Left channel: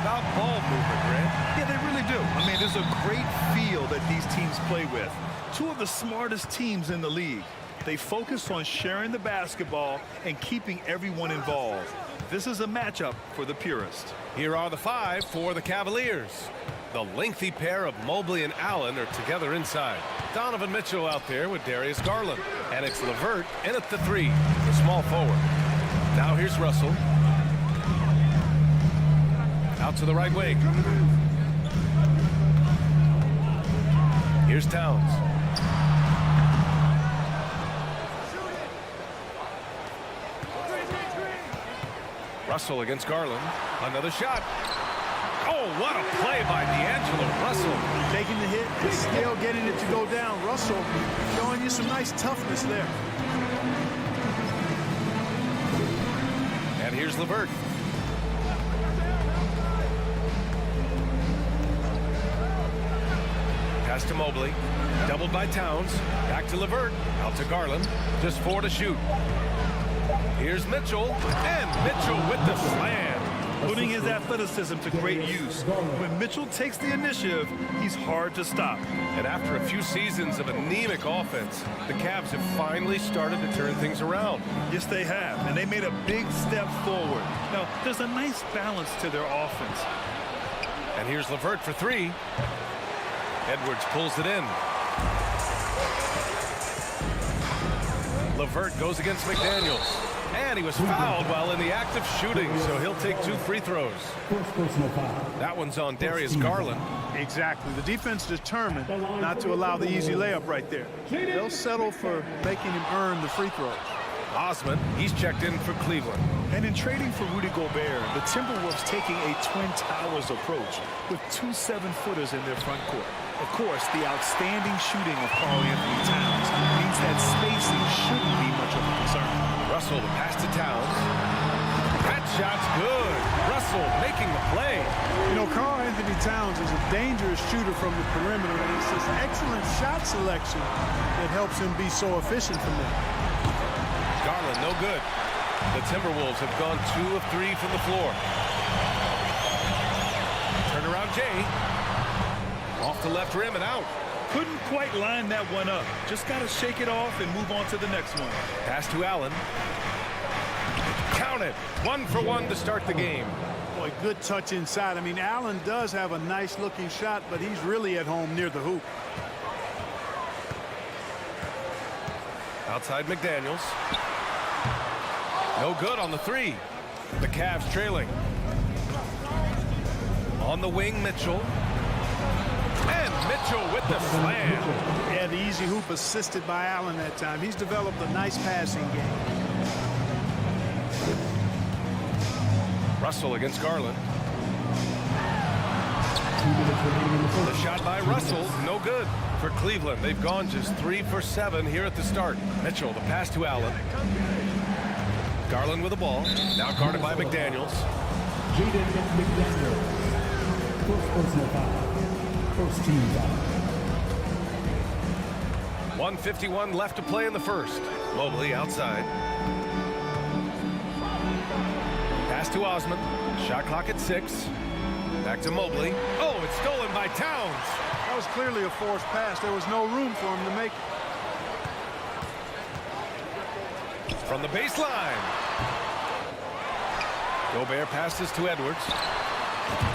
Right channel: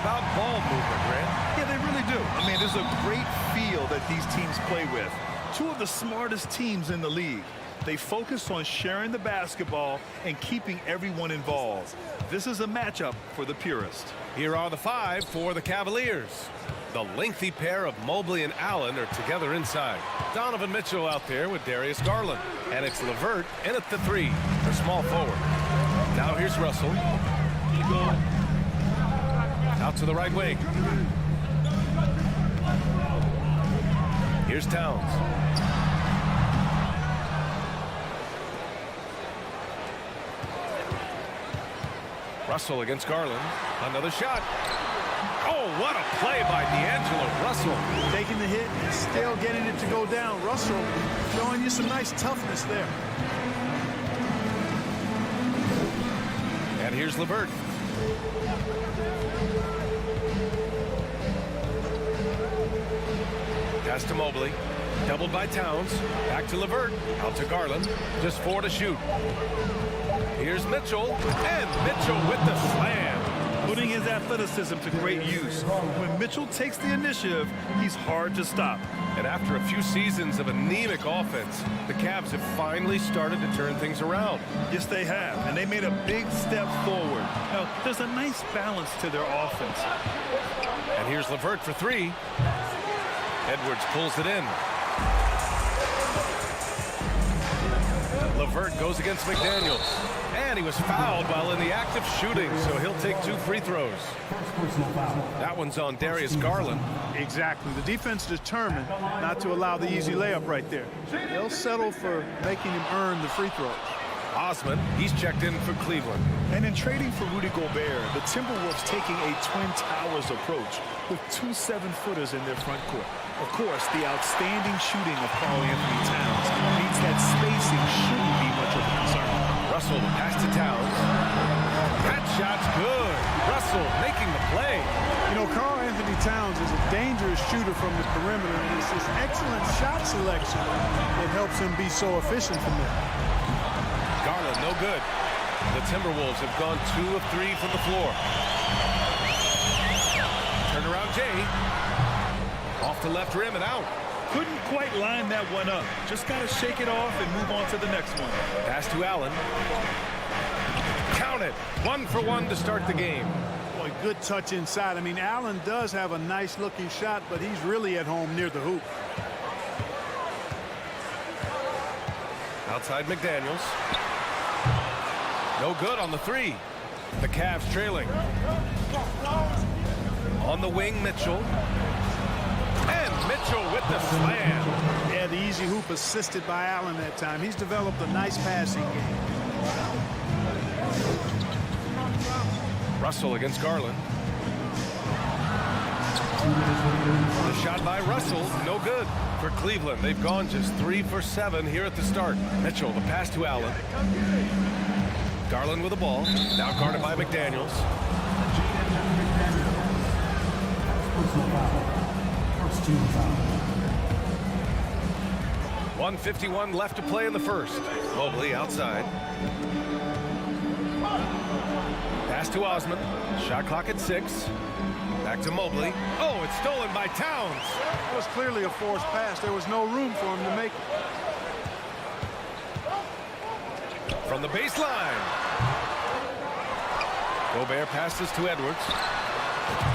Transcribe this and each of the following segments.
about ball movement, Grant. Yeah, they really do. I mean, there's a great feel that these teams play with. Two of the smartest teams in the league. They focus on sharing the basketball and keeping everyone involved. This is a matchup for the purist. Here are the five for the Cavaliers. The lengthy pair of Mobley and Allen are together inside. Donovan Mitchell out there with Darius Garland. And it's LeVert in at the three, the small forward. Now here's Russell. Out to the right wing. Here's Towns. Russell against Garland. Another shot. Oh, what a play by D'Angelo Russell. Taking the hit and still getting it to go down. Russell showing you some nice toughness there. And here's LeVert. Pass to Mobley. Doubled by Towns. Back to LeVert. Out to Garland. Just 4 to shoot. Here's Mitchell. And Mitchell with the slam. Putting his athleticism to great use. When Mitchell takes the initiative, he's hard to stop. And after a few seasons of anemic offense, the Cavs have finally started to turn things around. Yes, they have, and they made a big step forward. Now, there's a nice balance to their offense. And here's LeVert for three. Edwards pulls it in. LeVert goes against McDaniels. And he was fouled while in the act of shooting, so he'll take 2 free throws. First personal foul. That one's on Darius Garland. Exactly. The defense determined not to allow the easy layup right there. They'll settle for making him earn the free throws. Osman, he's checked in for Cleveland. And in trading for Rudy Gobert, the Timberwolves taking a Twin Towers approach with 2 7-footers in their front court. Of course, the outstanding shooting of Karl-Anthony Towns means that spacing shouldn't be much of a concern. Russell, the pass to Towns. That shot's good. Russell making the play. You know, Karl-Anthony Towns is a dangerous shooter from the perimeter, and it's this excellent shot selection that helps him be so efficient from there. Garland, no good. The Timberwolves have gone 2 of 3 from the floor. Turnaround Jay. Off the left rim and out. Couldn't quite line that one up. Just got to shake it off and move on to the next one. Pass to Allen. Count it. 1 for 1 to start the game. Boy, good touch inside. I mean, Allen does have a nice-looking shot, but he's really at home near the hoop. Outside McDaniels. No good on the three. The Cavs trailing. On the wing, Mitchell. And Mitchell with the slam. Yeah, the easy hoop assisted by Allen that time. He's developed a nice passing game. Russell against Garland. The shot by Russell, no good. For Cleveland, they've gone just 3 for 7 here at the start. Mitchell, the pass to Allen. Garland with the ball. Now guarded by McDaniels. Jaden McDaniels. First personal foul. First team foul. 1:51 left to play in the first. Mobley outside. Pass to Osman. Shot clock at 6. Back to Mobley. Oh, it's stolen by Towns. That was clearly a forced pass. There was no room for him to make it. From the baseline. Gobert passes to Edwards.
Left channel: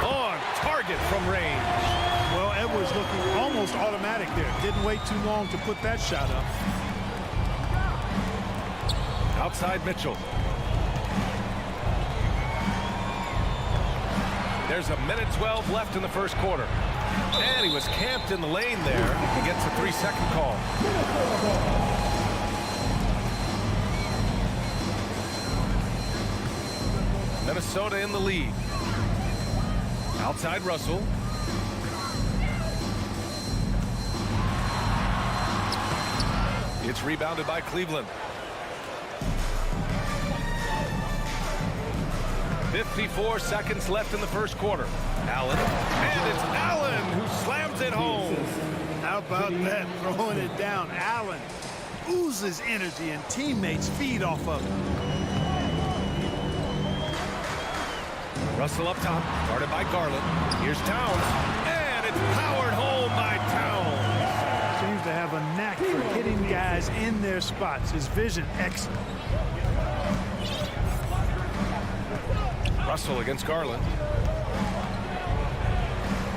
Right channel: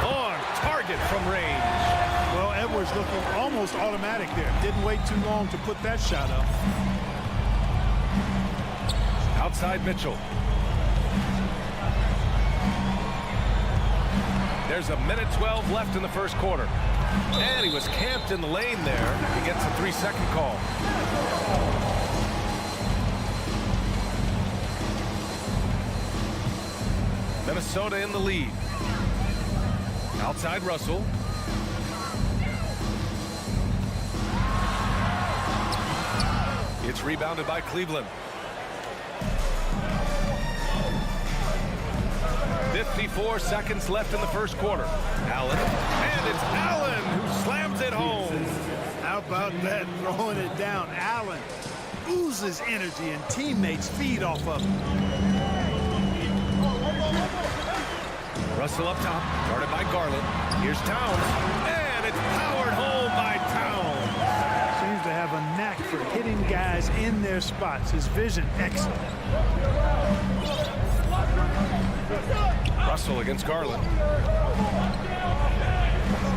On target from range. Well, Edwards looking almost automatic there. Didn't wait too long to put that shot up. Outside Mitchell. There's a minute 12 left in the first quarter. And he was camped in the lane there. He gets a 3-second call. Minnesota in the lead. Outside Russell. It's rebounded by Cleveland. 54 seconds left in the first quarter. Allen. And it's Allen who slams it home. How about that? Throwing it down. Allen oozes energy and teammates feed off of him. Russell up top, guarded by Garland. Here's Towns, and it's powered home by Towns. Seems to have a knack for hitting guys in their spots. His vision, excellent. Russell against Garland.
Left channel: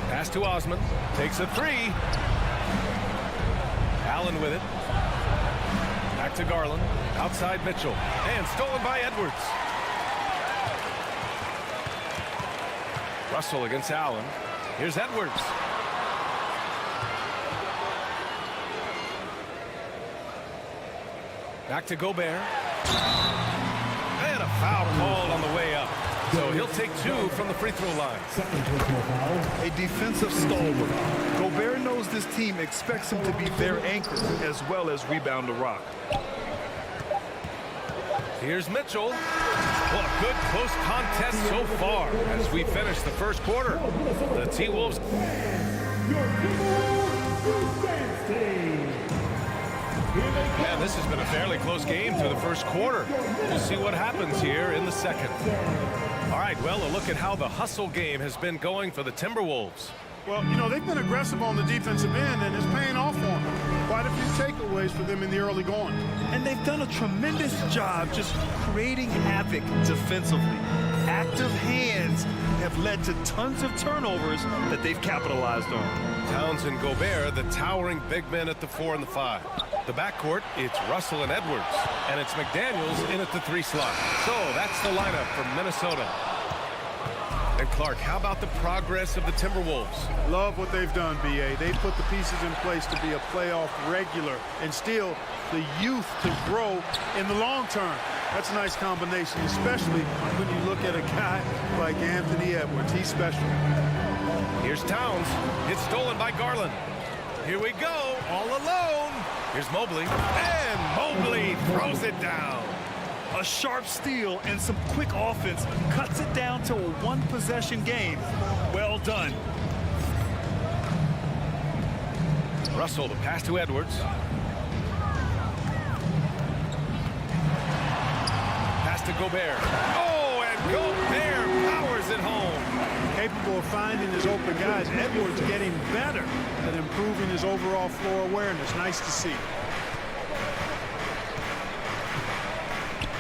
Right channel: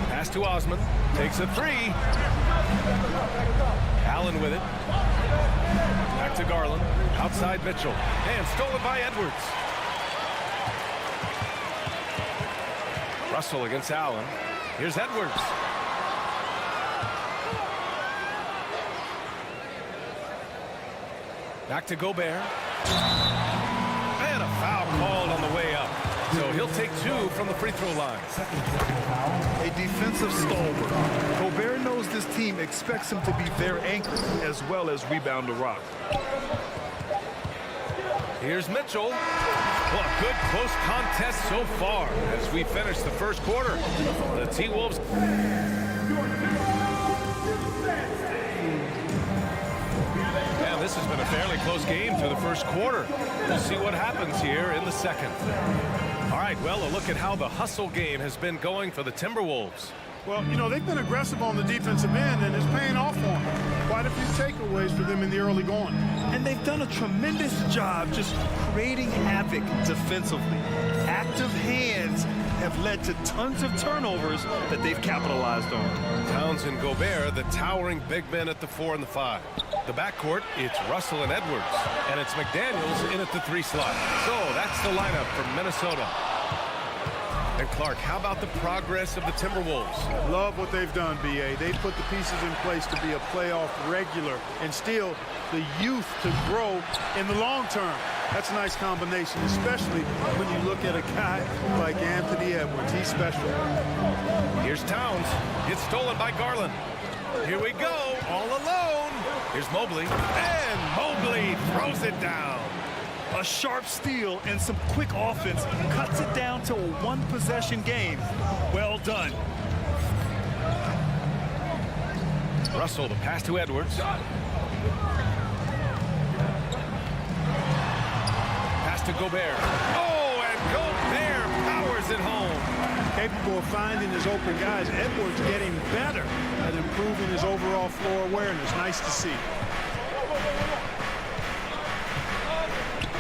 Pass to Osman. Takes a three. Allen with it. Back to Garland. Outside Mitchell. And stolen by Edwards. Russell against Allen. Here's Edwards. Back to Gobert. And a foul called on the way up. So he'll take 2 from the free throw line. Second personal foul. A defensive stalwart. Gobert knows this team expects him to be their anchor as well as rebound the rock. Here's Mitchell. Well, a good close contest so far as we finish the first quarter. The T-Wolves. Man, this has been a fairly close game through the first quarter. We'll see what happens here in the second. All right, well, a look at how the hustle game has been going for the Timberwolves. Well, you know, they've been aggressive on the defensive end, and it's paying off for them. Quite a few takeaways for them in the early going. And they've done a tremendous job just creating havoc defensively. Active hands have led to tons of turnovers that they've capitalized on. Towns and Gobert, the towering big men at the 4 and the 5. The backcourt, it's Russell and Edwards. And it's McDaniels in at the 3 slot. So that's the lineup for Minnesota. And Clark, how about the progress of the Timberwolves? Love what they've done, B.A. They've put the pieces in place to be a playoff regular and still the youth to grow in the long term. That's a nice combination, especially when you look at a guy like Anthony Edwards. He's special. Here's Towns. It's stolen by Garland. Here we go, all alone. Here's Mobley. And Mobley throws it down. A sharp steal and some quick offense cuts it down to a one-possession game. Well done. Russell, the pass to Edwards. Pass to Gobert. Oh, and Gobert powers it home. Capable of finding his open guys. Edwards getting better at improving his overall floor awareness. Nice to see.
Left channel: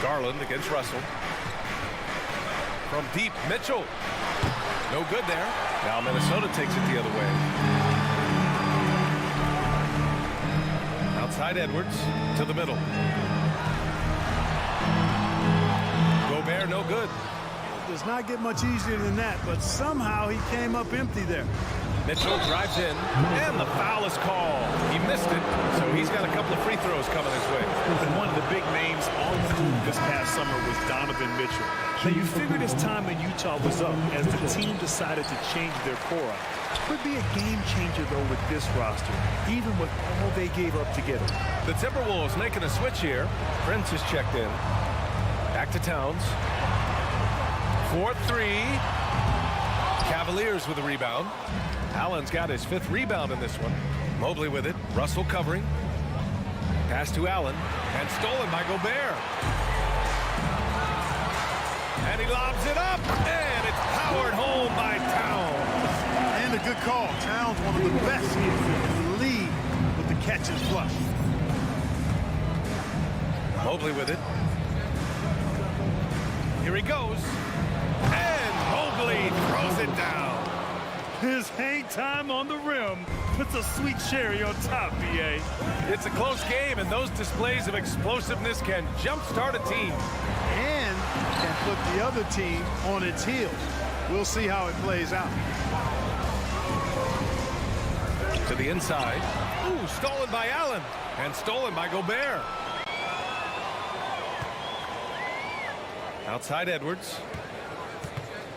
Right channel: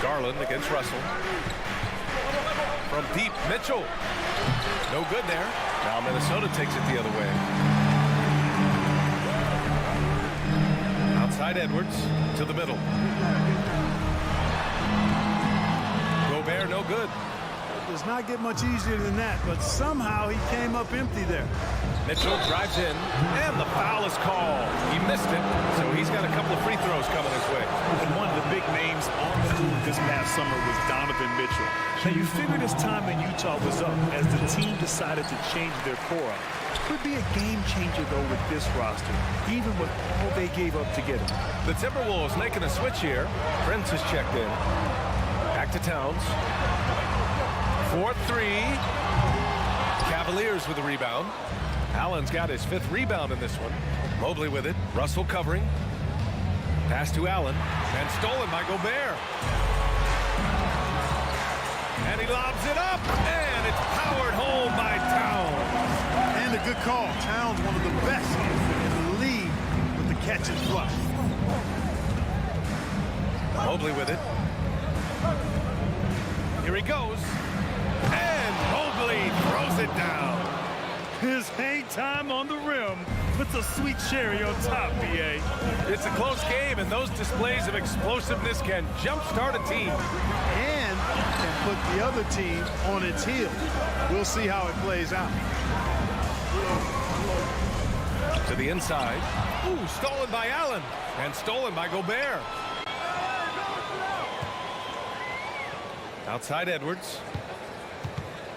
Garland against Russell. From deep, Mitchell. No good there. Now Minnesota takes it the other way. Outside Edwards to the middle. Gobert, no good. It does not get much easier than that, but somehow he came up empty there. Mitchell drives in, and the foul is called. He missed it, so he's got a couple of free throws coming his way. And one of the big names on the move this past summer was Donovan Mitchell. Now, you figured his time in Utah was up as the team decided to change their core up. Could be a game changer, though, with this roster, even with all they gave up to get him. The Timberwolves making a switch here. Prince is checked in. Back to Towns. 4-3. Cavaliers with a rebound. Allen's got his 5th rebound in this one. Mobley with it. Russell covering. Pass to Allen. And stolen by Gobert. And he lobs it up. And it's powered home by Towns. And a good call. Towns, one of the best in the league with the catch and flush. Mobley with it. Here he goes. And Mobley throws it down. His hang time on the rim puts a sweet cherry on top, B.A. It's a close game, and those displays of explosiveness can jumpstart a team. And can put the other team on its heels. We'll see how it plays out. To the inside. Ooh, stolen by Allen. And stolen by Gobert. Outside Edwards.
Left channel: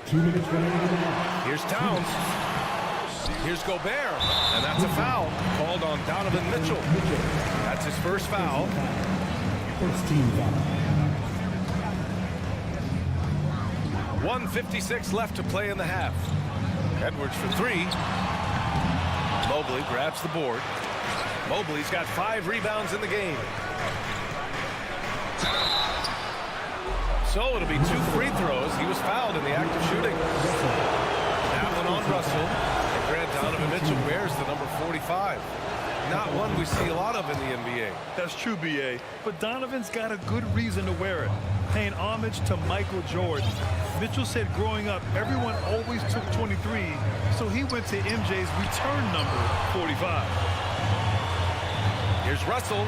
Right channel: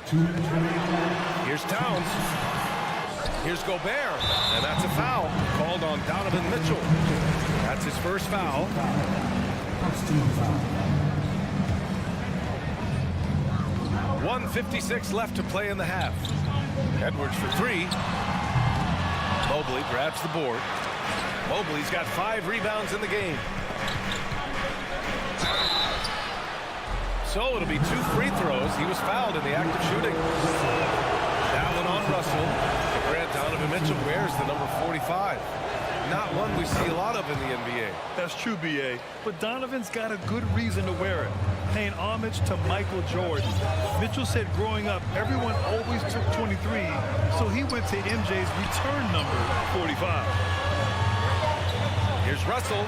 2 minutes remaining. Here's Towns. Here's Gobert. And that's a foul called on Donovan Mitchell. That's his first foul. First team foul. 1:56 left to play in the half. Edwards for 3. Mobley grabs the board. Mobley's got 5 rebounds in the game. So it'll be 2 free throws. He was fouled in the act of shooting. That one on Russell. And Grant Donovan Mitchell wears the number 45. Not one we see a lot of in the NBA. That's true, B.A., but Donovan's got a good reason to wear it, paying homage to Michael Jordan. Mitchell said growing up, everyone always took 23, so he went to MJ's return number, 45. Here's Russell.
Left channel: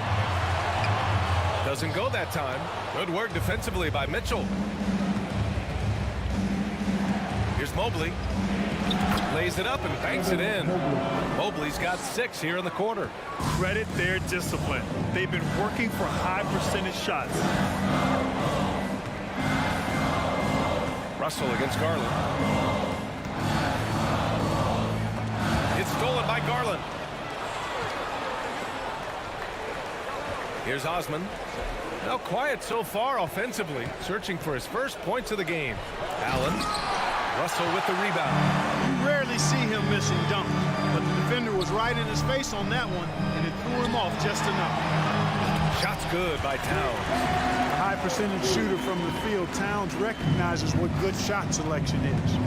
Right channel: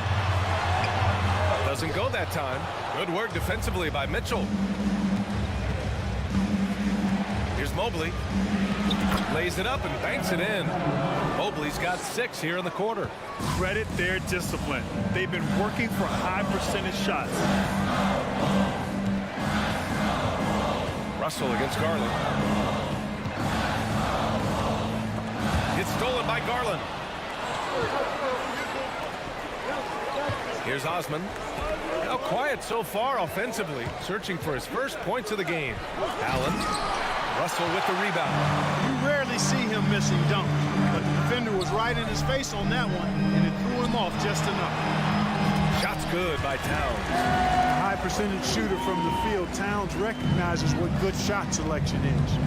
Doesn't go that time. Good work defensively by Mitchell. Here's Mobley. Lays it up and banks it in. Mobley's got 6 here in the quarter. Credit their discipline. They've been working for high percentage shots. Russell against Garland. It's stolen by Garland. Here's Osman. Now quiet so far offensively, searching for his first points of the game. Allen. Russell with the rebound. You rarely see him missing dunks, but the defender was right in his face on that one, and it threw him off just enough. Shot's good by Towns. A high percentage shooter from the field, Towns recognizes what good shot selection is.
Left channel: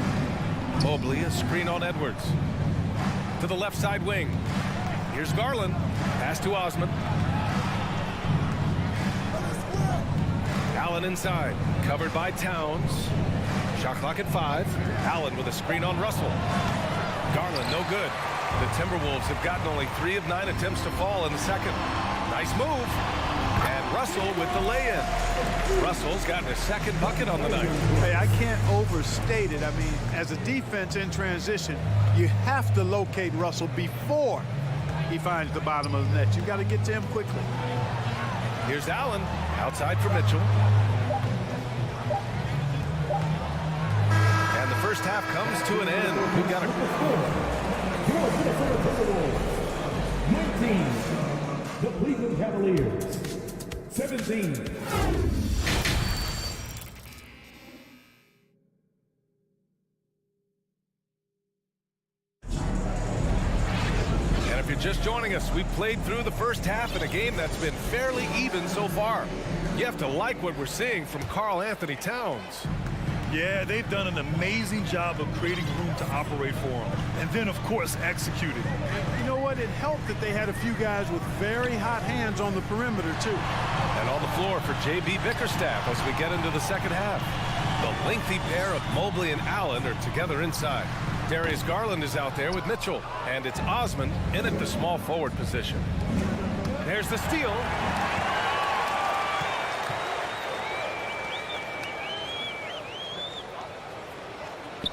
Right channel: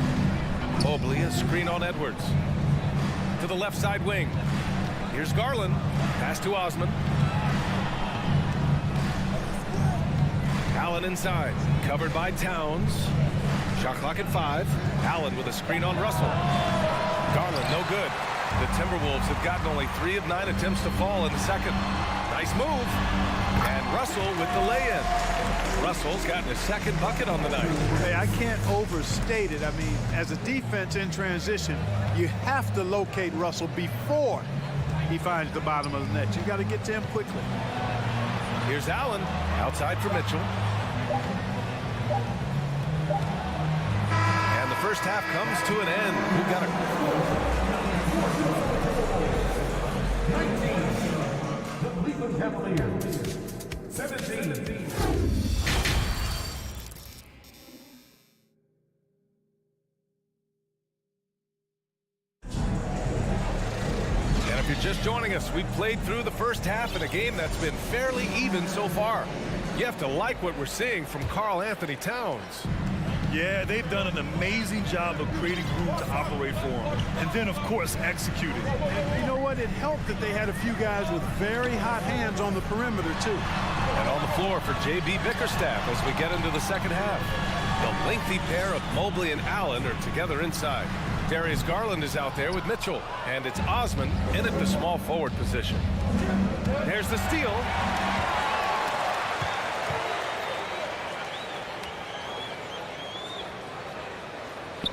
Mobley, a screen on Edwards. To the left side wing. Here's Garland. Pass to Osman. Allen inside. Covered by Towns. Shot clock at 5. Allen with a screen on Russell. Garland, no good. The Timberwolves have gotten only 3 of 9 attempts to fall in the second. Nice move. And Russell with the lay-in. Russell's gotten his second bucket on the night. Hey, I can't overstate it. I mean, as a defense in transition, you have to locate Russell before he finds the bottom of the net. You've got to get to him quickly. Here's Allen. Outside for Mitchell. And the first half comes to an end. We've got a 19, the Cleveland Cavaliers. 17. And if you're just joining us, we've played through the first half in a game that's been fairly even so far. You have to like what we're seeing from Karl Anthony Towns. Yeah, they've done an amazing job of creating room to operate for him. And then, of course, executing. You know what? It helped that they had a few guys with very hot hands on the perimeter, too. And on the floor for J.B. Bickerstaff as we get into the second half. The lengthy pair of Mobley and Allen are together inside. Darius Garland is out there with Mitchell. And it's Osman in at the small forward position. There's the steal.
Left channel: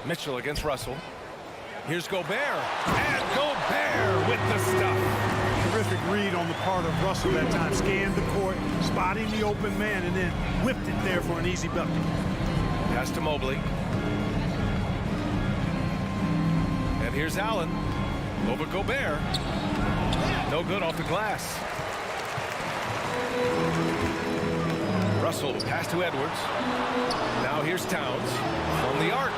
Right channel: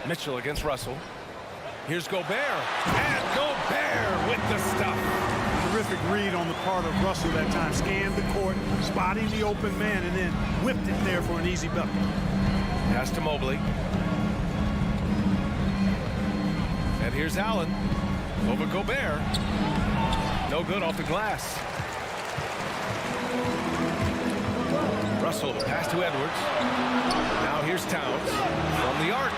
Mitchell against Russell. Here's Gobert. And Gobert with the stuff. Terrific read on the part of Russell that time. Scanned the court, spotting the open man, and then whipped it there for an easy bucket. Pass to Mobley. And here's Allen. Over Gobert. No good off the glass. Russell, pass to Edwards. Now here's Towns from the arc.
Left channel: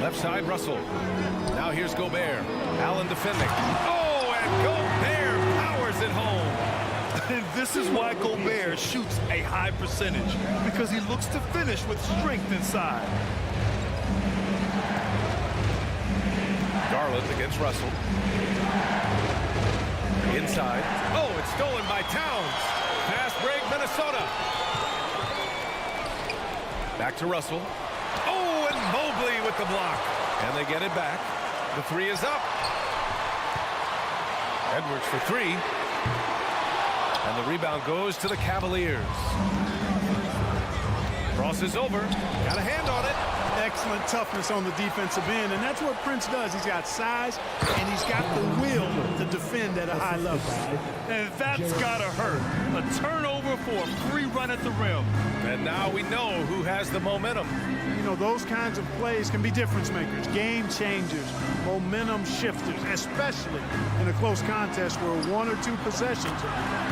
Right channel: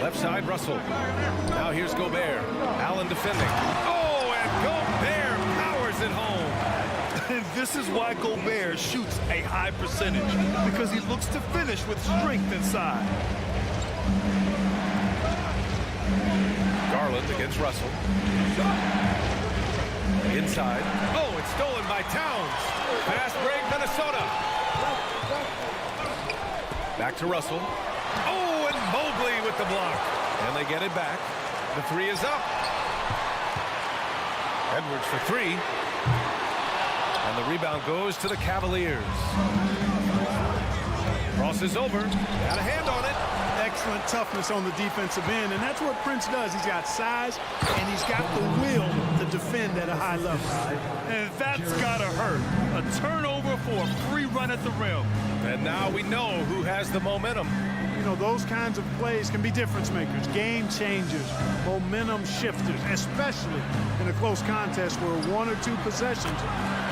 Left side, Russell. Now here's Gobert. Allen defending. Oh, and Gobert powers it home. And this is why Gobert shoots a high percentage, because he looks to finish with strength inside. Garland against Russell. Inside. Oh, it's stolen by Towns. Fast break, Minnesota. Back to Russell. Oh, and Mobley with the block. And they get it back. The three is up. Edwards for 3. And the rebound goes to the Cavaliers. Crosses over. Got a hand on it. Excellent toughness on the defensive end, and that's what Prince does. He's got size, and he's got the will to defend at a high level. And that's gotta hurt. A turnover for a free run at the rim. And now we know who has the momentum. You know, those kinds of plays can be difference makers, game changers, momentum shifters, especially in a close contest where 1 or 2 possessions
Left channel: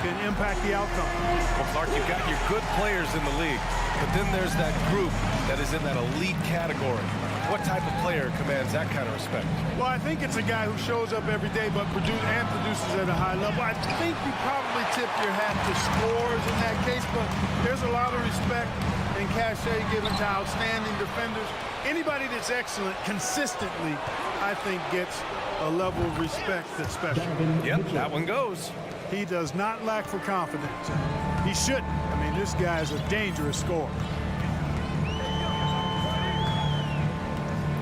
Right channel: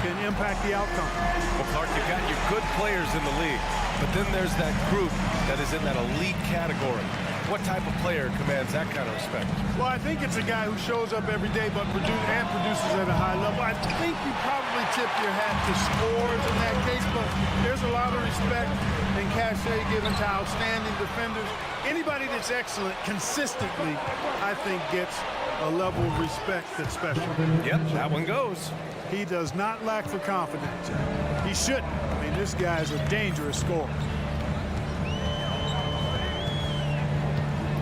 can impact the outcome. Well, Clark, you've got your good players in the league, but then there's that group that is in that elite category. What type of player commands that kind of respect? Well, I think it's a guy who shows up every day but produces at a high level. I think you probably tip your hat to scores in that case, but there's a lot of respect and cachet given to outstanding defenders. Anybody that's excellent consistently, I think, gets a level of respect that's special. Yep, that one goes. He does not lack for confidence. He shouldn't. I mean, this guy is a dangerous scorer.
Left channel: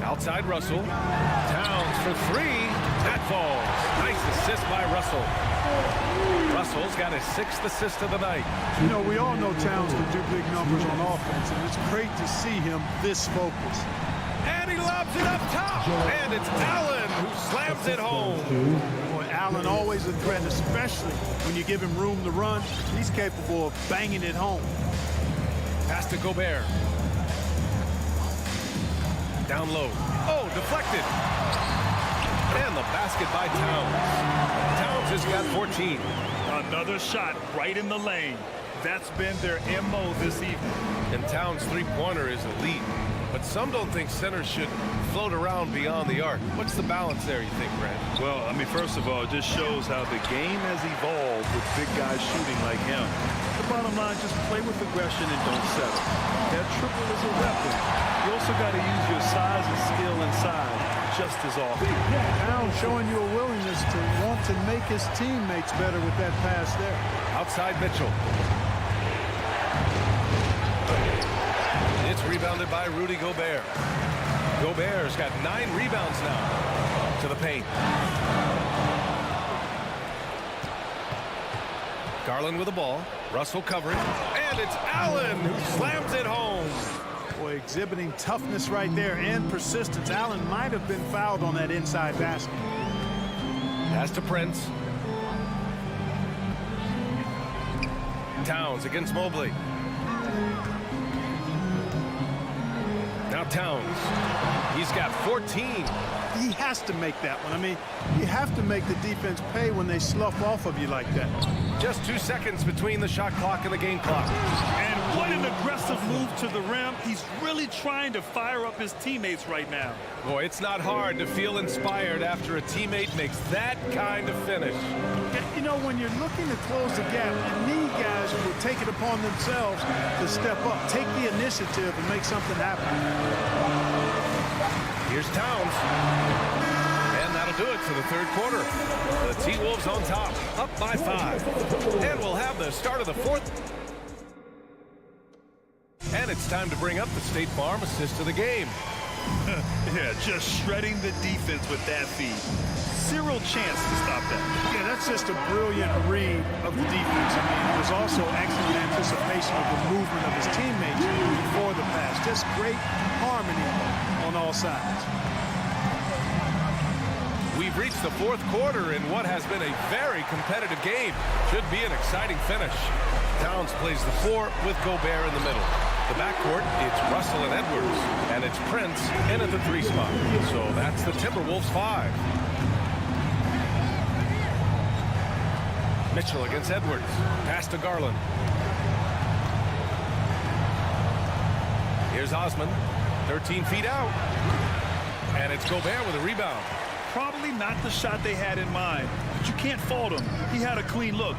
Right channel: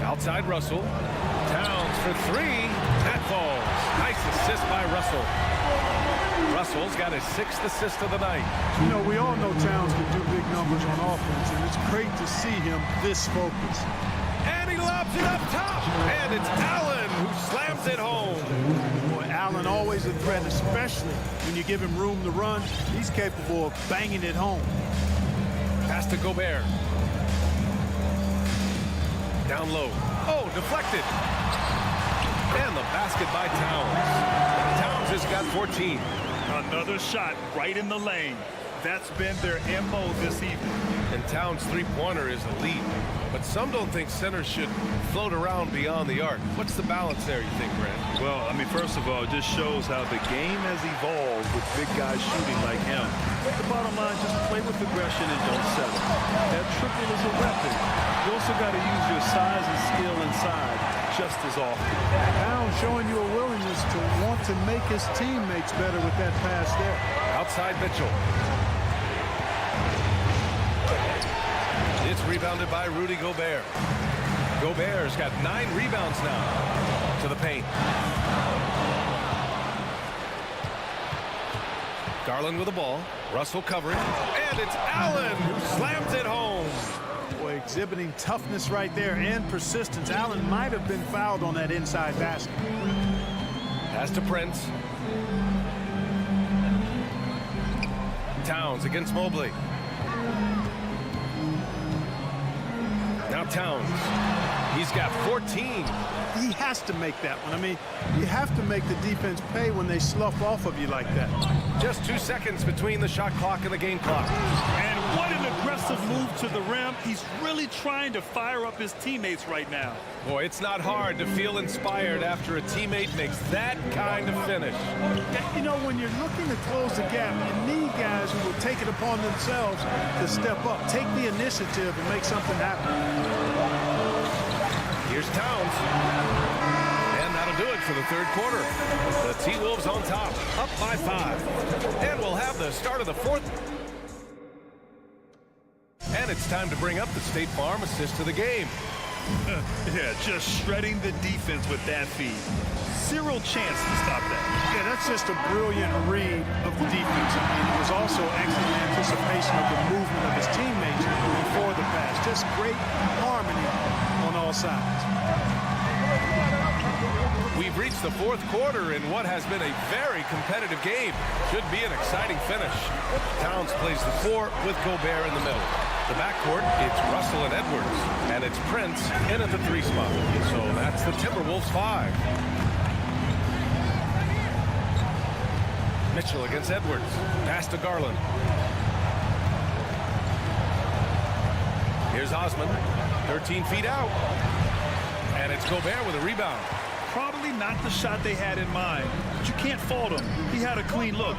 Outside Russell. Towns for three. That falls. Nice assist by Russell. Russell's got his 6th assist of the night. You know, we all know Towns can do big numbers on offense, and it's great to see him this focused. And he lobs it up top. And it's Allen who slams it home. Boy, Allen always a threat, especially when you give him room to run. He's capable of banging it home. Pass to Gobert. Down low. Oh, deflected. And the basket by Towns. Towns has got 14. Another shot right in the lane. That's been their MO this evening. And Towns' three-pointer is elite. But some don't think centers should float around beyond the arc. What's the balance there, you think, Brent? Well, I mean, first of all, it just shows how the game has evolved with big guys shooting like him. The bottom line, just play with aggression and don't settle. That triple is a weapon. You also got to use your size and skill inside just as often. Towns showing you a willingness to want to make his teammates better with that pass there. Outside Mitchell. It's rebounded by Rudy Gobert. Gobert's got 9 rebounds now. To the paint. Garland with the ball. Russell covering. And it's Allen who slams it home. Boy, exhibiting toughness right there and persistence. Allen might have been fouled on that inside basket. Pass to Prince. Towns against Mobley. Now Towns. He's got 14. He has to make that one. I mean, you have to make the defense pay when they slough off of you like that. Just 2 seconds between the shot clock and the game clock. And what an aggressive move to the rim. He's really trying to fire up his teammates right now. Boy, it's not hard to feel inspired after a teammate makes that kind of finish. You know, when you're looking to close the gap, you need guys who will take it upon themselves to step up, take the initiative, and make something happen. Here's Towns. And that'll do it for the third quarter. The T-Wolves on top, up by 5. And we'll have the start of the fourth. And it's time to bring up the State Farm assist of the game. Yeah, just shredding the defense with that feed. Zero chance to stop that. Yeah, that's just a brilliant read of the defense. I mean, it was also excellent anticipation of the movement of his teammates before the pass. Just great harmony on all sides. We've reached the fourth quarter in what has been a very competitive game. Should be an exciting finish. Towns plays the 4 with Gobert in the middle. The backcourt, it's Russell and Edwards. And it's Prince in at the 3 spot. So that's the Timberwolves 5. Mitchell against Edwards. Pass to Garland. Here's Osman. 13 feet out. And it's Gobert with a rebound. Probably not the shot they had in mind, but you can't fault him. He had a clean look.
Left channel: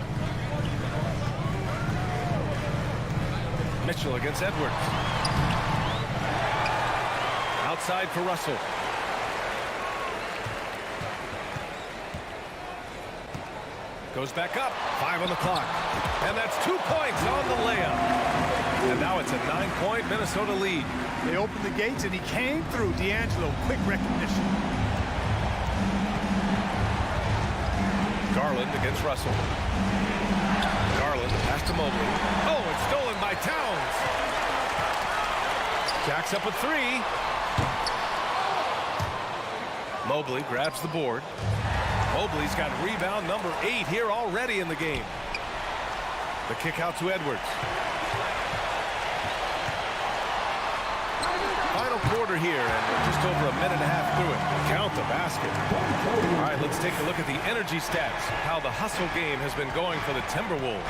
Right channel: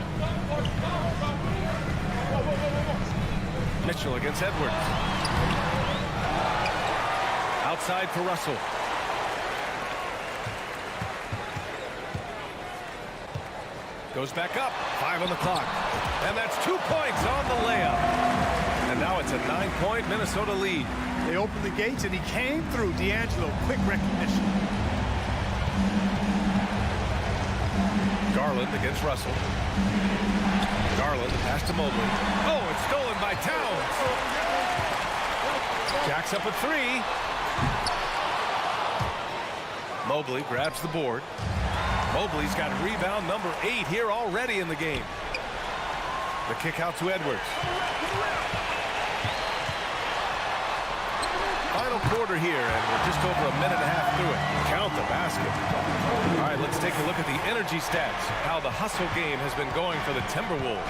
Mitchell against Edwards. Outside for Russell. Goes back up. 5 on the clock. And that's 2 points on the layup. And now it's a 9-point Minnesota lead. They opened the gates and he came through. D'Angelo, quick recognition. Garland against Russell. Garland, the pass to Mobley. Oh, it's stolen by Towns. Jacks up a 3. Mobley grabs the board. Mobley's got rebound number 8 here already in the game. The kick out to Edwards. Final quarter here, and we're just over a minute and a half through it. Count the basket. All right, let's take a look at the energy stats, how the hustle game has been going for the Timberwolves.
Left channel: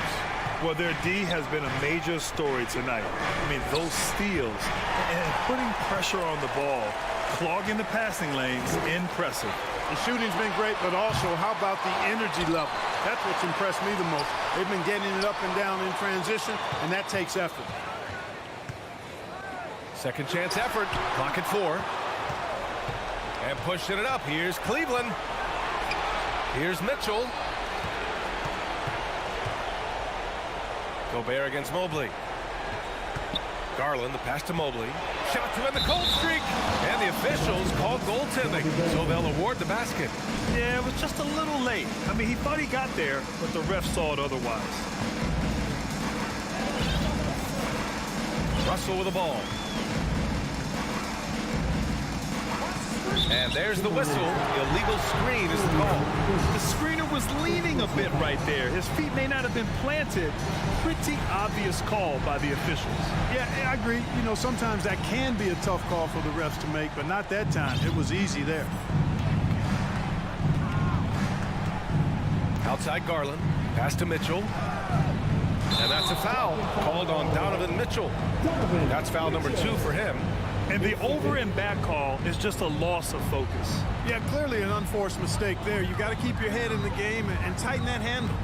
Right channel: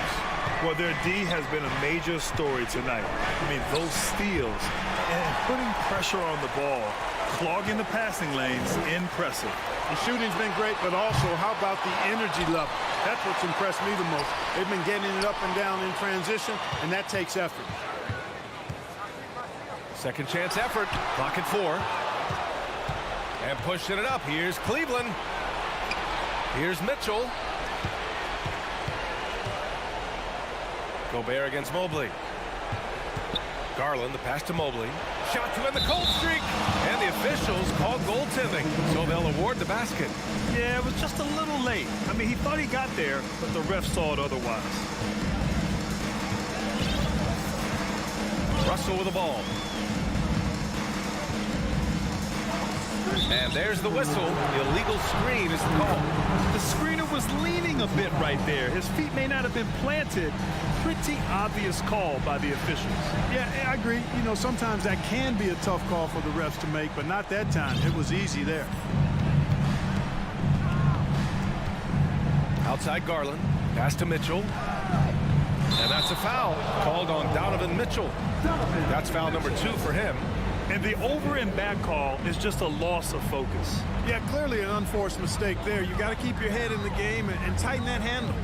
Well, their D has been a major story tonight. I mean, those steals and putting pressure on the ball Clogging the passing lanes, impressive. The shooting's been great, but also how about the energy level? That's what's impressed me the most. They've been getting it up and down in transition, and that takes effort. Second chance effort. Clock at 4. And pushing it up. Here's Cleveland. Here's Mitchell. Gobert against Mobley. Garland, the pass to Mobley. Shot to end the cold streak. And the officials called goaltending, so they'll award the basket. Yeah, it was just a little late. I mean, he thought he got there, but the ref saw it otherwise. Russell with the ball. And there's the whistle. Illegal screen is the call. The screener was leaning a bit right there. His feet may not have been planted. Pretty obvious call by the officials. Yeah, I agree. You know, sometimes that can be a tough call for the refs to make, but not that time. It was easy there. Outside Garland. Pass to Mitchell. And that's a foul called on Donovan Mitchell. That's foul number 2 for him. And the over and back call is just a loss of focus. Yeah, clearly an unforced mistake there. You got to keep your head in the game and tighten that handle.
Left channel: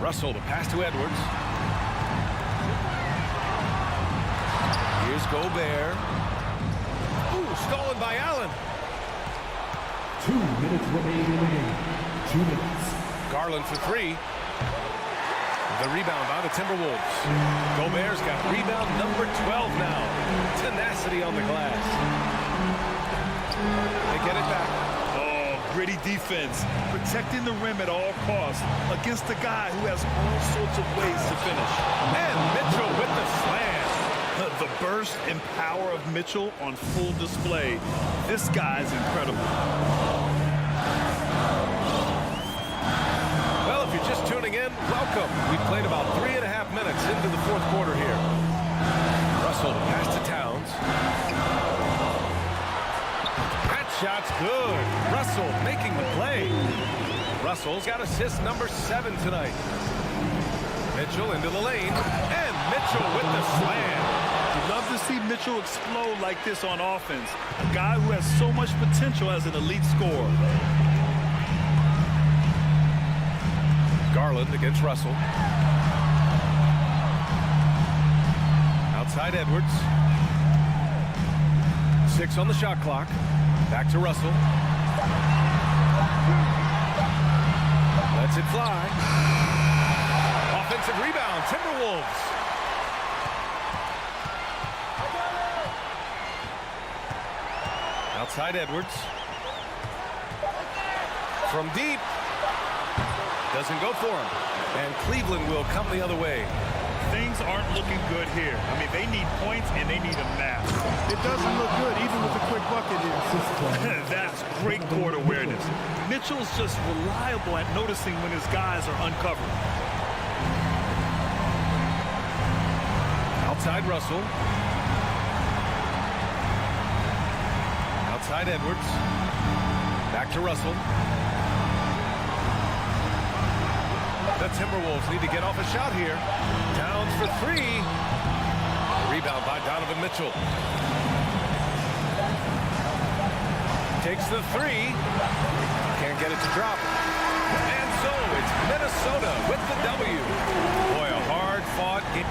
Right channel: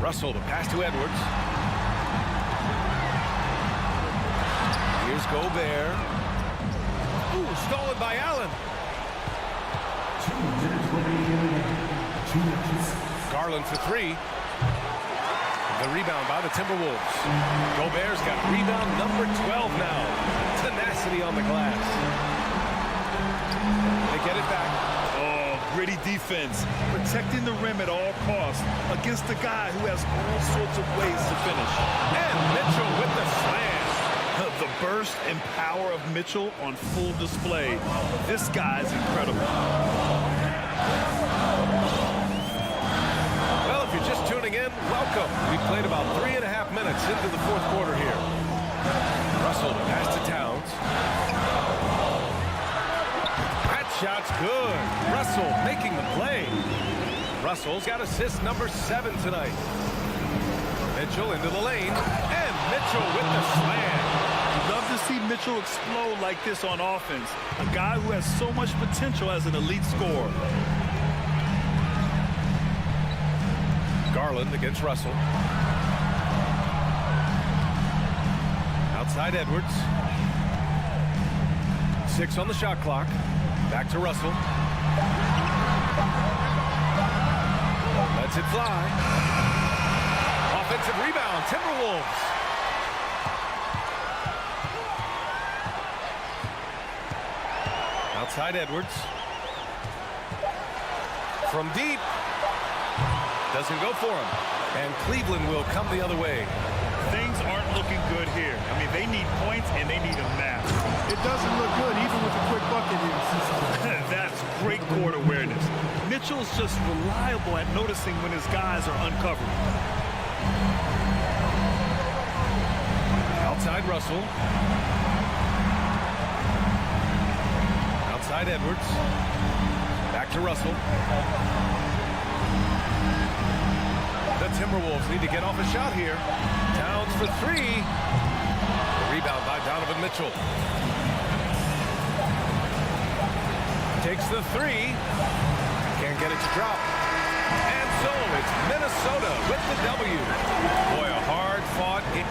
Russell, the pass to Edwards. Here's Gobert. Ooh, stolen by Allen. 2 minutes remaining in the game. 2 minutes. Garland for 3. The rebound by the Timberwolves. Gobert's got rebound number 12 now. Tenacity on the glass. They get it back. Oh, gritty defense. Protecting the rim at all costs against a guy who has all sorts of ways to finish. And Mitchell with the slam. The burst and power of Mitchell on full display. This guy's incredible. Well, if you're just tuning in, welcome. We played about 3.5 minutes into the 4th quarter here. Russell, the pass to Towns. That shot's good. Russell making the play. Russell's got assist number 7 tonight. Mitchell into the lane, and Mitchell with the slam. You'd love to see Mitchell explode like this on offense. A guy who has so much potential as an elite scorer. Garland against Russell. Outside Edwards. 6 on the shot clock. Back to Russell. Lets it fly. Offensive rebound, Timberwolves. Outside Edwards. From deep. Doesn't go for him. And Cleveland will come the other way. Things aren't looking good here. I mean, they need points, and they need them now. It doesn't look good, even with a quick bucket here. That's great court awareness. Mitchell's just reliable at noticing when his guys are uncovered. Outside Russell. Outside Edwards. Back to Russell. The Timberwolves need to get off a shot here. Towns for 3. The rebound by Donovan Mitchell. Takes the 3. Can't get it to drop. And so it's Minnesota with the W. Boy, a hard-fought game.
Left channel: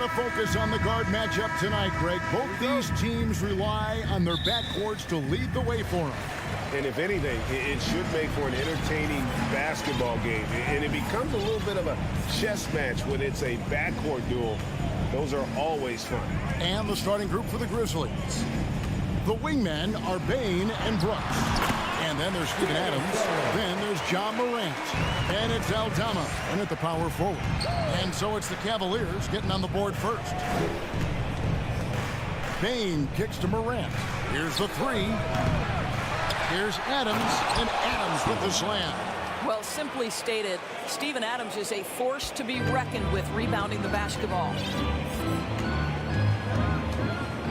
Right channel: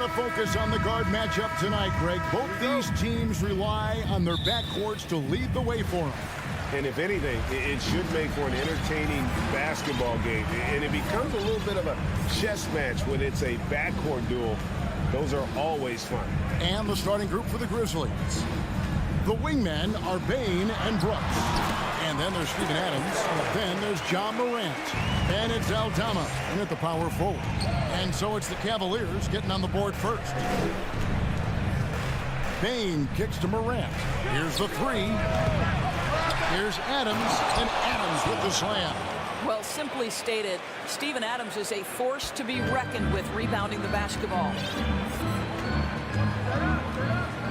lot of focus on the guard matchup tonight, Greg. Both these teams rely on their backcourts to lead the way for them. And if anything, it should make for an entertaining basketball game. And it becomes a little bit of a chess match when it's a backcourt duel. Those are always fun. And the starting group for the Grizzlies. The wingmen are Bane and Brooks. And then there's Steven Adams. Then there's Ja Morant. And it's Aldama in at the power forward. And so it's the Cavaliers getting on the board first. Bane kicks to Morant. Here's the three. Here's Adams, and Adams with the slam. Well, simply stated, Steven Adams is a force to be reckoned with rebounding the basketball.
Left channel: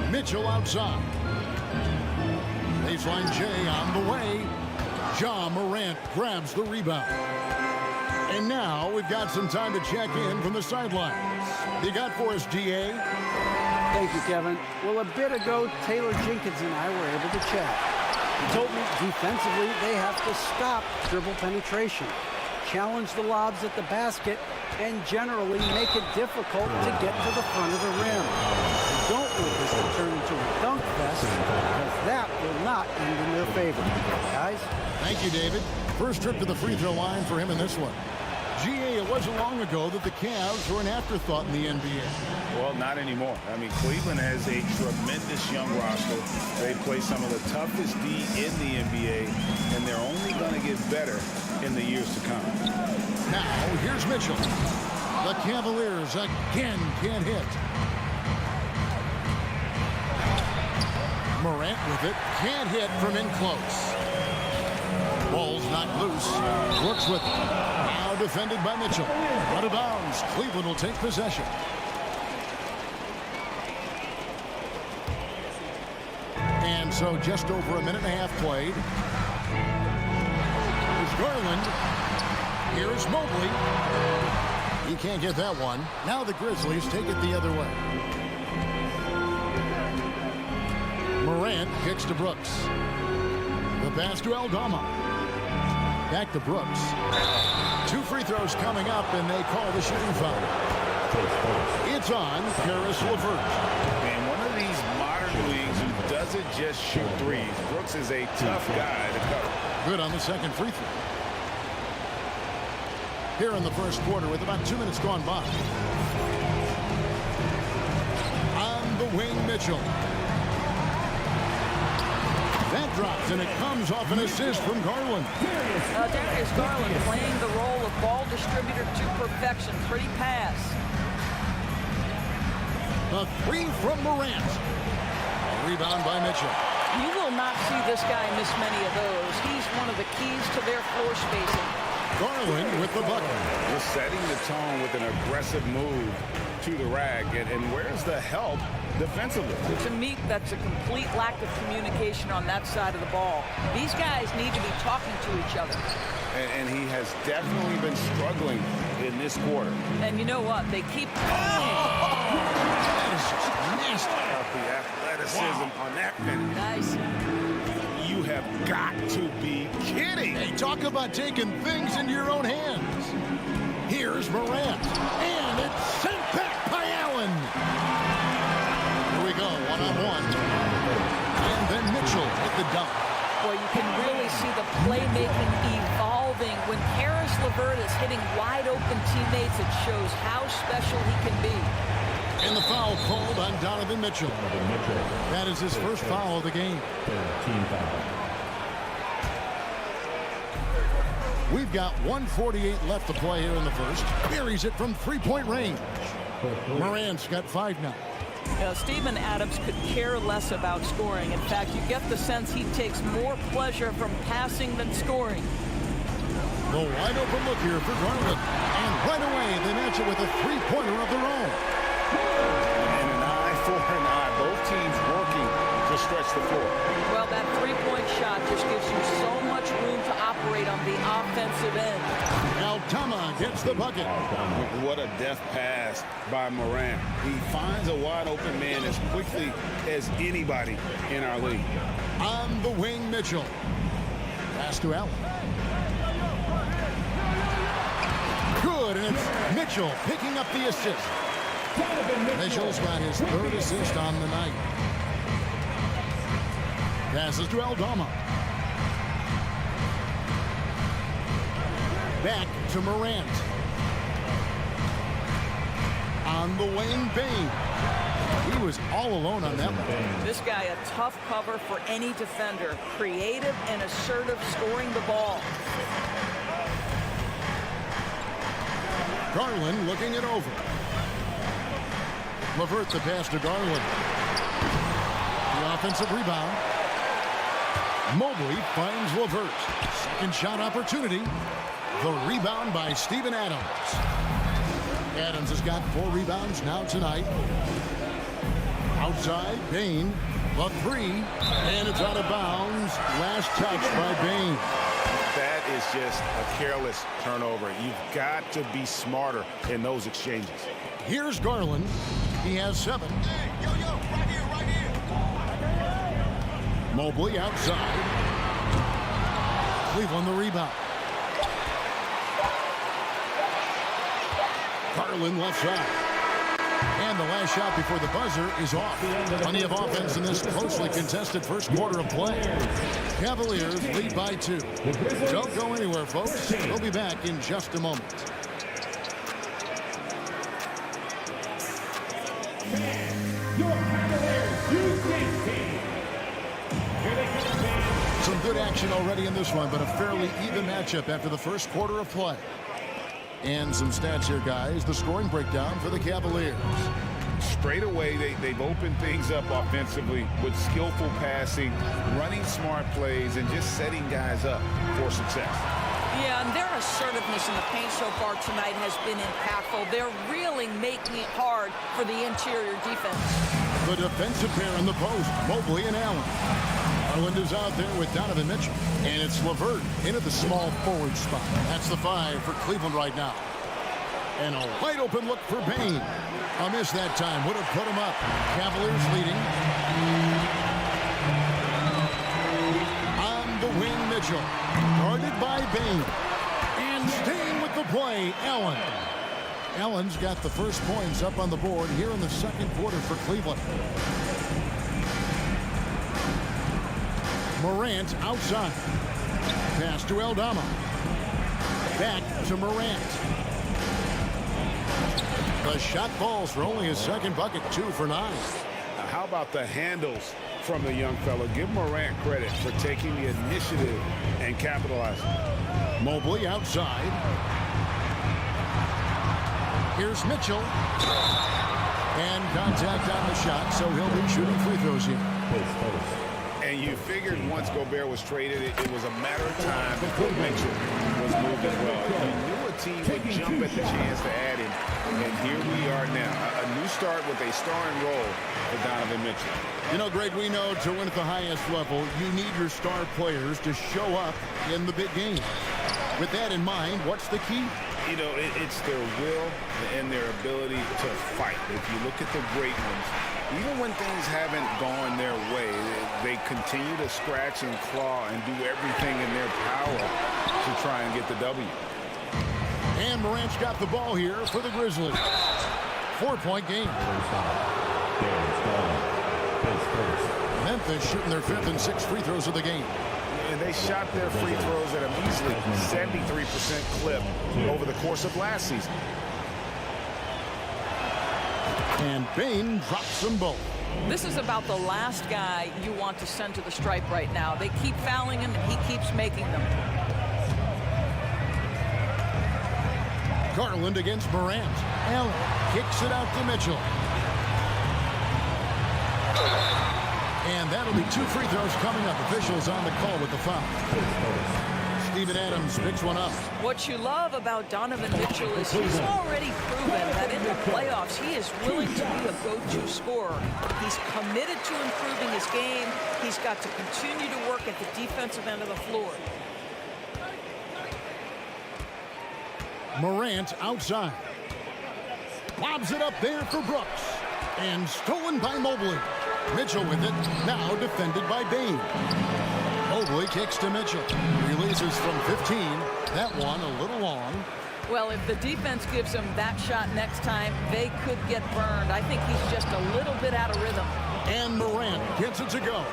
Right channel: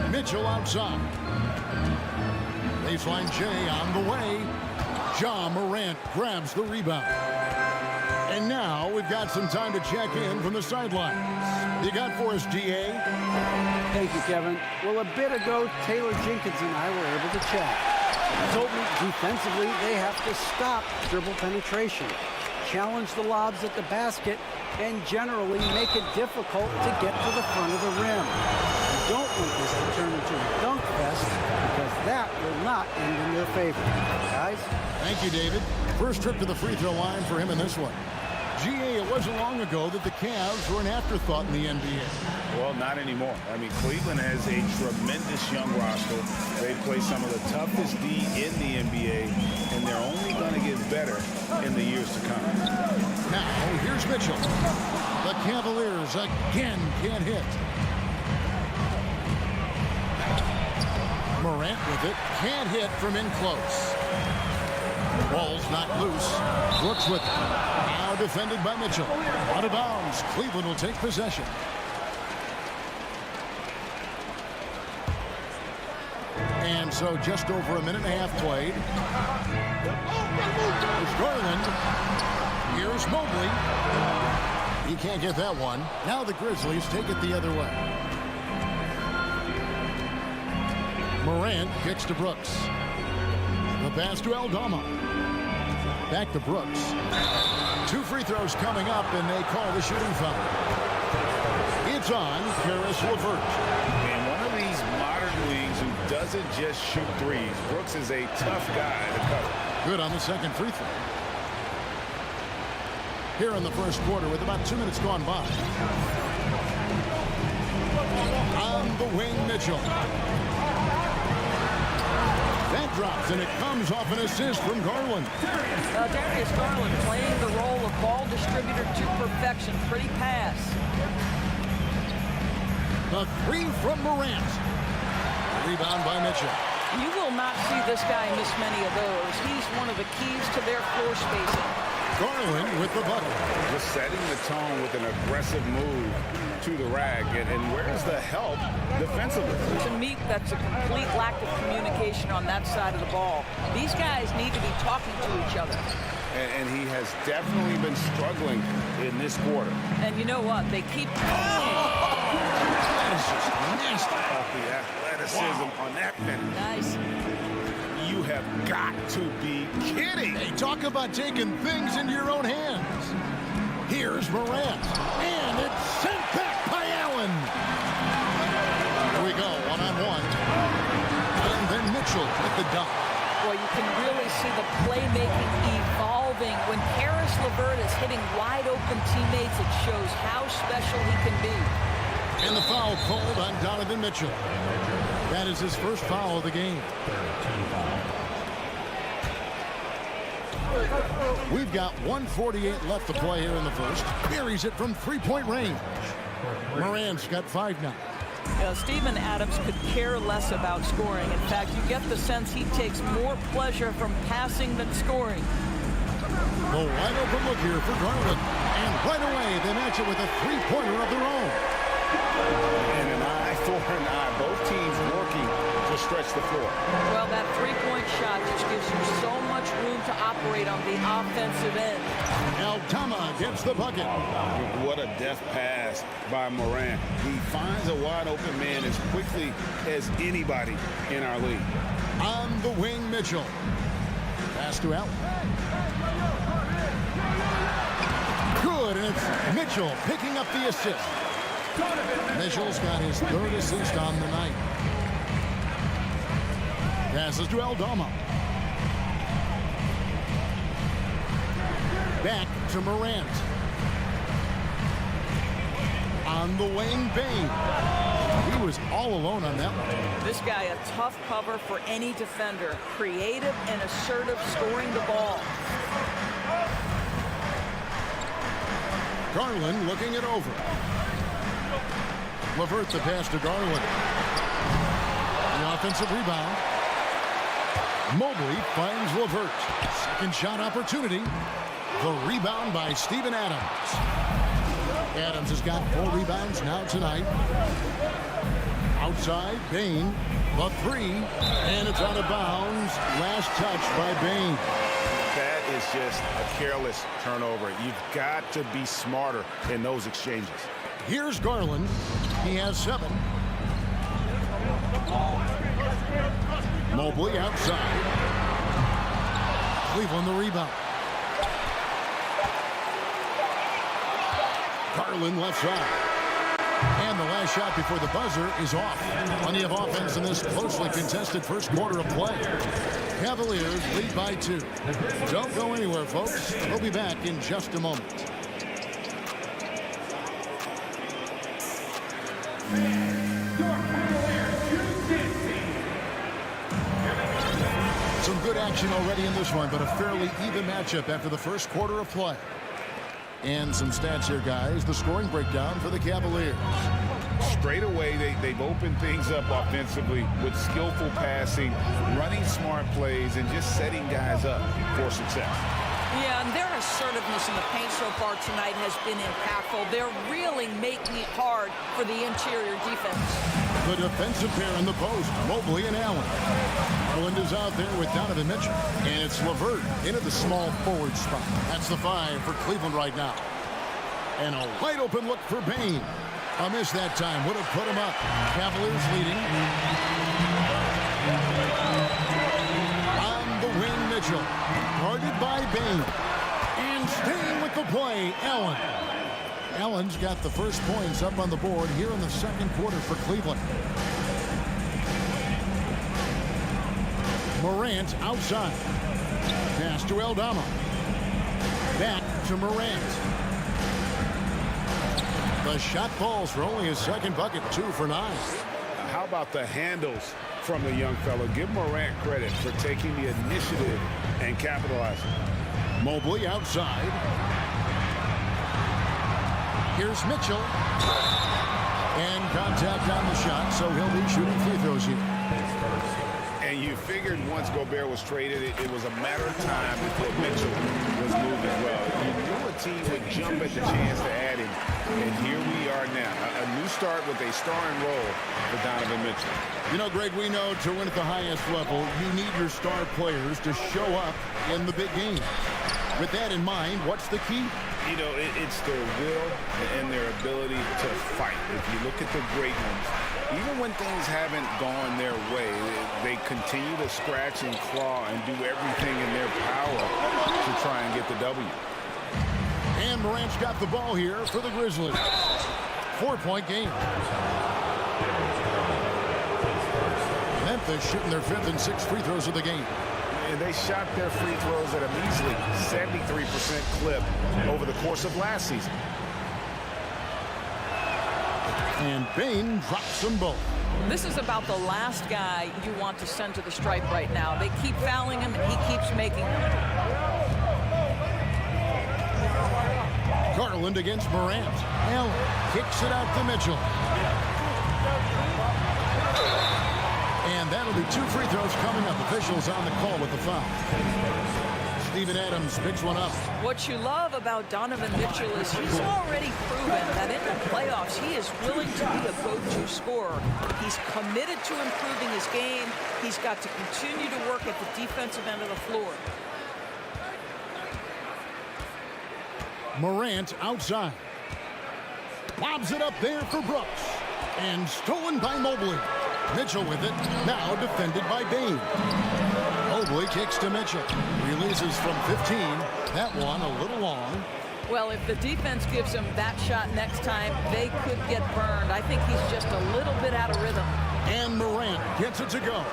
Mitchell outside. Baseline J on the way. Ja Morant grabs the rebound. And now we've got some time to check in from the sidelines. You got for us, GA? Thank you, Kevin. Well, a bit ago, Taylor Jenkins and I were able to chat. He told me defensively they have to stop dribble penetration, challenge the lobs at the basket, and generally make it difficult to get to the front of the rim. You don't want this to turn into a dunk fest because that will not end in their favor. Guys? Thank you, David. First trip to the free throw line for him in this one. GA, it wasn't long ago that the Cavs were an afterthought in the NBA. Well, not anymore. I mean, Cleveland has a tremendous young roster. They play some of the toughest D in the NBA, and they're only going to get better in the years to come. Now, here's Mitchell. The Cavaliers again can't hit. Morant with it. Can't hit from in close. Ball's not loose. Brooks with it. Now defended by Mitchell. Out of bounds. Cleveland will take possession. And so just over a minute and a half played. Here's Garland. Here's Mobley. He can't get that one. Now the Grizzlies take it the other way. Morant kicks to Brooks. The pass to Aldama. Back to Brooks. 2 free throws coming up, and they call the shooting foul. It's on Karis LeVert. And one of these modern wings who doesn't just shoot threes. Brooks is a tough guy to cover. Good on the second free throw. Here in the first quarter with about 2 minutes gone by. On the wing, Mitchell. That drops, and it comes off an assist from Garland. Darius Garland playing the role of ball distributor to perfection. Pretty pass. The three from Morant. Rebound by Mitchell. You will not see this guy miss many of those. He's one of the keys to their floor spacing. Garland with the bucket. Just setting the tone with an aggressive move to the rack. And where's the help defensively? To me, that's a complete lack of communication on that side of the ball. These guys need to be talking to each other. And he has definitely been struggling in this quarter. And you know what? They keep... That is just nasty. The athleticism on that finish. Nice. You have got to be kidding. Hey, talk about taking things into your own hands. Here's Morant. And it's sent back by Allen. Here we go, one-on-one. And then Mitchell at the dunk. Boy, you can really see the playmaking evolving. When Karis LeVert is hitting wide-open teammates, it shows how special he can be. And the foul called on Donovan Mitchell. That is his first foul of the game. We've got 1:48 left to play here in the first. Buries it from three-point range. Morant's got 5 now. Steven Adams could care less about scoring. In fact, you get the sense he takes more pleasure from passing than scoring. The wide open look here for Garland. And right away, they match it with a three-pointer of their own. And an eye for an eye. Both teams working to stretch the floor. Well, that three-point shot just gives you so much room to operate on the offensive end. Aldama gets the bucket. What a deft pass by Morant. He finds a wide open man as quickly as anybody in our league. On the wing, Mitchell. Pass to Allen. Good, and it's Mitchell picking up the assist. Mitchell's got his 3rd assist on the night. Passes to Aldama. Back to Morant. On the wing, Bane. He was all alone on that one. This guy, a tough cover for any defender. Creative and assertive scoring the ball. Garland looking it over. LeVert the pass to Garland. The offensive rebound. Mobley finds LeVert. Second shot opportunity. The rebound by Steven Adams. Adams has got 4 rebounds now tonight. Outside, Bane. The 3. And it's out of bounds. Last touch by Bane. That is just a careless turnover. You've got to be smarter in those exchanges. Here's Garland. He has 7. Mobley outside. Cleveland the rebound. Garland left side. And the last shot before the buzzer is off. Plenty of offense in this closely contested first quarter of play. Cavaliers lead by 2. Don't go anywhere, folks. We'll be back in just a moment. Some good action already in this one, but a fairly even matchup after the first quarter of play. And some stats here, guys. The scoring breakdown for the Cavaliers. Straight away, they've opened things up offensively with skillful passing, running smart plays, and just setting guys up for success. Yeah, and their assertiveness in the paint so far tonight has been impactful. They're really making it hard for the interior defense. The defensive pair in the post, Mobley and Allen. Garland is out there with Donovan Mitchell. And it's LeVert into the small forward spot. That's the 5 for Cleveland right now. And a wide open look for Bane. A miss that time would have put him up. Cavaliers leading. On the wing, Mitchell. Guarded by Bane. And staying with the play, Allen. Allen's got the first points up on the board here in the second quarter for Cleveland. Morant outside. Pass to Aldama. Back to Morant. The shot falls for only his second bucket, 2 for 9. How about the handles from the young fellow? Give Morant credit for taking the initiative and capitalizing. Mobley outside. Here's Mitchell. And contact on the shot, so he'll be shooting free throws here. And you figured once Gobert was traded, it was a matter of time before Mitchell was moved as well. You knew a team would jump at the chance to add him, and here we are now. A new start with a starring role for Donovan Mitchell. You know, Greg, we know to win at the highest level, you need your star players to show up in the big game. With that in mind, what's the key? You know, it's their will and their ability to fight. If you look at the great ones, even when things haven't gone their way, they continue to scratch and claw and do everything in their power to try and get the W. And Morant's got the ball here for the Grizzlies. 4-point game. Memphis shooting their 5th and 6th free throws of the game. And they shot their free throws at a measly 73% clip over the course of last season. And Bane drops them both. This is about the last guy you want to send to the stripe right now. They keep fouling him, and he keeps making them. Garland against Morant. Allen kicks it out to Mitchell. And that'll be 2 free throws coming up. Officials on the call with the foul. Steven Adams picks one up. What you love about Donovan Mitchell is he's already proven that in the playoffs he is willing to be a go-to scorer. He's committed to improving his game. He's got to continue to work at the defensive end of the floor. Morant outside. Lobs it up there for Brooks. And stolen by Mobley. Mitchell with it, now defended by Bane. Mobley kicks to Mitchell. Releases from 15. That one a little long. Well, if the defense gives him that shot next time, they could get burned. I think he's just a little bit out of rhythm. And Morant gets it to go.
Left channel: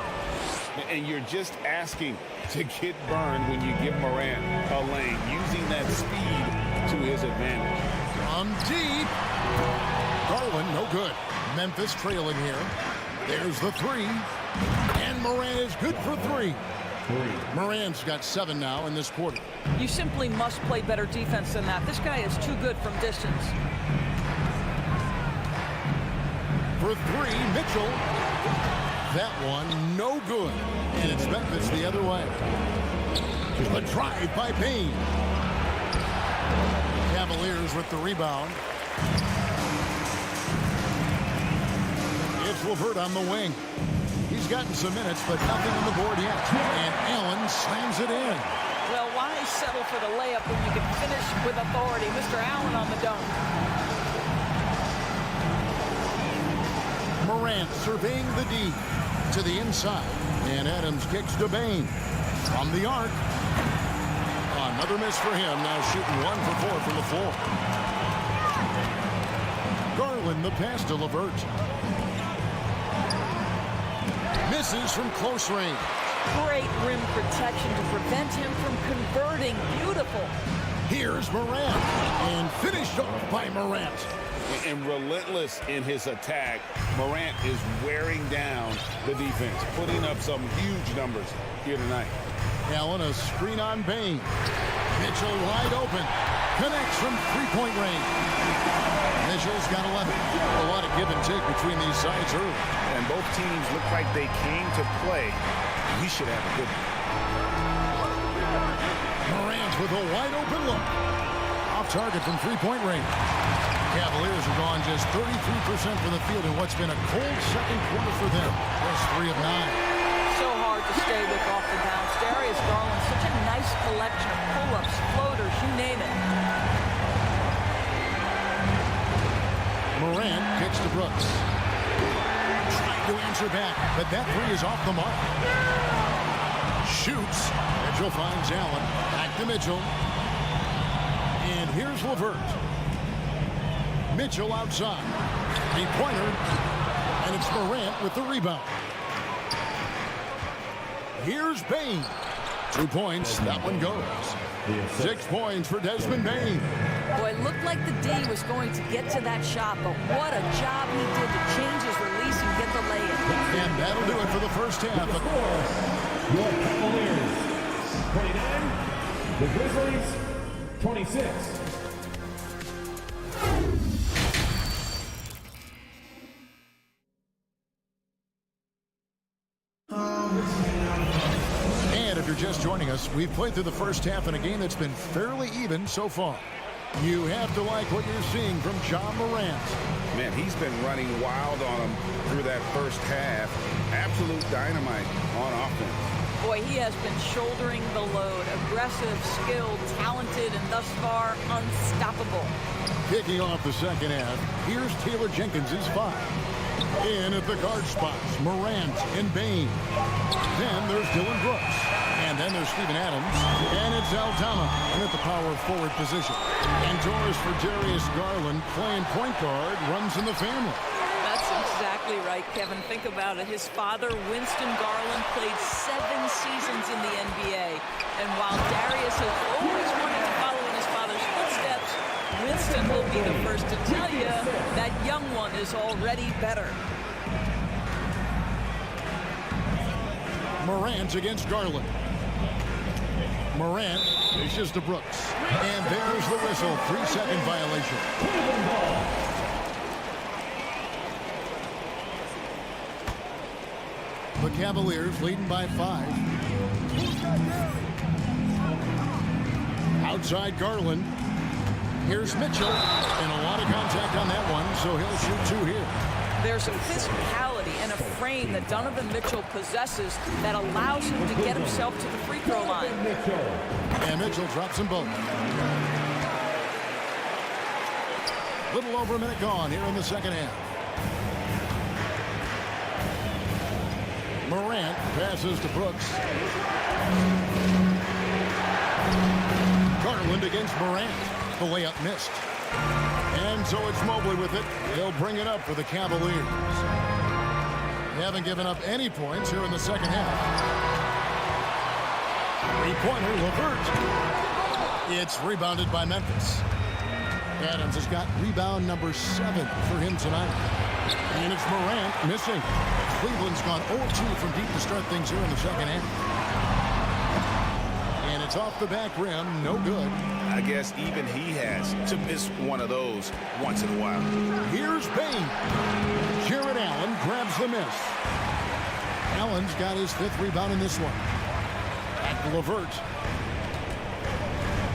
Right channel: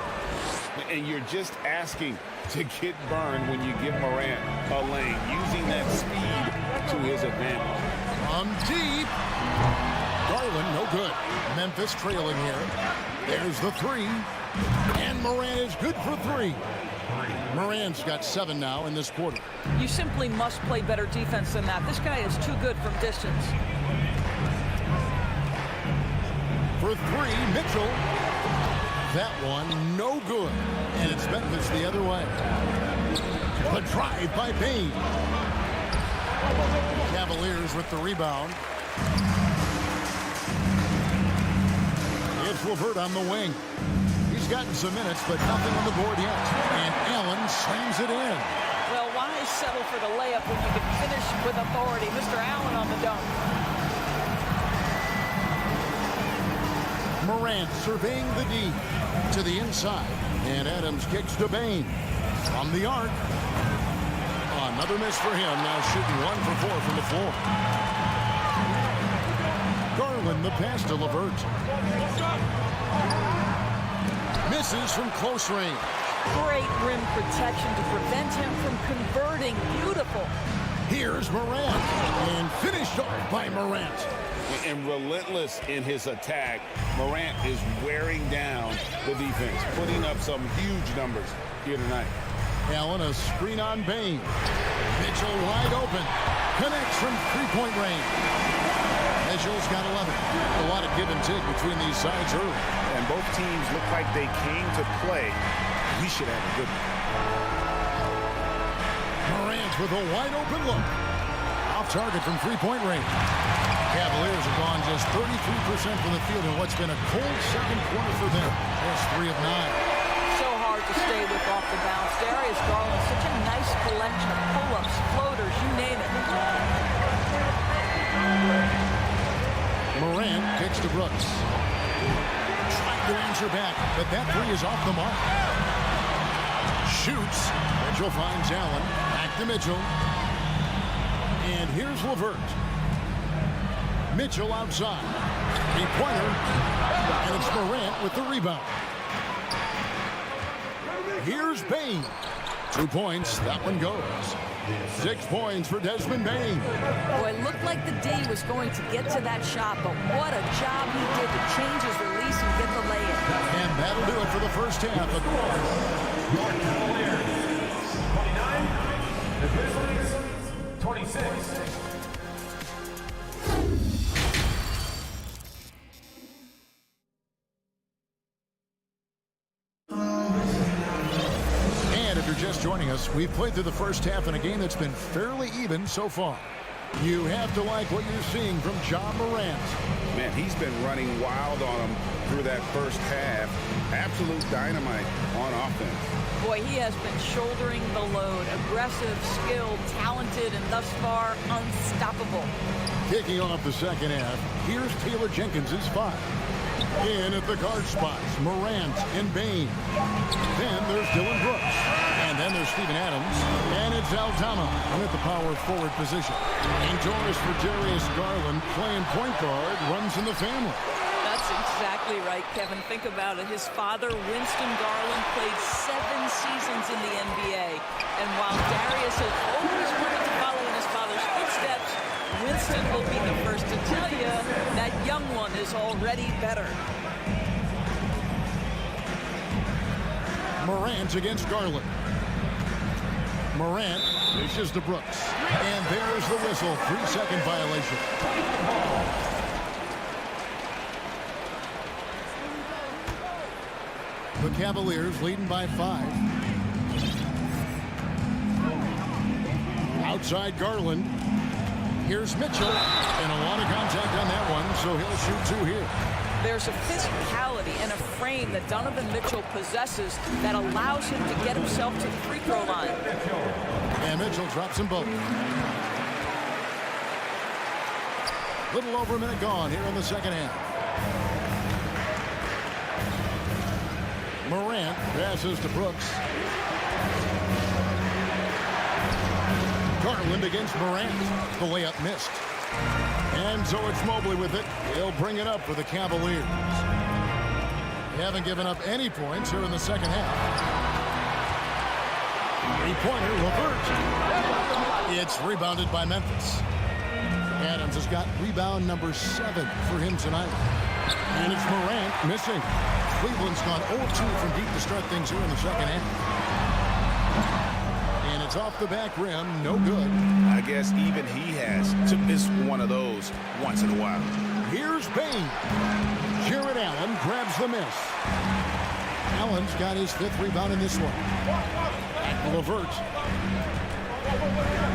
And you're just asking to get burned when you give Morant a lane, using that speed to his advantage. From deep. Garland, no good. Memphis trailing here. There's the three. And Morant is good for three. Morant's got 7 now in this quarter. You simply must play better defense than that. This guy is too good from distance. For three, Mitchell. That one, no good. And it's Memphis the other way. The drive by Bain. Cavaliers with the rebound. It's LeVert on the wing. He's gotten some minutes, but nothing on the board yet. And Allen slams it in. Well, why settle for the layup when you can finish with authority? Mr. Allen on the dunk. Morant surveying the D to the inside. And Adams kicks to Bain. From the arc. Another miss for him. Now shooting 1 for 4 from the floor. Garland the pass to LeVert. Misses from close range. Great rim protection to prevent him from converting. Beautiful. Here's Morant. And finished off by Morant. And relentless in his attack, Morant is wearing down the defense, putting up some huge numbers here tonight. Allen a screen on Bain. Mitchell wide open. Connects from three-point range. Mitchell's got 11. A lot of give and take between these sides early. And both teams look like they came to play. We should have a good one. Morant with a wide open look. Off target from three-point range. Cavaliers have gone just 33% from the field in what's been a cold second quarter for them. Just 3 of 9. So hard to stay with off the bounce. Darius Garland, such a nice collection of pull-ups, floaters, you name it. Morant kicks to Brooks. Trying to answer back, but that three is off the mark. Shoots. Mitchell finds Allen. Back to Mitchell. And here's LeVert. Mitchell outside. Three-pointer. And it's Morant with the rebound. Here's Bain. 2 points. That one goes. 6 points for Desmond Bain. Boy, it looked like the D was going to get to that shot, but what a job he did to change his release and get the lay-in. And that'll do it for the first half. Your Cavaliers, 29. The Grizzlies, 26. And if you're just joining us, we've played through the first half in a game that's been fairly even so far. You have to like what you're seeing from Ja Morant. Man, he's been running wild on him through that first half. Absolute dynamite on offense. Boy, he has been shouldering the load. Aggressive, skilled, talented, and thus far, unstoppable. Kicking off the second half, here's Taylor Jenkins' 5. In at the guard spots, Morant and Bain. Then there's Dylan Brooks. And then there's Steven Adams. And it's Aldama in at the power forward position. Indoors for Darius Garland, playing point guard, runs in the family. That's exactly right, Kevin. Think about it. His father, Winston Garland, played 7 seasons in the NBA. And while Darius has always wanted to follow in his father's footsteps, Winston will be the first to tell you that young one is already better. Morant against Garland. Morant dishes to Brooks. And there's the whistle. 3-second violation. The Cavaliers leading by 5. Outside Garland. Here's Mitchell. And a lot of contact on that one, so he'll shoot 2 here. There's a physicality and a frame that Donovan Mitchell possesses that allows him to get himself to the free throw line. And Mitchell drops them both. Little over a minute gone here in the second half. Morant passes to Brooks. Garland against Morant. The layup missed. And so it's Mobley with it. He'll bring it up for the Cavaliers. They haven't given up any points here in the second half. Three-pointer, LeVert. It's rebounded by Memphis. Adams has got rebound number 7 for him tonight. And it's Morant missing. Cleveland's gone 0-2 from deep to start things here in the second half. And it's off the back rim, no good. I guess even he has to miss one of those once in a while. Here's Bain. Jared Allen grabs the miss. Allen's got his 5th rebound in this one. Back to LeVert.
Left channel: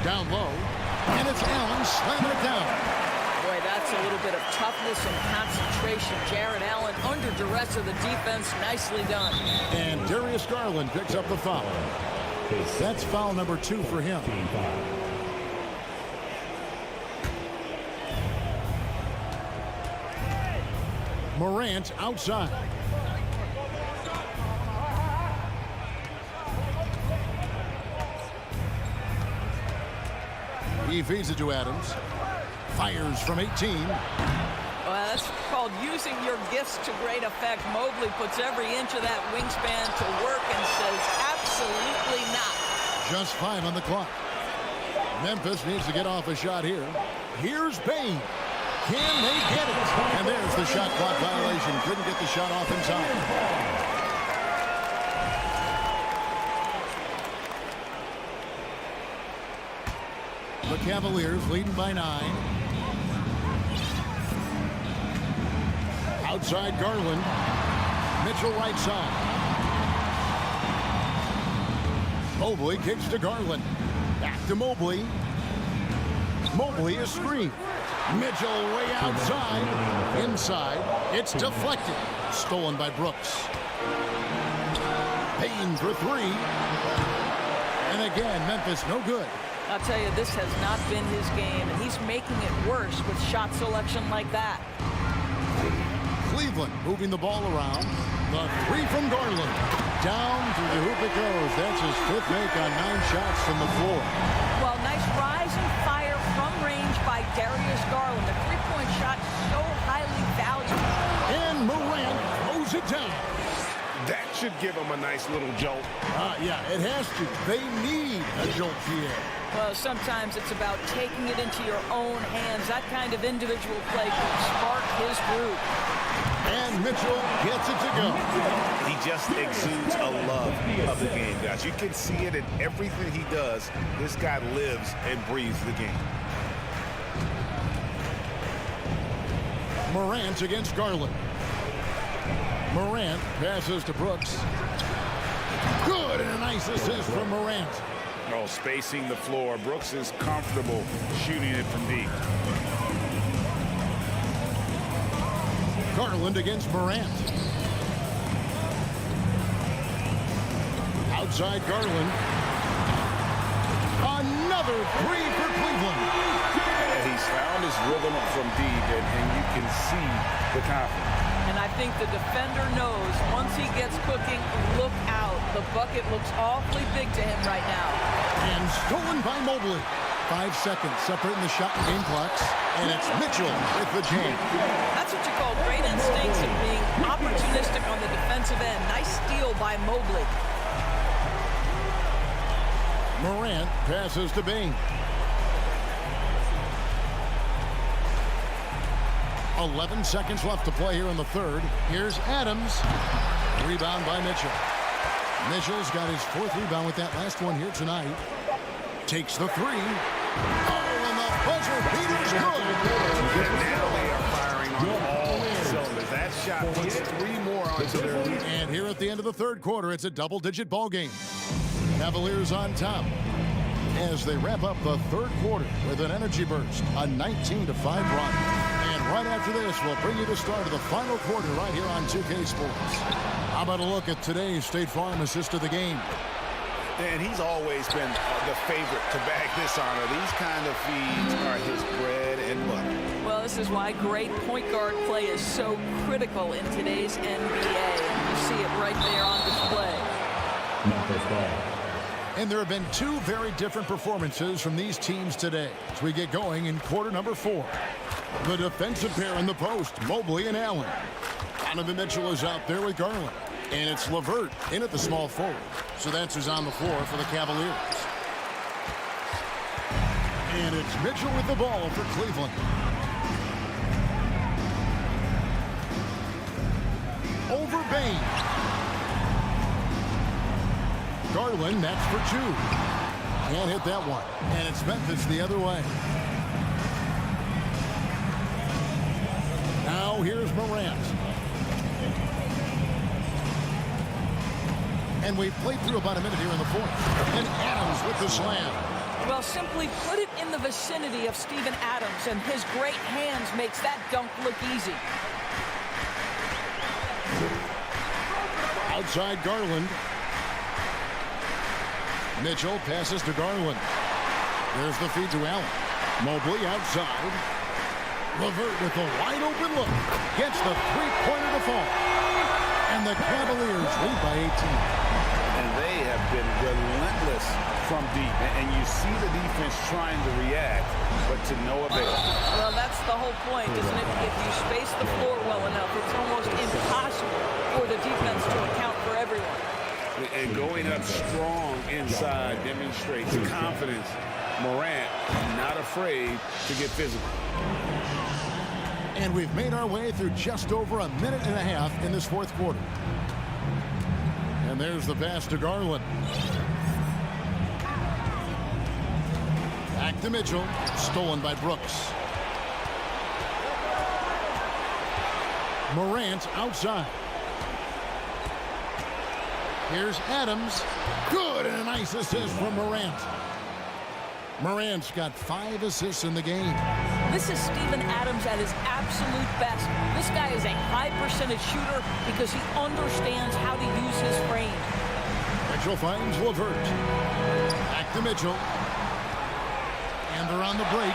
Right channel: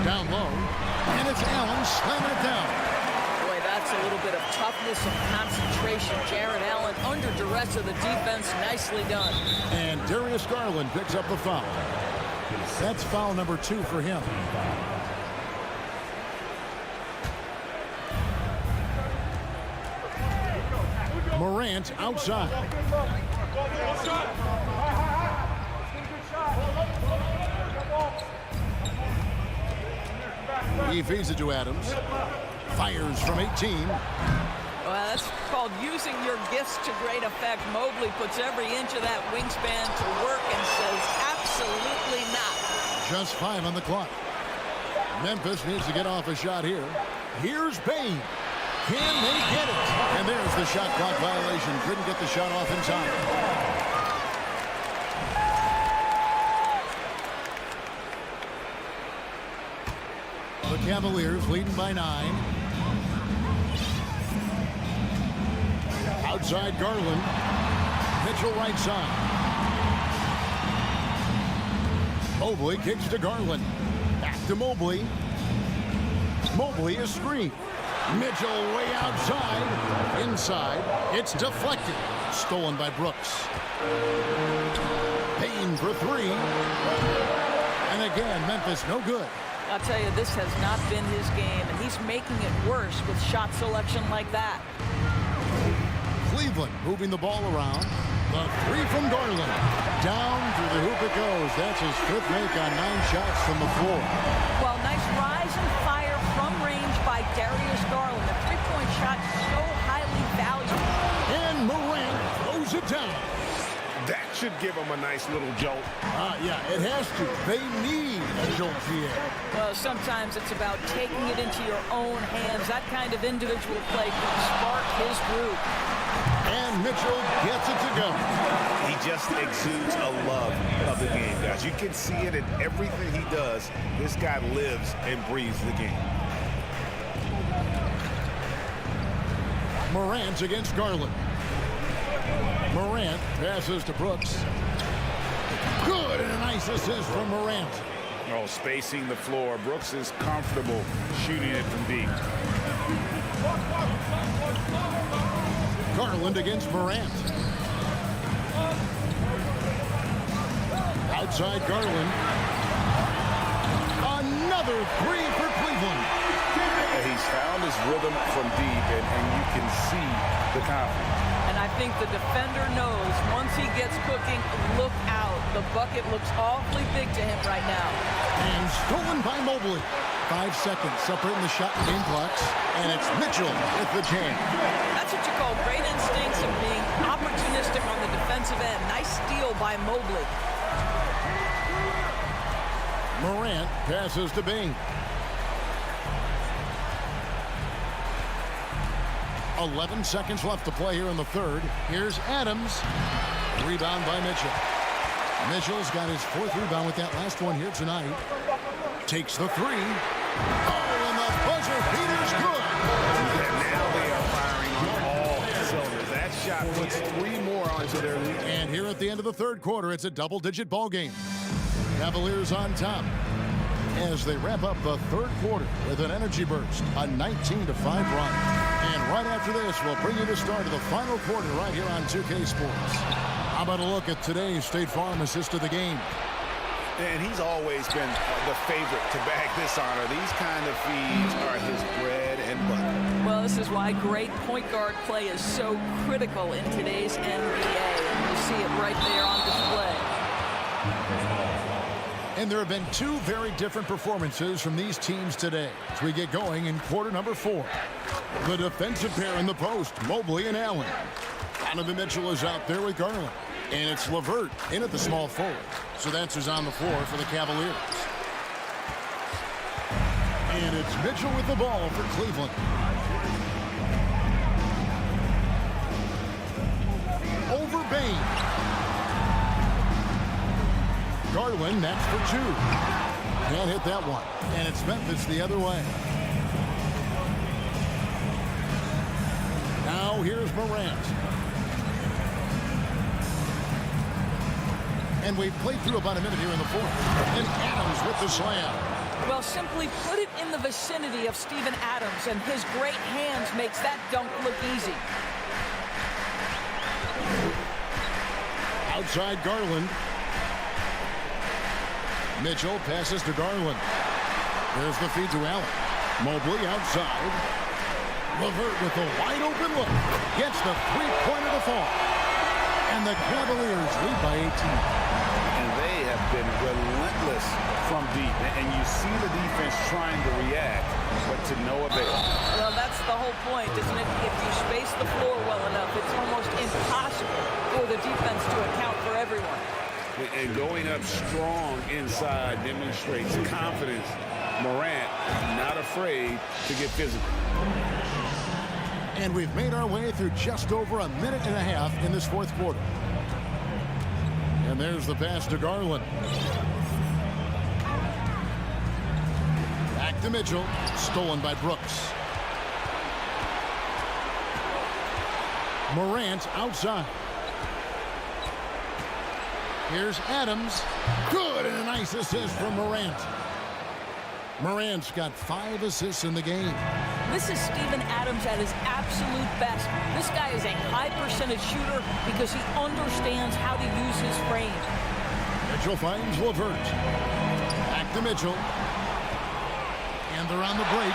Down low. And it's Allen slamming it down. Boy, that's a little bit of toughness and concentration. Jared Allen under duress of the defense. Nicely done. And Darius Garland picks up the foul. That's foul number 2 for him. Morant outside. He feeds it to Adams. Fires from 18. Well, that's called using your gifts to great effect. Mobley puts every inch of that wingspan to work and says absolutely not. Just 5 on the clock. Memphis needs to get off a shot here. Here's Bain. Can they get it? And there's the shot clock violation. Couldn't get the shot off in time. The Cavaliers leading by 9. Outside Garland. Mitchell right side. Mobley kicks to Garland. Back to Mobley. Mobley is screened. Mitchell way outside. Inside. It's deflected. Stolen by Brooks. Payne for 3. And again, Memphis no good. I'll tell you, this has not been his game, and he's making it worse with shot selection like that. Cleveland moving the ball around. The 3 from Garland. Down through the hoop it goes. That's his 5th make on 9 shots from the floor. Well, nice rise and fire from range by Darius Garland. The three-point shot so highly valued. And Morant throws it down. That should give him a nice little jolt. Yeah, it has to. They need a jolt, Pierre. Well, sometimes it's about taking it into your own hands. That kind of individual play can spark his group. And Mitchell gets it to go. He just exudes a love of the game, guys. You can see it in everything he does. This guy lives and breathes the game. Morant against Garland. Morant passes to Brooks. Good, and a nice assist from Morant. Oh, spacing the floor. Brooks is comfortable shooting it from deep. Garland against Morant. Outside Garland. Another 3 for Cleveland. He's found his rhythm from deep, and you can see the confidence. And I think the defender knows once he gets cooking, look out. The bucket looks awfully big to him right now. And stolen by Mobley. 5 seconds separating the shot and game clocks. And it's Mitchell with the jam. That's what you call great instincts and being opportunistic on the defensive end. Nice steal by Mobley. Morant passes to Bain. 11 seconds left to play here in the third. Here's Adams. Rebound by Mitchell. Mitchell's got his 4th rebound with that last one here tonight. Takes the 3. Oh, and the buzzer beater's good. And now they are firing on all cylinders. That shot puts 3 more onto their lead. And here at the end of the third quarter, it's a double-digit ball game. Cavaliers on top as they wrap up the third quarter with an energy burst, a 19-5 run. And right after this, we'll bring you the start of the final quarter right here on 2K Sports. How about a look at today's State Farm assist of the game? And he's always been the favorite to bag this honor. These kind of feeds are his bread and butter. Well, this is why great point guard play is so critical in today's NBA. And you see it right there on display. And there have been two very different performances from these teams today as we get going in quarter number 4. The defensive pair in the post, Mobley and Allen. Donovan Mitchell is out there with Garland. And it's LeVert in at the small forward. So that's who's on the floor for the Cavaliers. And it's Mitchell with the ball for Cleveland. Over Bain. Garland, that's for 2. Can't hit that one. And it's Memphis the other way. Now here's Morant. And we've played through about a minute here in the 4th. And Adams with the slam. Well, simply put it in the vicinity of Steven Adams, and his great hands makes that dunk look easy. Outside Garland. Mitchell passes to Garland. There's the feed to Allen. Mobley outside. LeVert with a wide open look. Gets the three-pointer to fall. And the Cavaliers lead by 18. And they have been relentless from deep. And you see the defense trying to react, but to no avail. Well, that's the whole point, isn't it? If you space the floor well enough, it's almost impossible for the defense to account for everyone. And going up strong inside demonstrates confidence. Morant not afraid to get physical. And we've made our way through just over a minute and a half in this 4th quarter. And there's the pass to Garland. Back to Mitchell. Stolen by Brooks. Morant outside. Here's Adams. Good, and a nice assist from Morant. Morant's got 5 assists in the game. This is Steven Adams at his absolute best. This guy is a high-percentage shooter because he understands how to use his frame. Mitchell finds LeVert. Back to Mitchell. And they're on the break.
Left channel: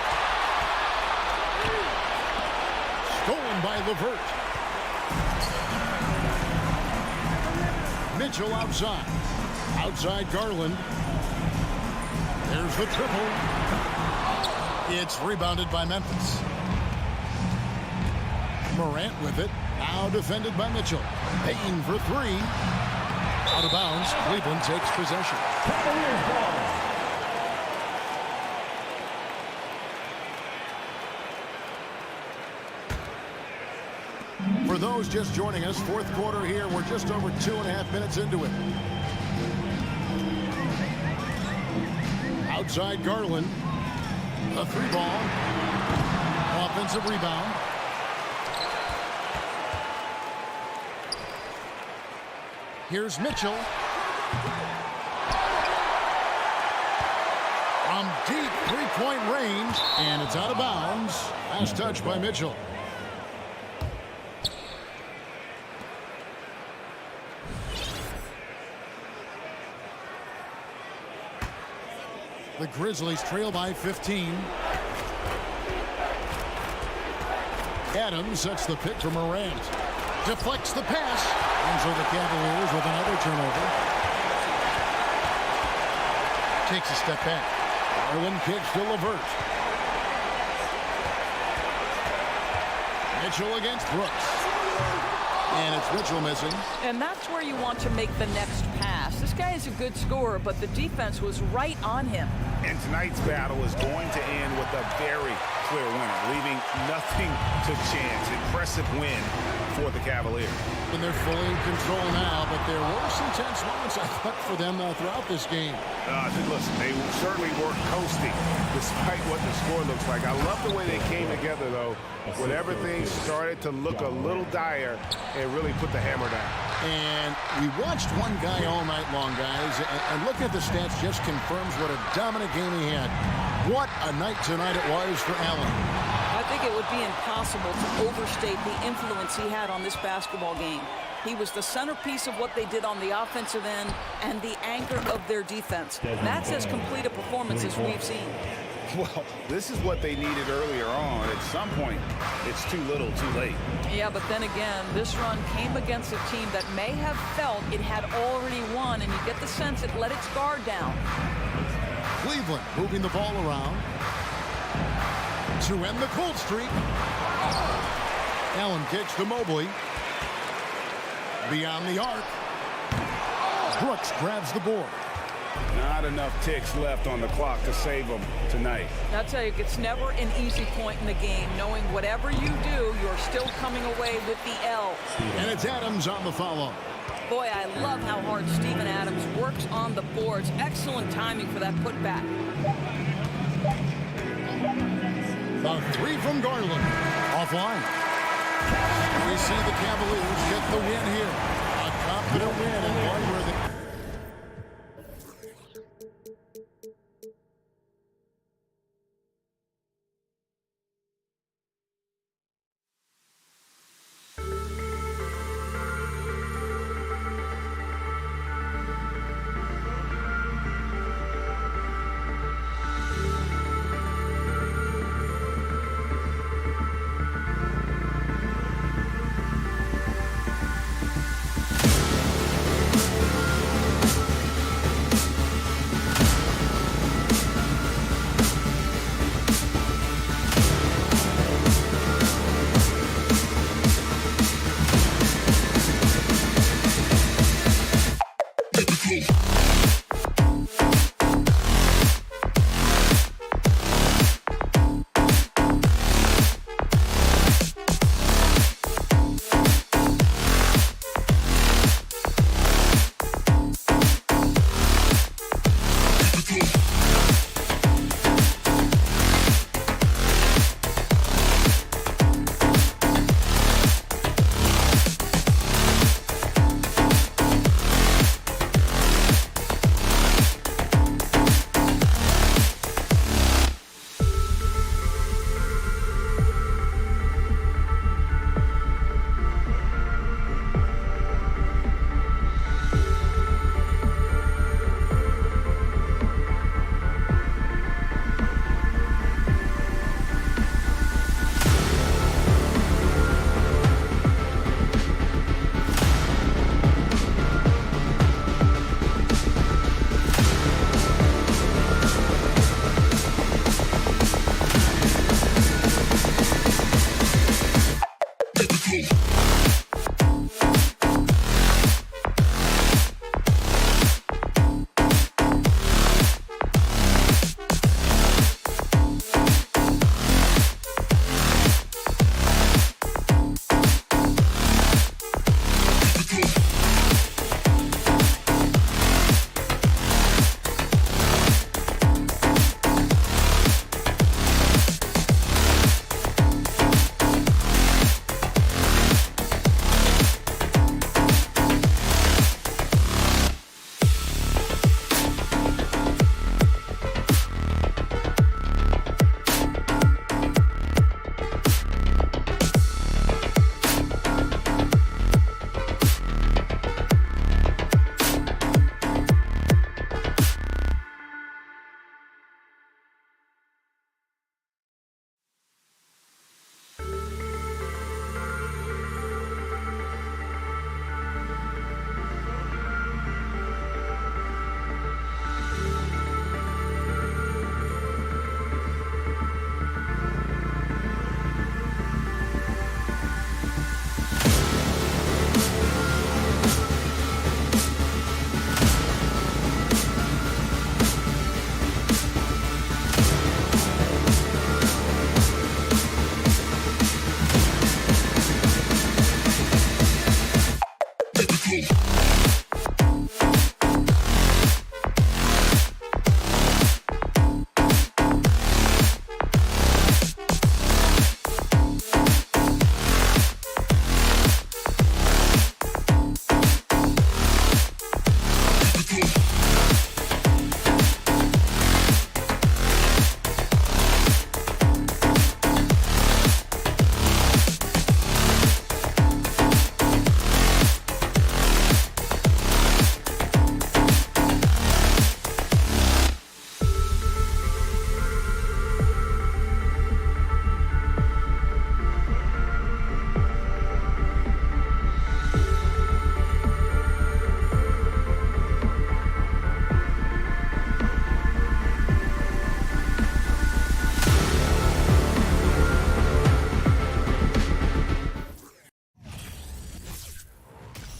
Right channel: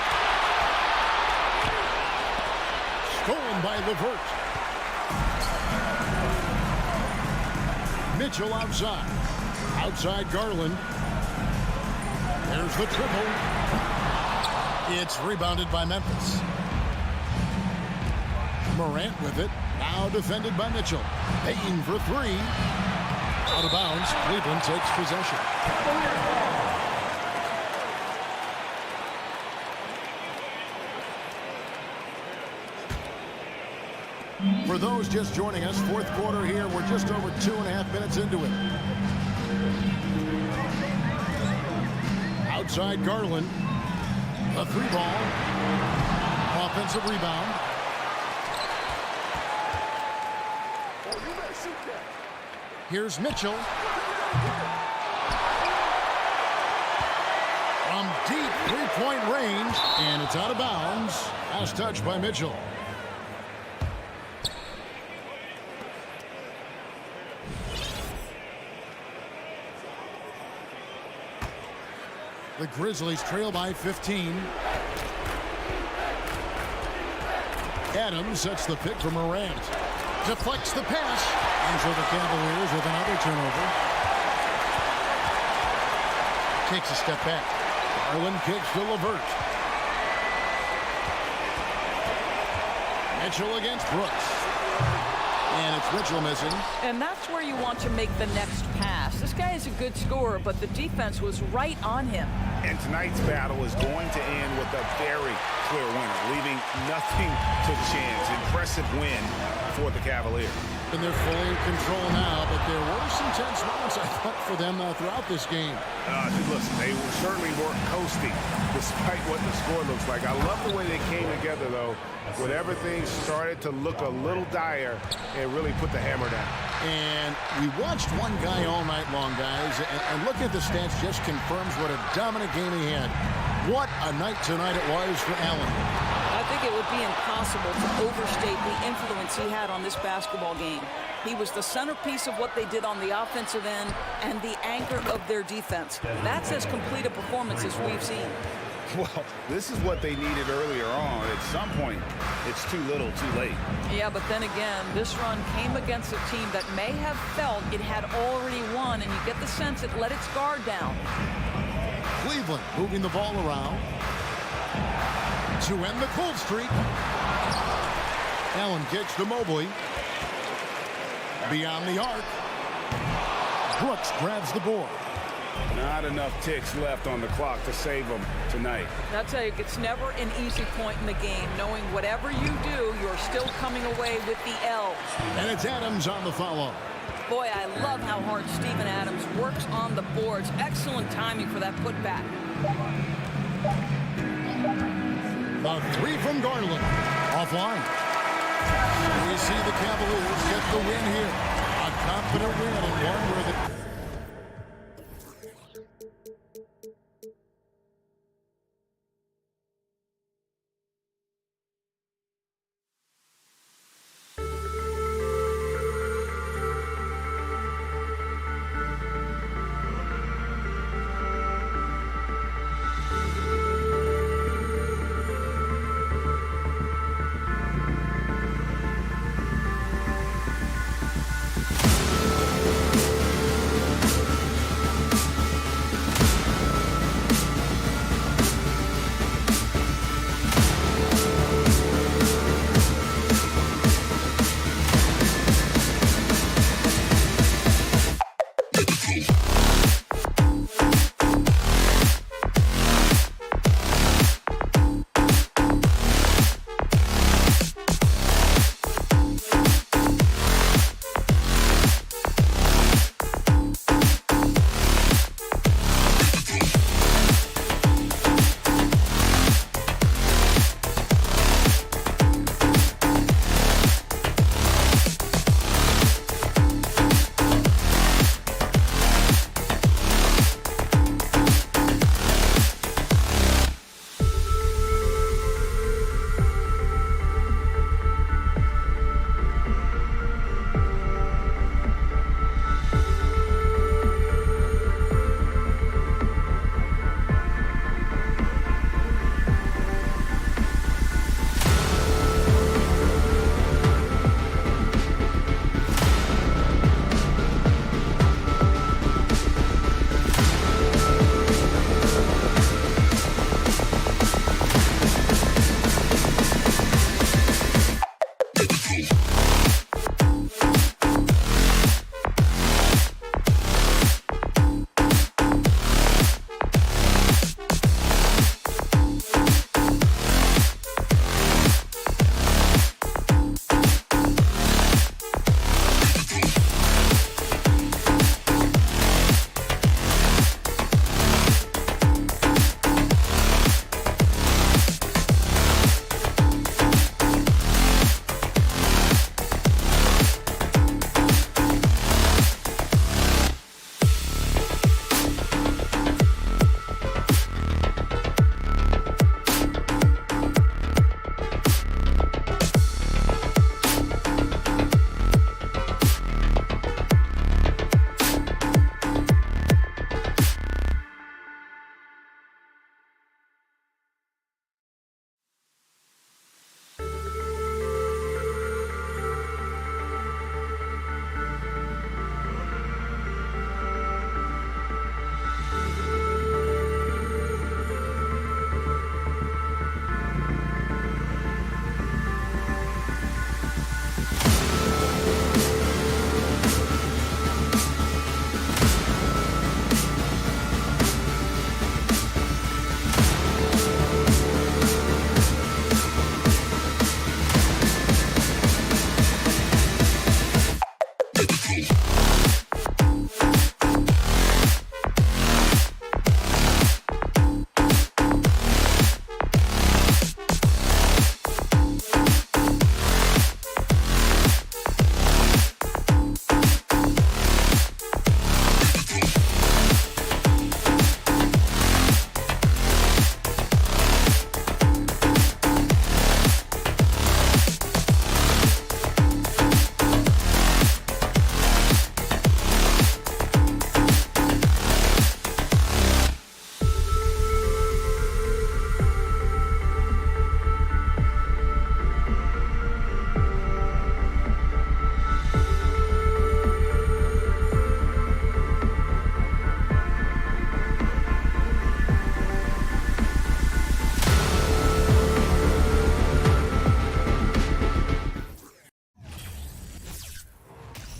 Stolen by LeVert. Mitchell outside. Outside Garland. There's the triple. It's rebounded by Memphis. Morant with it. Now defended by Mitchell. Payton for 3. Out of bounds. Cleveland takes possession. For those just joining us, 4th quarter here. We're just over 2.5 minutes into it. Outside Garland. A 3 ball. Offensive rebound. Here's Mitchell. From deep 3-point range. And it's out of bounds. Last touch by Mitchell. The Grizzlies trail by 15. Adams sets the pick for Morant. Deflects the pass. And so the Cavaliers with another turnover. Takes a step back. Garland kicks to LeVert. Mitchell against Brooks. And it's Mitchell missing. And that's where you want to make the next pass. This guy is a good scorer, but the defense was right on him. And tonight's battle is going to end with a very clear winner, leaving nothing to chance. Impressive win for the Cavaliers. And they're fully in control now, but there were some tense moments, I thought, for them throughout this game. Listen, they certainly weren't coasting, despite what the score looks like. I love the way they came together, though, when everything started to look a little dire and really put the hammer down. And we watched one guy all night long, guys, and looking at the stats just confirms what a dominant game he had. What a night tonight it was for Allen. I think it would be impossible to overstate the influence he had on this basketball game. He was the centerpiece of what they did on the offensive end and the anchor of their defense. That's as complete a performance as we've seen. Well, this is what they needed earlier on. At some point, it's too little, too late. Yeah, but then again, this run came against a team that may have felt it had already won, and you get the sense it let its guard down. Cleveland moving the ball around to end the cold streak. Allen kicks to Mobley. Beyond the arc. Brooks grabs the board. Not enough ticks left on the clock to save them tonight. I'll tell you, it's never an easy point in the game, knowing whatever you do, you're still coming away with the L. And it's Adams on the follow. Boy, I love how hard Steven Adams works on the boards. Excellent timing for that putback. The three from Garland. Offline. And we see the Cavaliers get the win here. A confident win and one where they...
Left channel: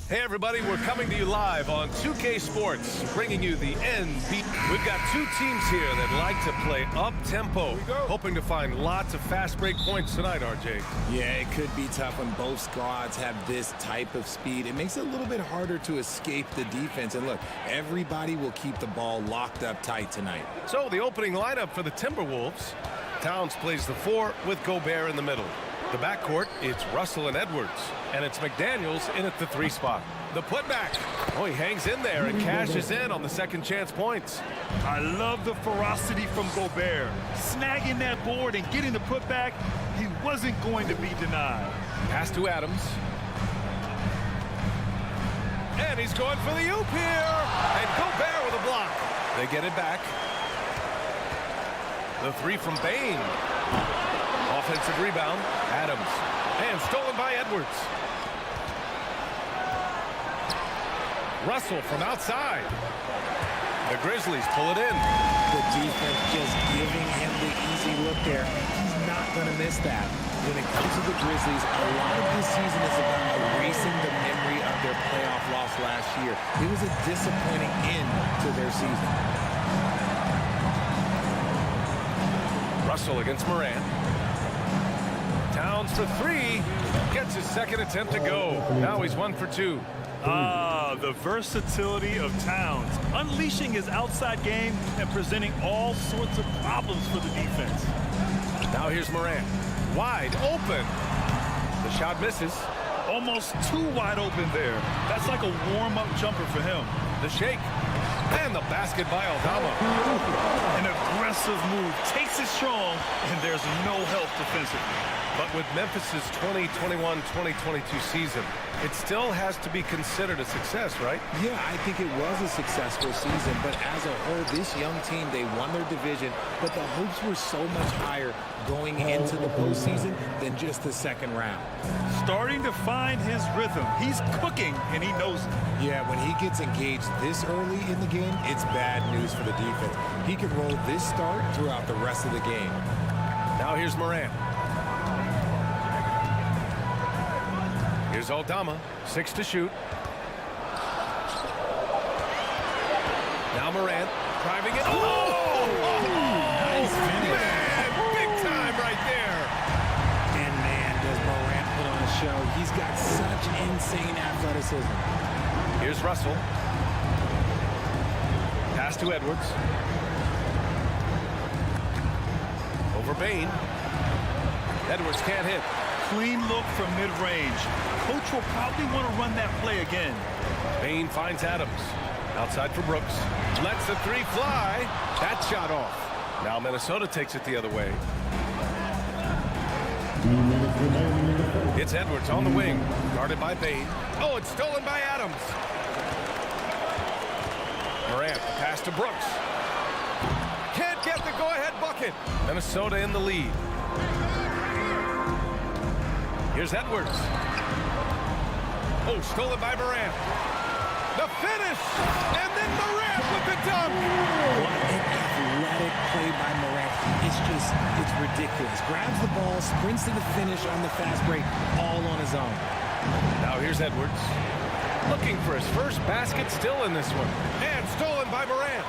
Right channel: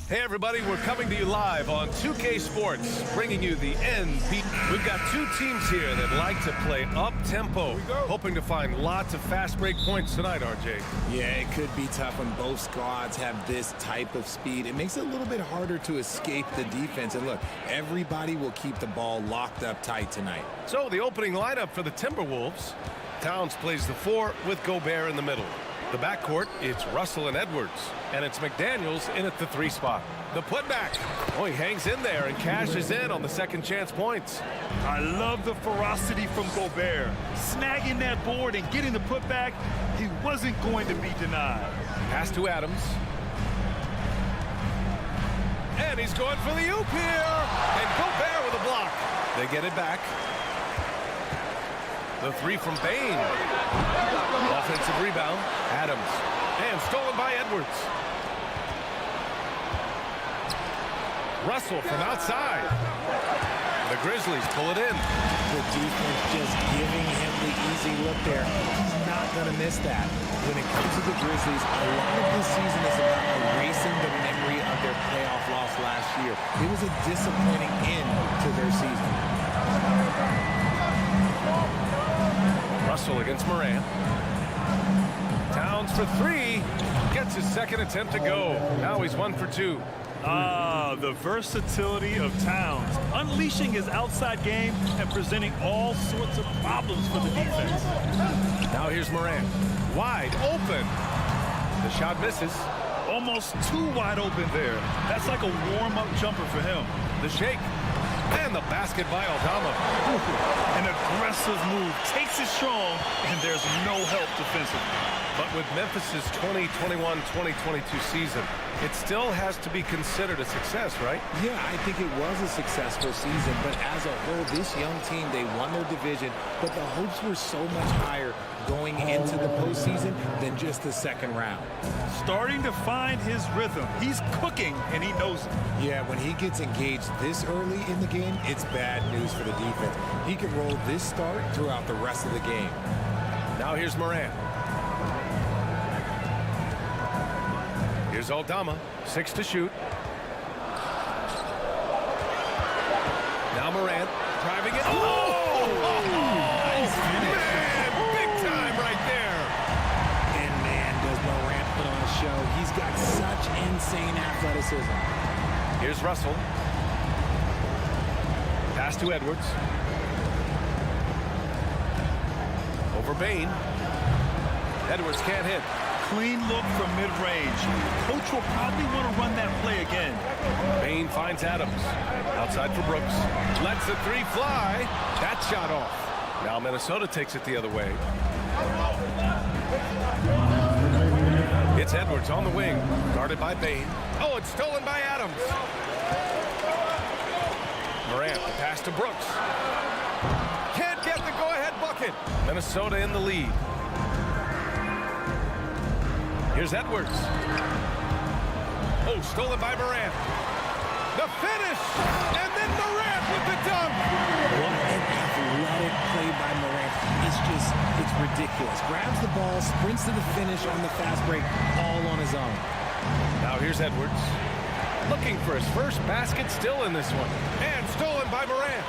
Hey everybody, we're coming to you live on 2K Sports, bringing you the NBA. We've got two teams here that like to play up-tempo, hoping to find lots of fast break points tonight, RJ. Yeah, it could be tough when both squads have this type of speed. It makes it a little bit harder to escape the defense. And look, everybody will keep the ball locked up tight tonight. So the opening lineup for the Timberwolves. Towns plays the 4 with Gobert in the middle. The backcourt, it's Russell and Edwards, and it's McDaniels in at the 3 spot. The putback. Oh, he hangs in there and cashes in on the second chance points. I love the ferocity from Gobert. Snagging that board and getting the putback, he wasn't going to be denied. Pass to Adams. And he's going for the oop here. And Gobert with a block. They get it back. The 3 from Bain. Offensive rebound, Adams. And stolen by Edwards. Russell from outside. The Grizzlies pull it in. The defense just giving him the easy look there. He's not going to miss that. When it comes to the Grizzlies, a lot of this season is about erasing the memory of their playoff loss last year. It was a disappointing end to their season. Russell against Morant. Towns for 3. Gets his second attempt to go. Now he's 1 for 2. The versatility of Towns, unleashing his outside game and presenting all sorts of problems for the defense. Now here's Morant. Wide open. The shot misses. Almost too wide open there. That's like a warm-up jumper for him. The shake. And the basket by Aldama. An aggressive move. Takes it strong, and there's no help defensively. But with Memphis's 2021-2022 season, it still has to be considered a success, right? Yeah, I think it was a successful season, but as a whole, this young team, they won their division, but the hopes were so much higher going into the postseason than just the second round. Starting to find his rhythm. He's cooking, and he knows it. Yeah, when he gets engaged this early in the game, it's bad news for the defense. He can roll this start throughout the rest of the game. Now here's Morant. Here's Aldama, 6 to shoot. Now Morant driving it. Oh! Nice finish. Man, big time right there. And man, does Morant put on a show. He's got such insane athleticism. Here's Russell. Pass to Edwards. Over Bain. Edwards can't hit. Clean look from mid-range. Coach will probably want to run that play again. Bain finds Adams. Outside for Brooks. Lets the 3 fly. That shot off. Now Minnesota takes it the other way. It's Edwards on the wing. Guarded by Bain. Oh, it's stolen by Adams. Morant, the pass to Brooks. Can't get the go-ahead bucket. Minnesota in the lead. Here's Edwards. Oh, stolen by Morant. The finish! And then Morant with the dunk! What an athletic play by Morant. It's ridiculous. Grabs the ball, sprints to the finish on the fast break, all on his own. Now here's Edwards. Looking for his first basket still in this one. And stolen by Morant.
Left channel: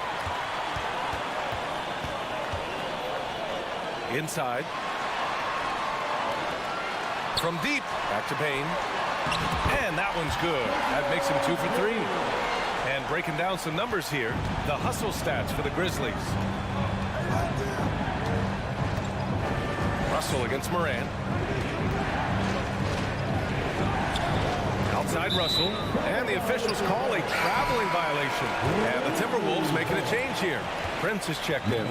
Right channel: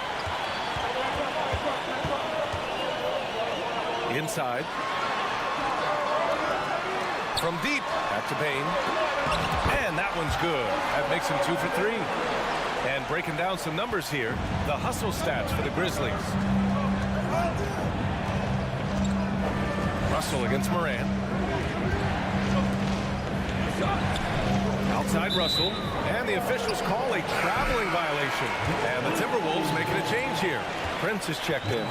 Inside. From deep, back to Bain. And that one's good. That makes him 2 for 3. And breaking down some numbers here, the hustle stats for the Grizzlies. Russell against Morant. Outside Russell. And the officials call a traveling violation. And the Timberwolves making a change here. Prince is checked in.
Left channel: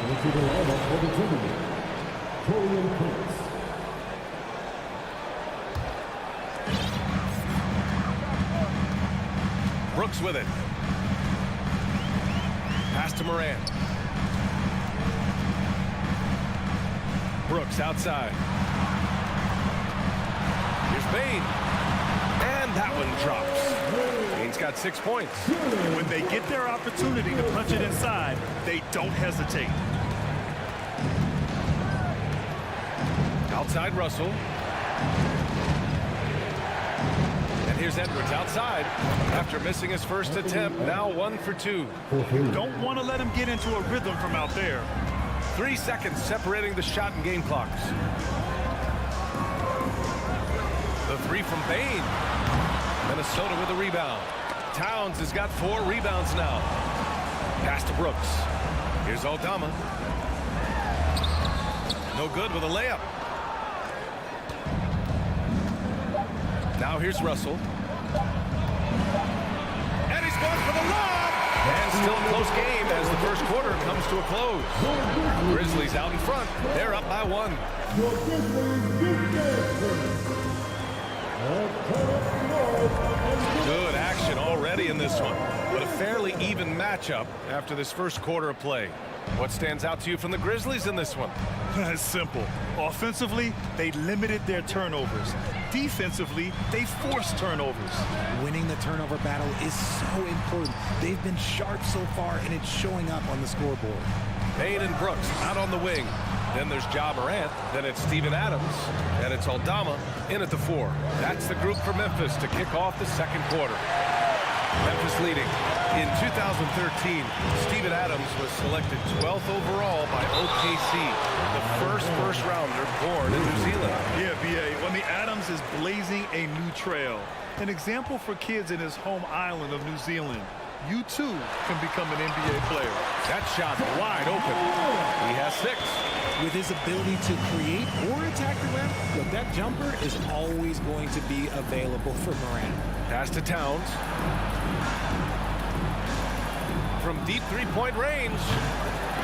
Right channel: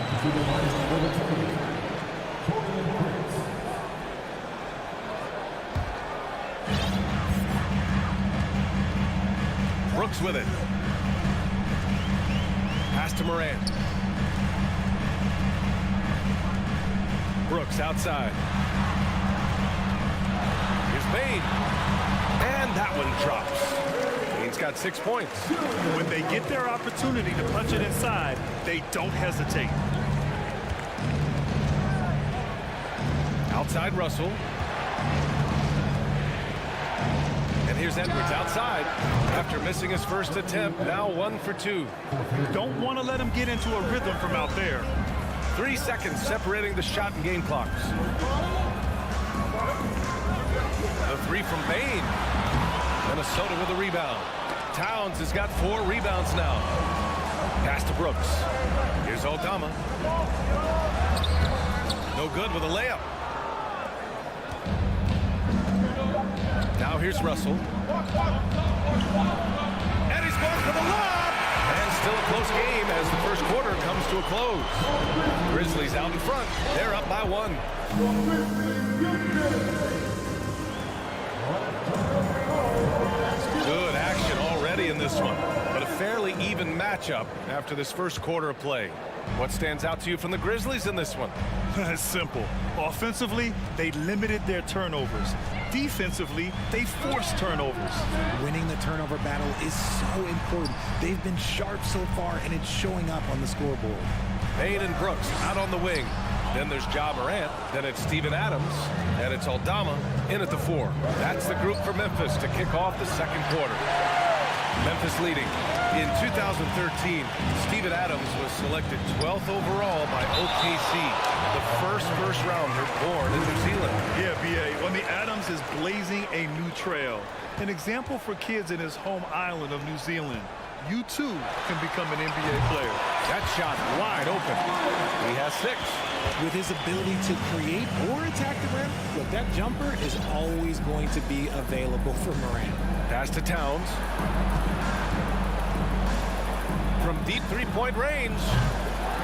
Brooks with it. Pass to Morant. Brooks outside. Here's Bain. And that one drops. Bain's got 6 points. When they get their opportunity to punch it inside, they don't hesitate. Outside Russell. And here's Edwards outside. After missing his first attempt, now 1 for 2. You don't want to let him get into a rhythm from out there. 3 seconds separating the shot and game clocks. The three from Bain. Minnesota with a rebound. Towns has got 4 rebounds now. Pass to Brooks. Here's Aldama. No good with a layup. Now here's Russell. And he scores for the lob. And still a close game as the first quarter comes to a close. Grizzlies out in front. They're up by 1. Good action already in this one, but a fairly even matchup after this first quarter of play. What stands out to you from the Grizzlies in this one? It's simple. Offensively, they limited their turnovers. Defensively, they forced turnovers. Winning the turnover battle is so important. They've been sharp so far, and it's showing up on the scoreboard. Bain and Brooks out on the wing. Then there's Ja Morant. Then it's Steven Adams. And it's Aldama in at the 4. That's the group for Memphis to kick off the second quarter. Memphis leading. In 2013, Steven Adams was selected 12th overall by OKC, the first rounder born in New Zealand. Yeah, B.A. Well, the Adams is blazing a new trail. An example for kids in his home island of New Zealand. You, too, can become an NBA player. That shot wide open. He has 6. With his ability to create or attack the rim, look, that jumper is always going to be available for Morant. Pass to Towns. From deep three-point range.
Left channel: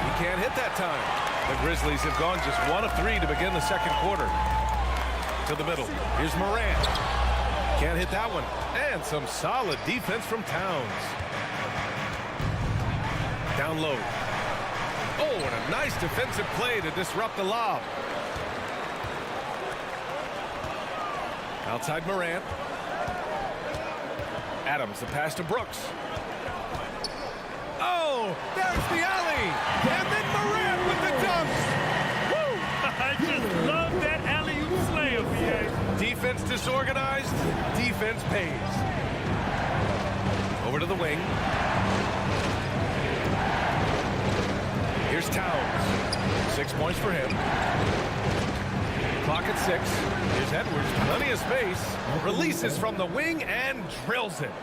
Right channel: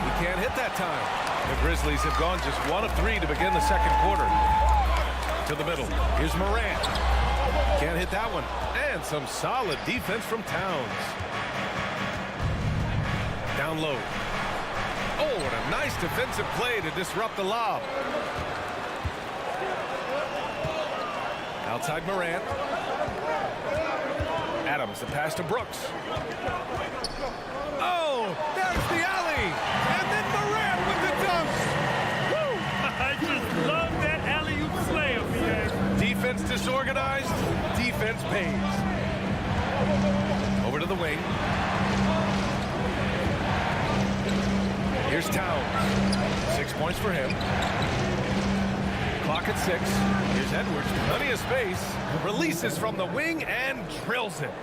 He can't hit that time. The Grizzlies have gone just 1 of 3 to begin the second quarter. To the middle. Here's Morant. Can't hit that one. And some solid defense from Towns. Down low. Oh, what a nice defensive play to disrupt the lob. Outside Morant. Adams, the pass to Brooks. Oh, there's the alley. And then Morant with the dunk. Woo! I just love that alley-oop slam, B.A. Defense disorganized. Defense pays. Over to the wing. Here's Towns. 6 points for him. Clock at 6. Here's Edwards. Plenty of space. Releases from the wing and drills it.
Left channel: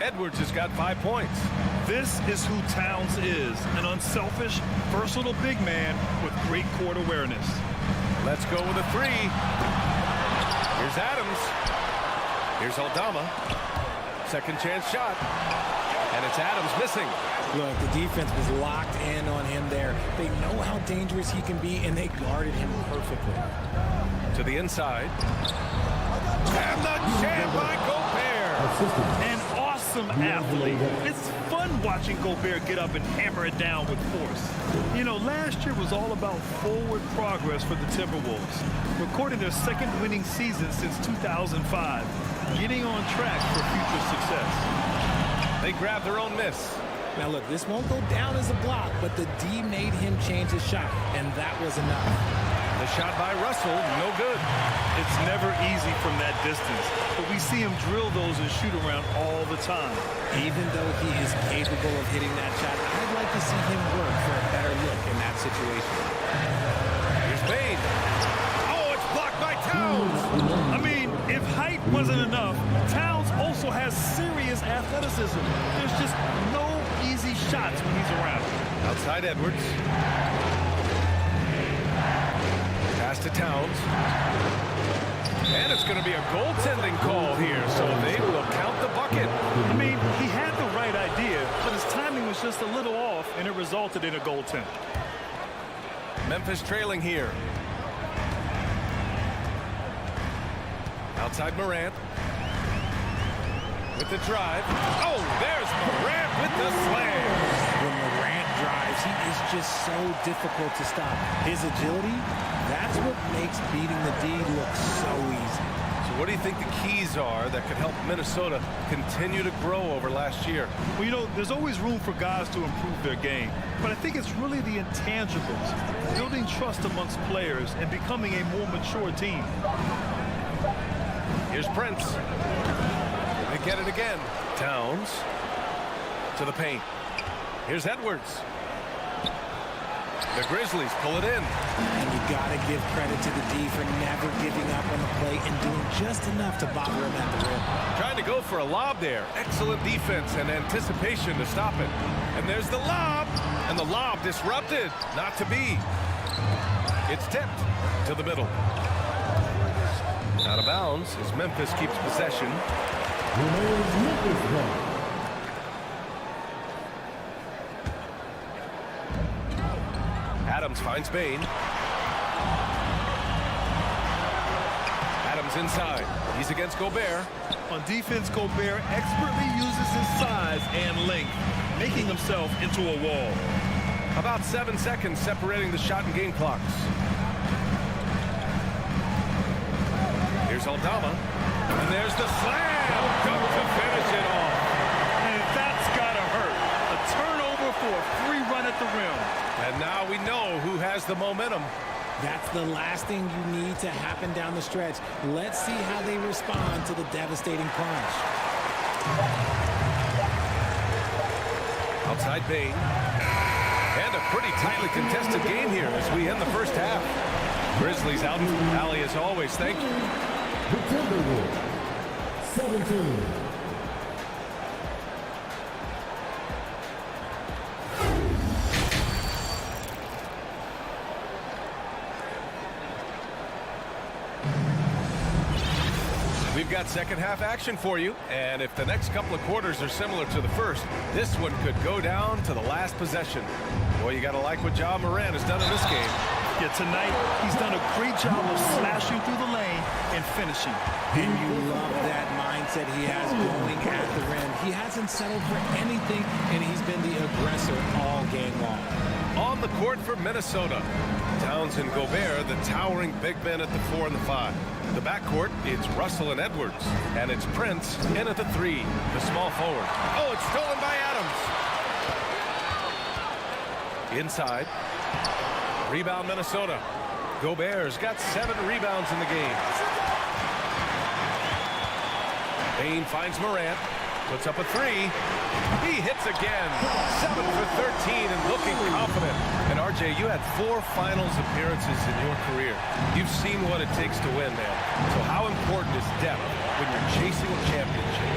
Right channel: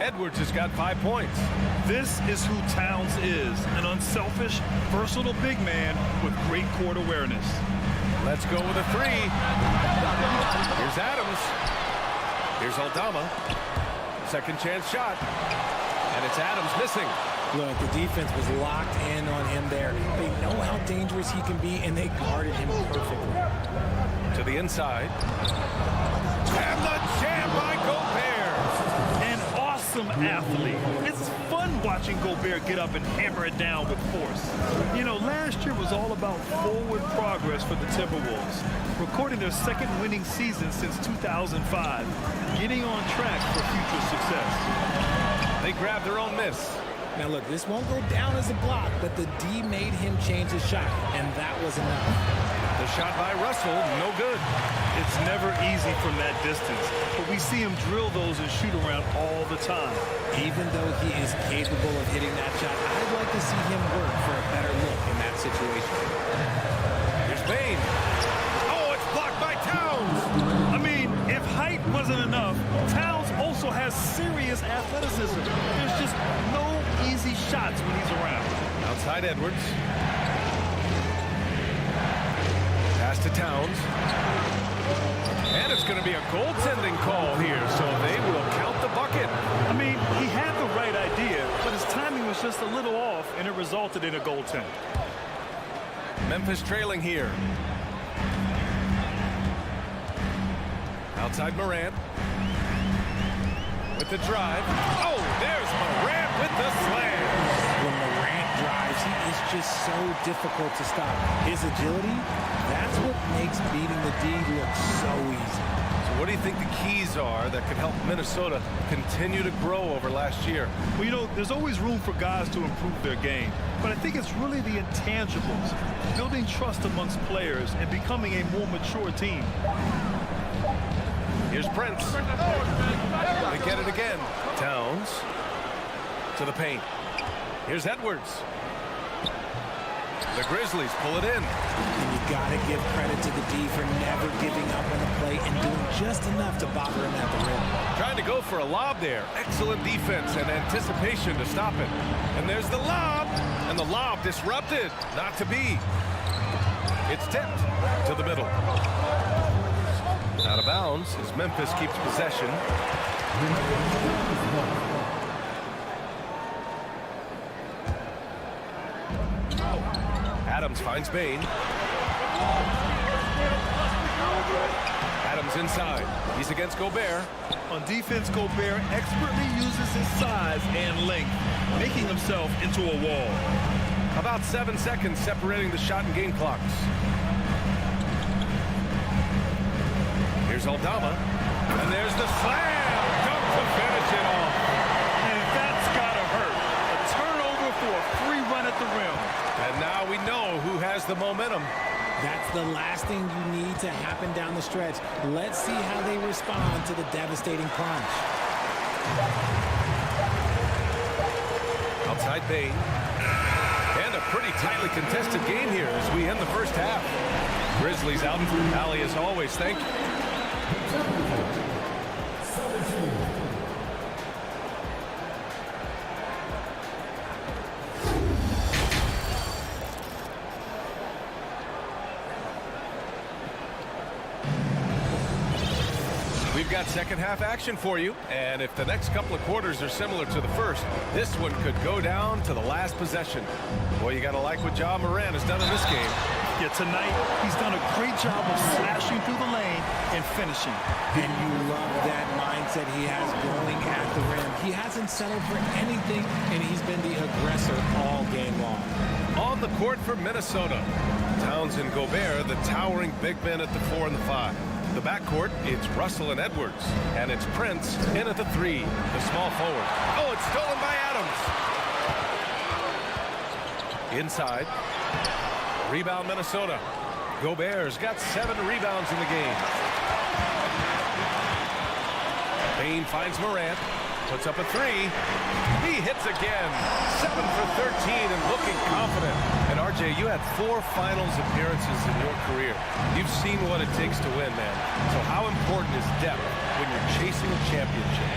Edwards has got 5 points. This is who Towns is. An unselfish, versatile big man with great court awareness. Let's go with a 3. Here's Adams. Here's Aldama. Second chance shot. And it's Adams missing. Look, the defense was locked in on him there. They know how dangerous he can be, and they guarded him perfectly. To the inside. And the jam by Gobert. An awesome athlete. It's fun watching Gobert get up and hammer it down with force. You know, last year was all about forward progress for the Timberwolves, recording their second winning season since 2005, getting on track for future success. They grabbed their own miss. Now, look, this won't go down as a block, but the D made him change his shot, and that was enough. The shot by Russell, no good. It's never easy from that distance, but we see him drill those and shoot around all the time. Even though he is capable of hitting that shot, I'd like to see him work for a better look in that situation. Here's Bain. Oh, it's blocked by Towns. I mean, if height wasn't enough, Towns also has serious athleticism. There's just no easy shots when he's around. Outside Edwards. Pass to Towns. And it's going to be a goaltending call here, so they will count the bucket. I mean, he had the right idea, but his timing was just a little off, and it resulted in a goaltend. Memphis trailing here. Outside Morant. With the drive. Oh, there's Morant with the slam. When Morant drives, he is just so difficult to stop. His agility, that's what makes beating the D look so easy. So what do you think the keys are that could help Minnesota continue to grow over last year? Well, you know, there's always room for guys to improve their game, but I think it's really the intangibles, building trust amongst players and becoming a more mature team. Here's Prince. might get it again. Towns to the paint. Here's Edwards. The Grizzlies pull it in. And you got to give credit to the D for never giving up on the play and doing just enough to bother him at the rim. Trying to go for a lob there. Excellent defense and anticipation to stop it. And there's the lob. And the lob disrupted. Not to be. It's tipped to the middle. Out of bounds as Memphis keeps possession. Adams finds Bain. Adams inside. He's against Gobert. On defense, Gobert expertly uses his size and length, making himself into a wall. About 7 seconds separating the shot and game clocks. Here's Aldama. And there's the slam. Dunk to finish it off. And that's got to hurt. A turnover for a free run at the rim. And now we know who has the momentum. That's the last thing you need to happen down the stretch. Let's see how they respond to the devastating punch. Outside Bain. And a pretty tightly contested game here as we end the first half. Grizzlies out in alley as always. Thank you. 17. We've got second half action for you, and if the next couple of quarters are similar to the first, this one could go down to the last possession. Boy, you got to like what Ja Morant has done in this game. Yeah, tonight he's done a great job of slashing through the lane and finishing. And you love that mindset he has going at the rim. He hasn't settled for anything, and he's been the aggressor all game long. On the court for Minnesota, Towns and Gobert, the towering big men at the 4 and the 5. The backcourt, it's Russell and Edwards. And it's Prince in at the 3, the small forward. Oh, it's stolen by Adams. Inside. Rebound Minnesota. Gobert's got 7 rebounds in the game. Bain finds Morant. Puts up a 3. He hits again. 7 for 13 and looking confident. And RJ, you had 4 finals appearances in your career. You've seen what it takes to win, man. So how important is depth when you're chasing a championship?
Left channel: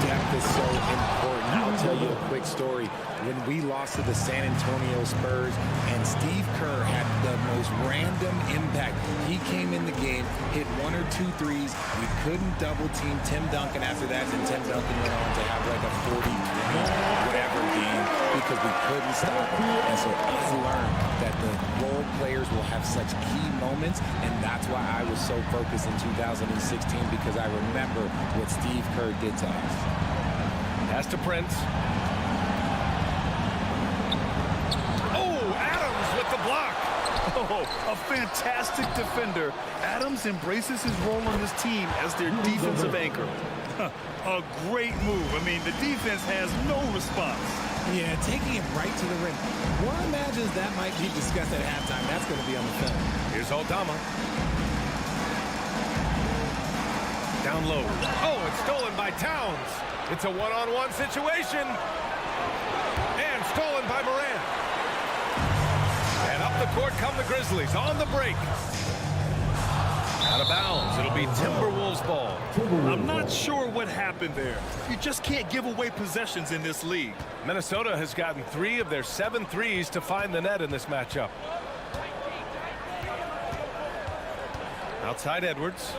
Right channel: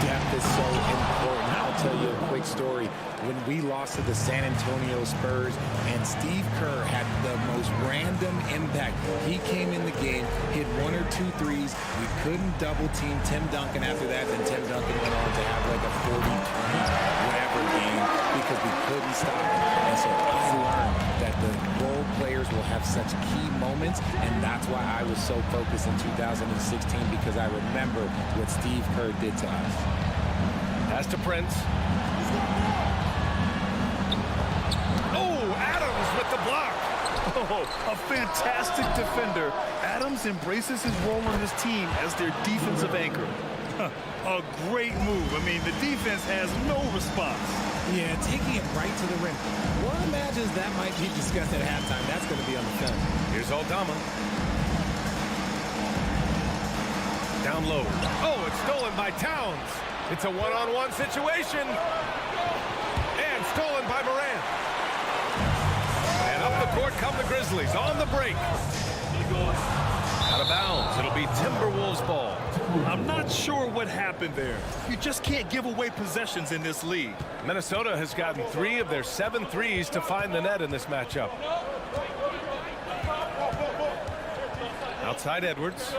Depth is so important. I'll tell you a quick story. When we lost to the San Antonio Spurs and Steve Kerr had the most random impact. He came in the game, hit 1 or 2 threes. We couldn't double team Tim Duncan after that, and Tim Duncan went on to have like a 40, 20, whatever game because we couldn't stop him. And so I learned that the role players will have such key moments, and that's why I was so focused in 2016 because I remember what Steve Kerr did to us. Pass to Prince. Oh, Adams with the block. Oh, a fantastic defender. Adams embraces his role on this team as their defensive anchor. A great move. I mean, the defense has no response. Yeah, taking it right to the rim. One imagines that might be discussed at halftime. That's going to be on the film. Here's Aldama. Down low. Oh, it's stolen by Towns. It's a one-on-one situation. And stolen by Morant. And up the court come the Grizzlies on the break. Out of bounds. It'll be Timberwolves ball. I'm not sure what happened there. You just can't give away possessions in this league. Minnesota has gotten 3 of their 7 threes to find the net in this matchup. Outside Edwards.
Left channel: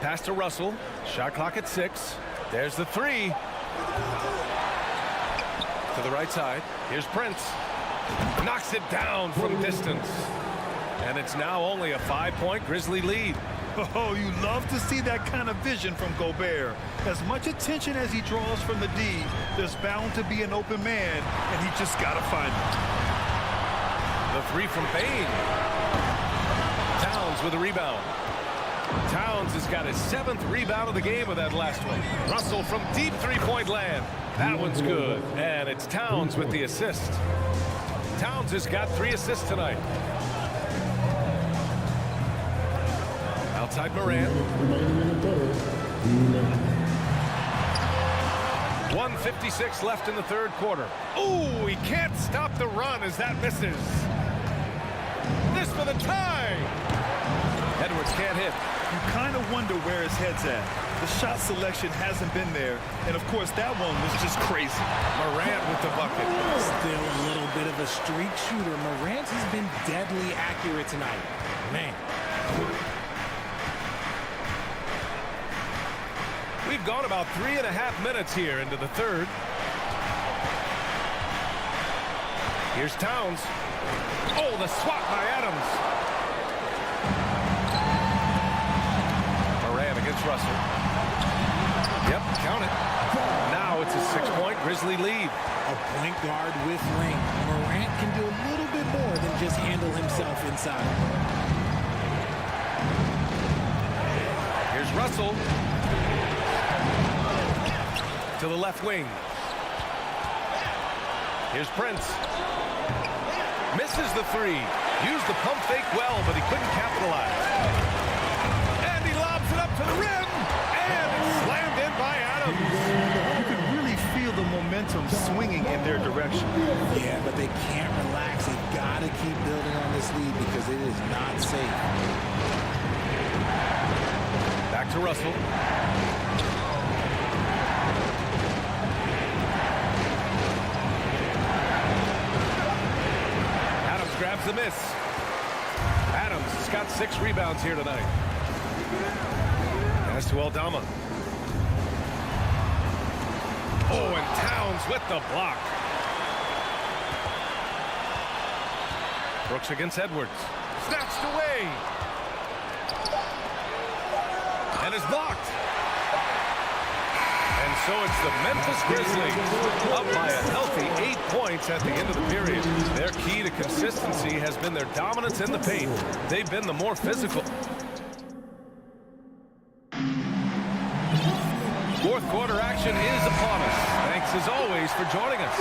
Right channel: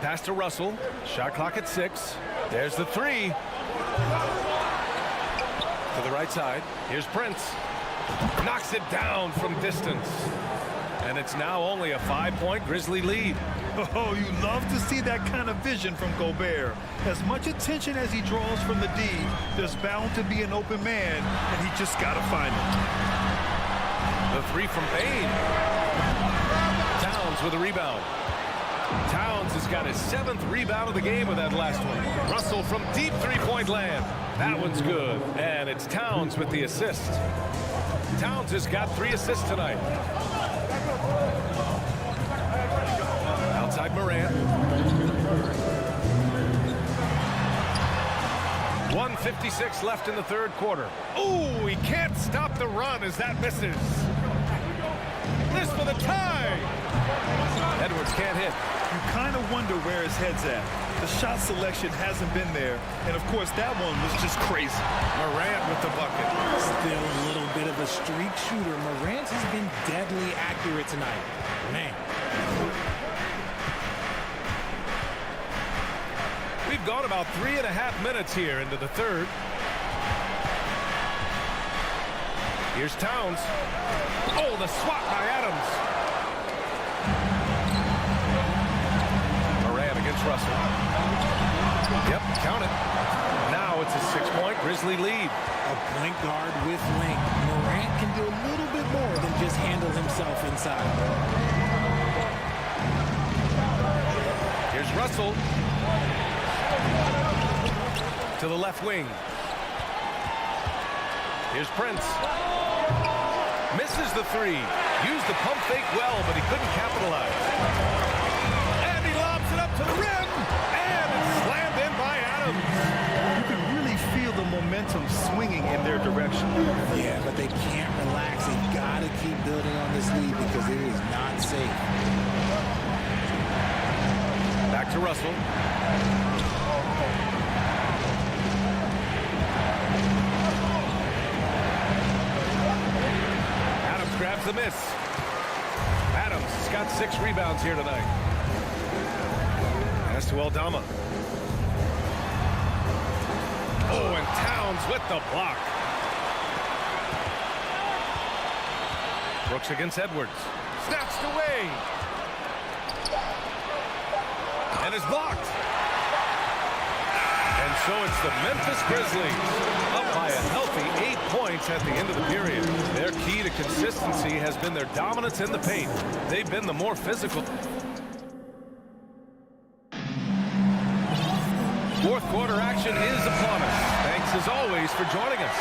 Pass to Russell. Shot clock at 6. There's the 3. To the right side. Here's Prince. Knocks it down from distance. And it's now only a 5-point Grizzly lead. Oh, you love to see that kind of vision from Gobert. As much attention as he draws from the D, there's bound to be an open man, and he just got to find him. The 3 from Bain. Towns with a rebound. Towns has got his 7th rebound of the game with that last one. Russell from deep 3-point land. That one's good. And it's Towns with the assist. Towns has got 3 assists tonight. Outside Morant. 1:56 left in the third quarter. Ooh, he can't stop the run as that misses. This for the tie. Edwards can't hit. You kind of wonder where his head's at. The shot selection hasn't been there. And, of course, that one was just crazy. Morant with the bucket. Still a little bit of a streak shooter. Morant has been deadly accurate tonight. Man. We've gone about 3.5 minutes here into the third. Here's Towns. Oh, the swat by Adams. Morant against Russell. Yep, count it. Now it's a 6-point Grizzly lead. A point guard with length. Morant can do a little bit more than just handle himself inside. Here's Russell. To the left wing. Here's Prince. Misses the three. Used the pump fake well, but he couldn't capitalize. And he lobs it up to the rim. And it's slammed in by Adams. You can really feel the momentum swinging in their direction. Yeah, but they can't relax. They've got to keep building on this lead because it is not safe. Back to Russell. Adams grabs the miss. Adams has got 6 rebounds here tonight. Pass to Aldama. Oh, and Towns with the block. Brooks against Edwards. Snatched away. And is blocked. And so it's the Memphis Grizzlies up by a healthy 8 points at the end of the period. Their key to consistency has been their dominance in the paint. They've been the more physical. Fourth quarter action is upon us. Thanks as always for joining us.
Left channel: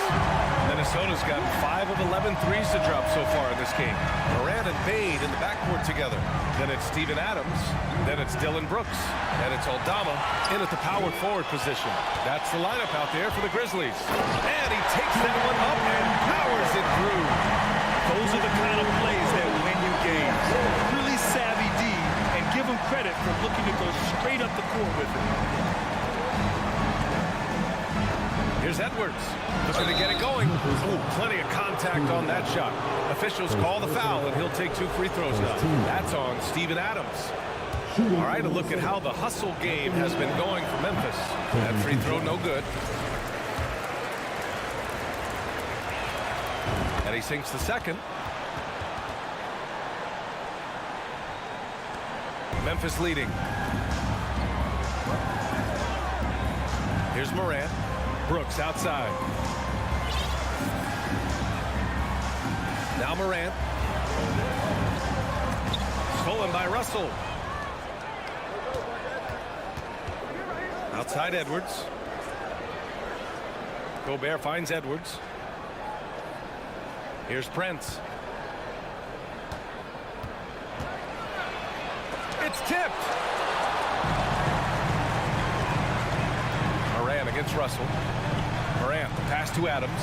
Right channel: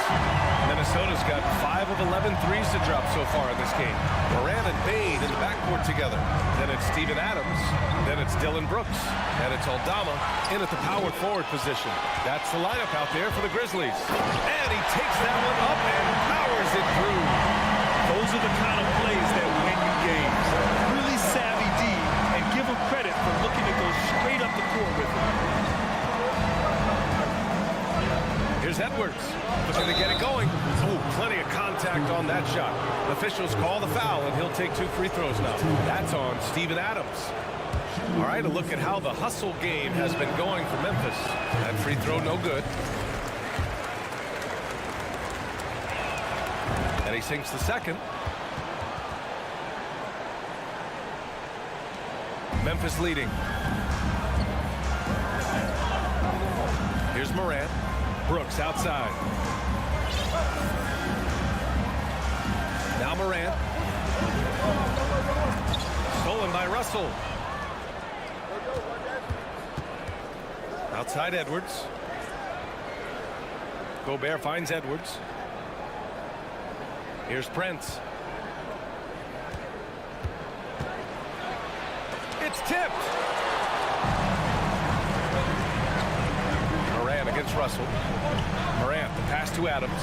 Minnesota's got 5 of 11 threes to drop so far in this game. Morant and Bade in the backcourt together. Then it's Steven Adams. Then it's Dylan Brooks. And it's Aldama in at the power forward position. That's the lineup out there for the Grizzlies. And he takes that one up and powers it through. Those are the kind of plays that win you games. Really savvy D, and give him credit for looking to go straight up the court with it. Here's Edwards, looking to get it going. Oh, plenty of contact on that shot. Officials call the foul, and he'll take 2 free throws now. That's on Steven Adams. All right, a look at how the hustle game has been going for Memphis. That free throw, no good. And he sinks the second. Memphis leading. Here's Morant. Brooks outside. Now Morant. Stolen by Russell. Outside Edwards. Gobert finds Edwards. Here's Prince. It's tipped. Morant against Russell. Morant, the pass to Adams.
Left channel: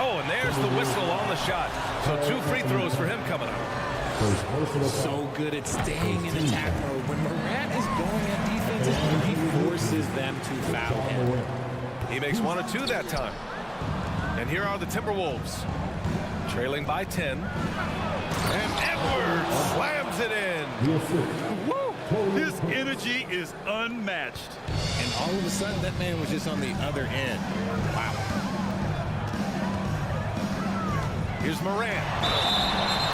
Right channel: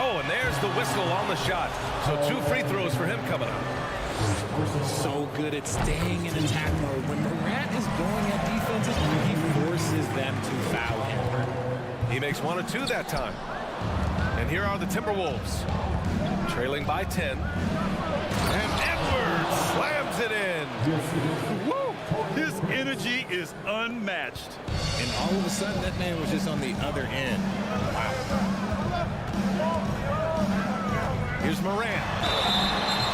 Oh, and there's the whistle on the shot. So 2 free throws for him coming up. So good at staying in attack mode. When Morant is going at defenses, he forces them to foul him. He makes 1 or 2 that time. And here are the Timberwolves. Trailing by 10. And Edwards slams it in. Woo! His energy is unmatched. And all of a sudden, that man was just on the other end. Wow. Here's Morant.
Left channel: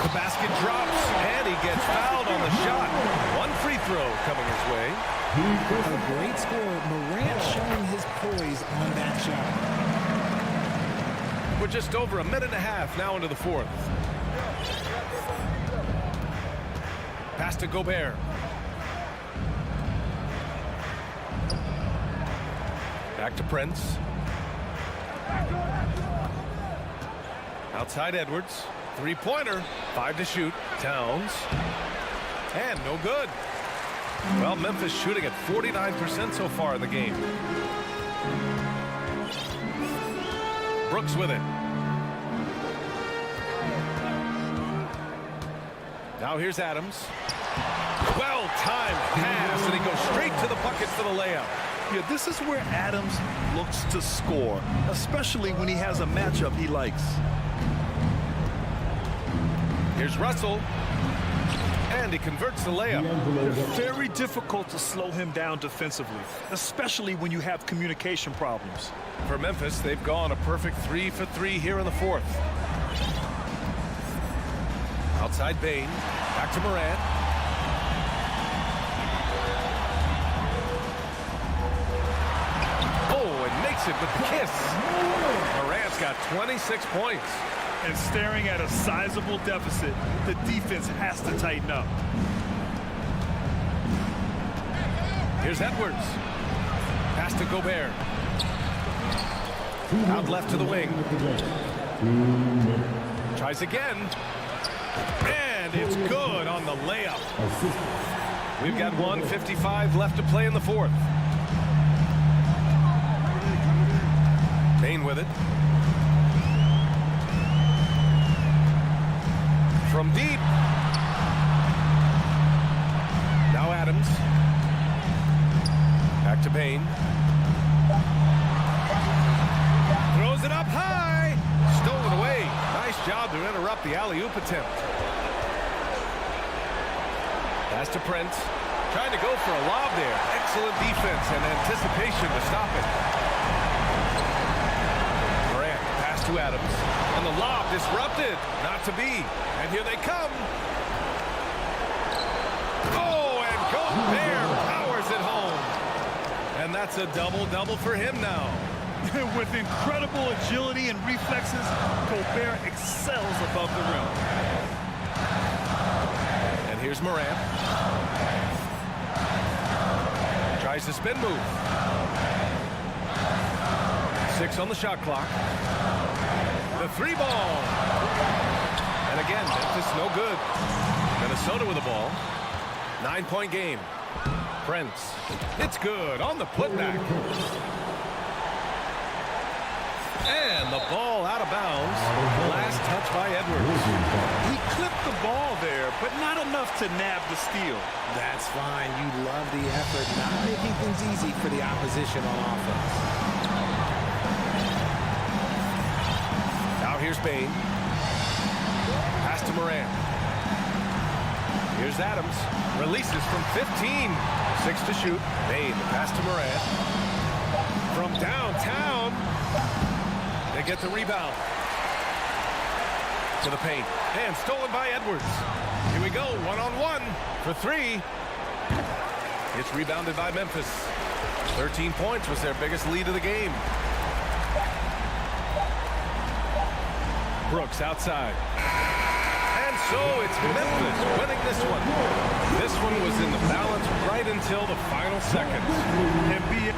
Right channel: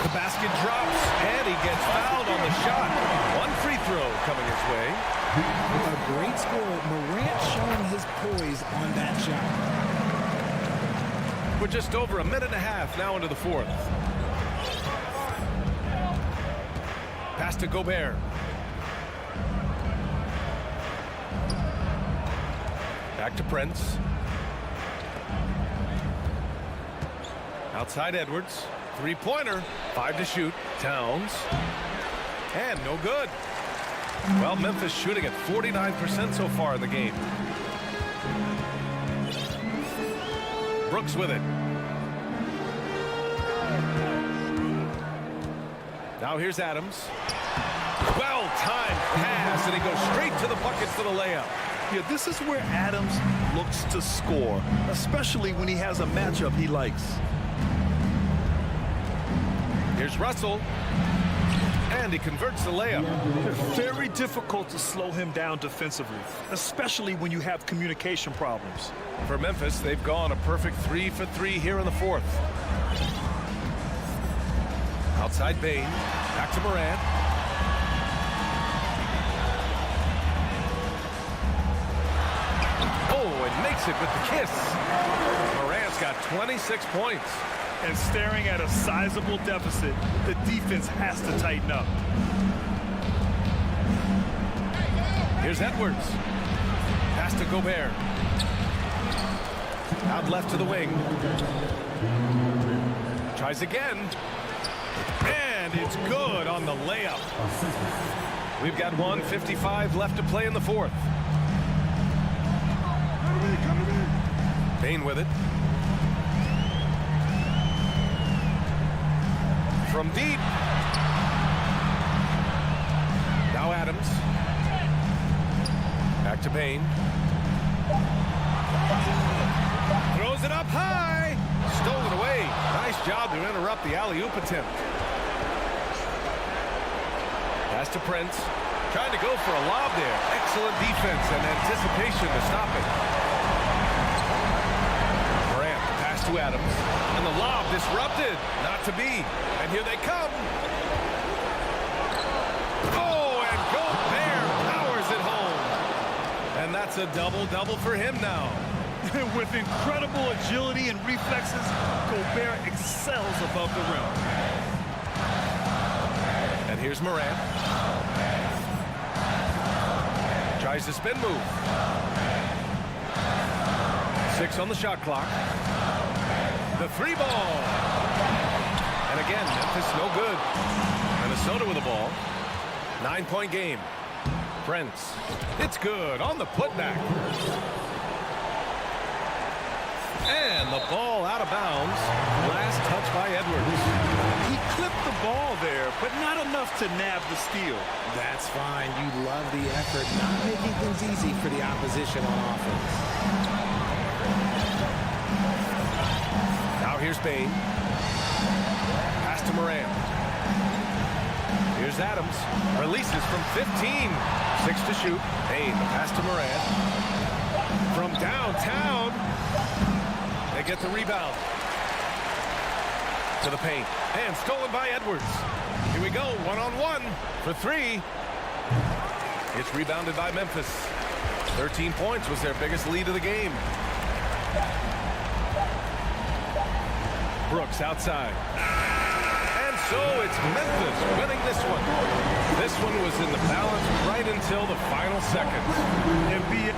The basket drops, and he gets fouled on the shot. 1 free throw coming his way. A great score. Morant showing his poise on that shot. We're just over 1.5 minutes now into the fourth. Pass to Gobert. Back to Prince. Outside Edwards. Three-pointer. 5 to shoot. Towns. And no good. Well, Memphis shooting at 49% so far in the game. Brooks with it. Now here's Adams. Well-timed pass, and he goes straight to the bucket for the layup. Yeah, this is where Adams looks to score, especially when he has a matchup he likes. Here's Russell. And he converts the layup. Very difficult to slow him down defensively, especially when you have communication problems. For Memphis, they've gone a perfect 3 for 3 here in the fourth. Outside Bain. Back to Morant. Oh, and makes it with the kiss. Morant's got 26 points. And staring at a sizable deficit, the defense has to tighten up. Here's Edwards. Pass to Gobert. Out left to the wing. Tries again. And it's good on the layup. We've got 1:55 left to play in the fourth. Bain with it. From deep. Now Adams. Back to Bain. Throws it up high. Stolen away. Nice job to interrupt the alley-oop attempt. Pass to Prince. Trying to go for a lob there. Excellent defense and anticipation to stop it. Morant, pass to Adams. And the lob disrupted. Not to be. And here they come. Oh, and Gobert powers it home. And that's a double-double for him now. With incredible agility and reflexes, Gobert excels above the rim. And here's Morant. Tries the spin move. 6 on the shot clock. The 3 ball. And again, Memphis no good. Minnesota with the ball. 9-point game. Prince. It's good on the putback. And the ball out of bounds. Last touch by Edwards. He clipped the ball there, but not enough to nab the steal. That's fine. You love the effort, not making things easy for the opposition on offense. Now here's Bain. Pass to Morant. Here's Adams. Releases from 15. 6 to shoot. Bain, the pass to Morant. From downtown. They get the rebound. To the paint. And stolen by Edwards. Here we go. 1-on-1 for 3. It's rebounded by Memphis. 13 points was their biggest lead of the game. Brooks outside. And so it's Memphis winning this one. This one was in the balance right until the final seconds. NBA.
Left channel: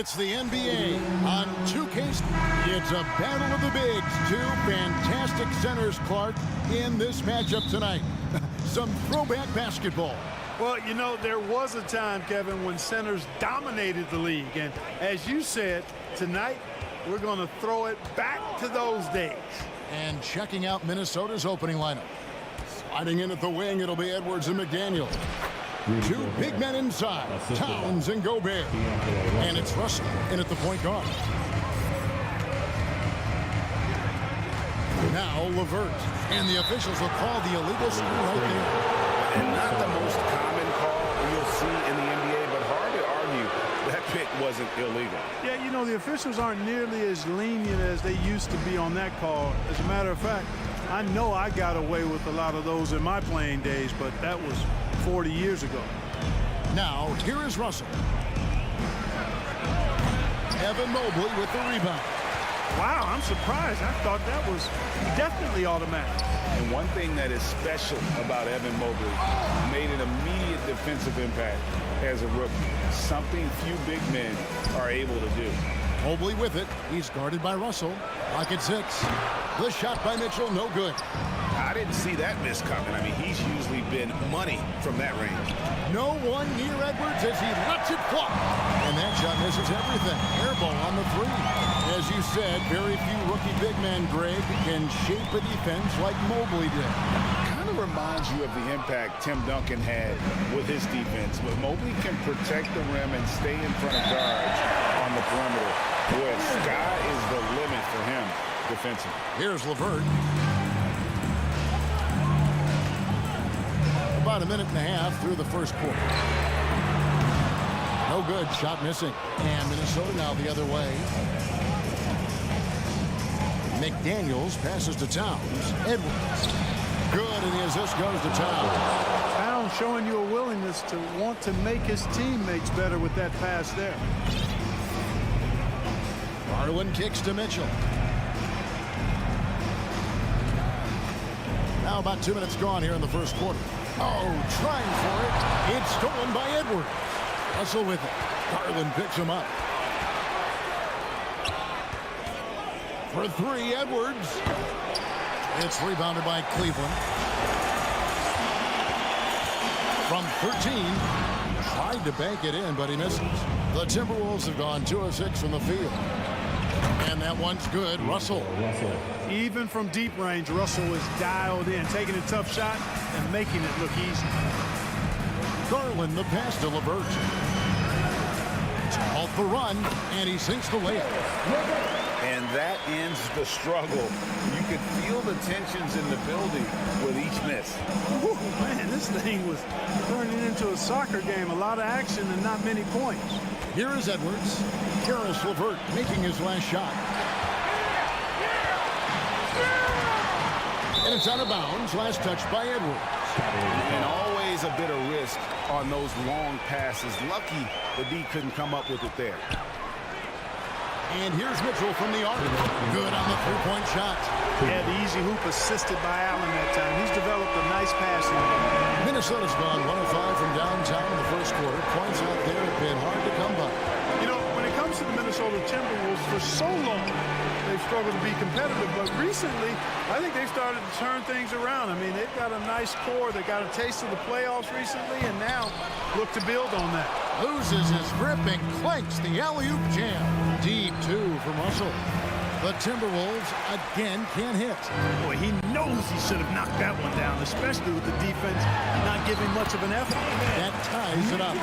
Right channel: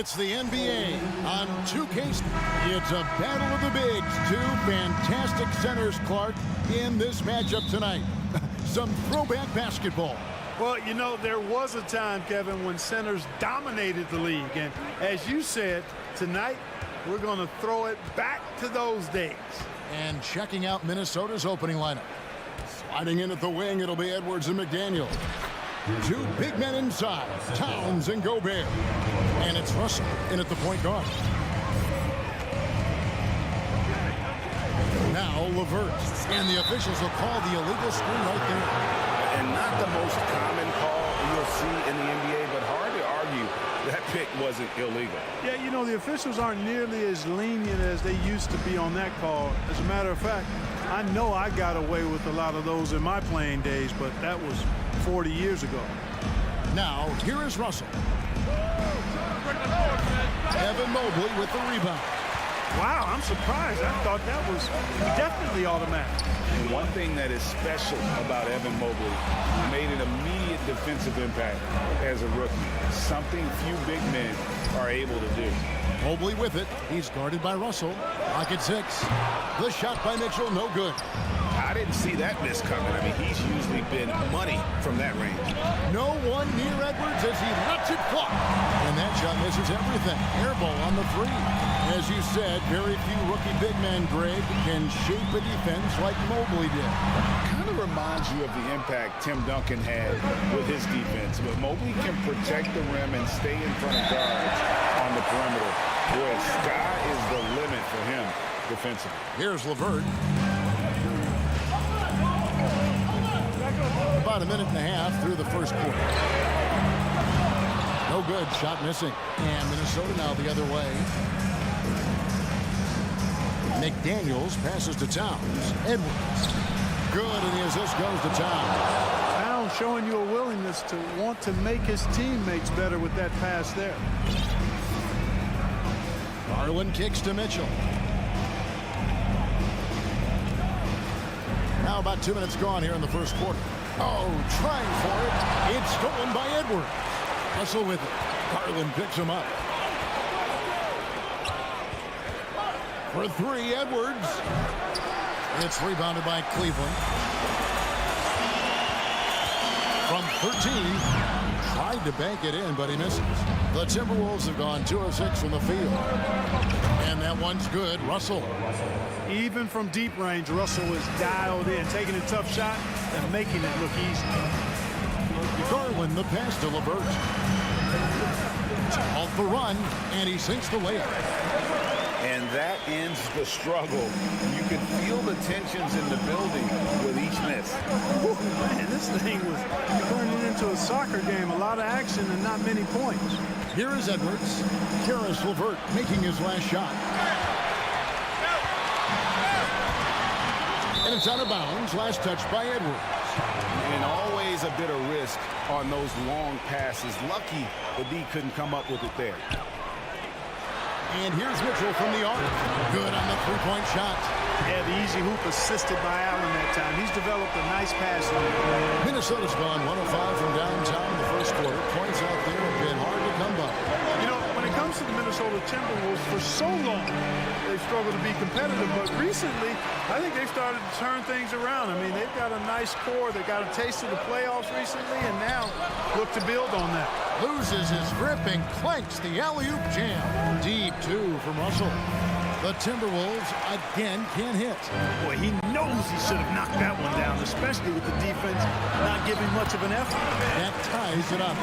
It's the NBA on 2K. It's a battle of the bigs. Two fantastic centers, Clark, in this matchup tonight. Some throwback basketball. Well, you know, there was a time, Kevin, when centers dominated the league. And as you said, tonight we're going to throw it back to those days. And checking out Minnesota's opening lineup. Sliding in at the wing, it'll be Edwards and McDaniel. Two big men inside, Towns and Gobert. And it's Russell in at the point guard. Now LeVert. And the officials will call the illegal screen right there. And not the most common call you'll see in the NBA, but hard to argue that pick wasn't illegal. Yeah, you know, the officials aren't nearly as lenient as they used to be on that call. As a matter of fact, I know I got away with a lot of those in my playing days, but that was 40 years ago. Now, here is Russell. Evan Mobley with the rebound. Wow, I'm surprised. I thought that was definitely automatic. And one thing that is special about Evan Mobley, made an immediate defensive impact as a rookie. Something few big men are able to do. Mobley with it. He's guarded by Russell. Pocket 6. The shot by Mitchell, no good. I didn't see that miss coming. I mean, he's usually been money from that range. No one near Edwards as he lets it fly. And that shot misses everything. Air ball on the 3. As you said, very few rookie big men, Greg, can shape a defense like Mobley did. Kind of reminds you of the impact Tim Duncan had with his defense. But Mobley can protect the rim and stay in front of guards on the perimeter. Boy, sky is the limit for him defensively. Here's LeVert. About a minute and a half through the first quarter. No good. Shot missing. And Minnesota now the other way. McDaniels passes to Towns. Edwards. Good, and the assist goes to Towns. Towns showing you a willingness to want to make his teammates better with that pass there. Garland kicks to Mitchell. Now about 2 minutes gone here in the first quarter. Oh, trying for it. It's stolen by Edwards. Russell with it. Garland picks him up. For 3, Edwards. It's rebounded by Cleveland. From 13. Tried to bank it in, but he misses. The Timberwolves have gone 2 of 6 from the field. And that one's good. Russell. Even from deep range, Russell is dialed in, taking a tough shot and making it look easy. Garland, the pass to LeVert. Off the run, and he sinks the layup. And that ends the struggle. You could feel the tensions in the building with each miss. Whew, man, this thing was turning into a soccer game. A lot of action and not many points. Here is Edwards. Karis LeVert making his last shot. And it's out of bounds. Last touch by Edwards. And always a bit of risk on those long passes. Lucky the D couldn't come up with it there. And here's Mitchell from the arc. Good on the three-point shot. Yeah, the easy hoop assisted by Allen that time. He's developed a nice passing game. Minnesota's gone 105 from downtown in the first quarter. Points out there have been hard to come by. You know, when it comes to the Minnesota Timberwolves, for so long, they've struggled to be competitive. But recently, I think they've started to turn things around. I mean, they've got a nice core. They got a taste of the playoffs recently, and now look to build on that. Loses his grip and clanks the alley-oop jam. Deep 2 from Russell. The Timberwolves again can't hit. Boy, he knows he should have knocked that one down, especially with the defense not giving much of an effort. That ties it up.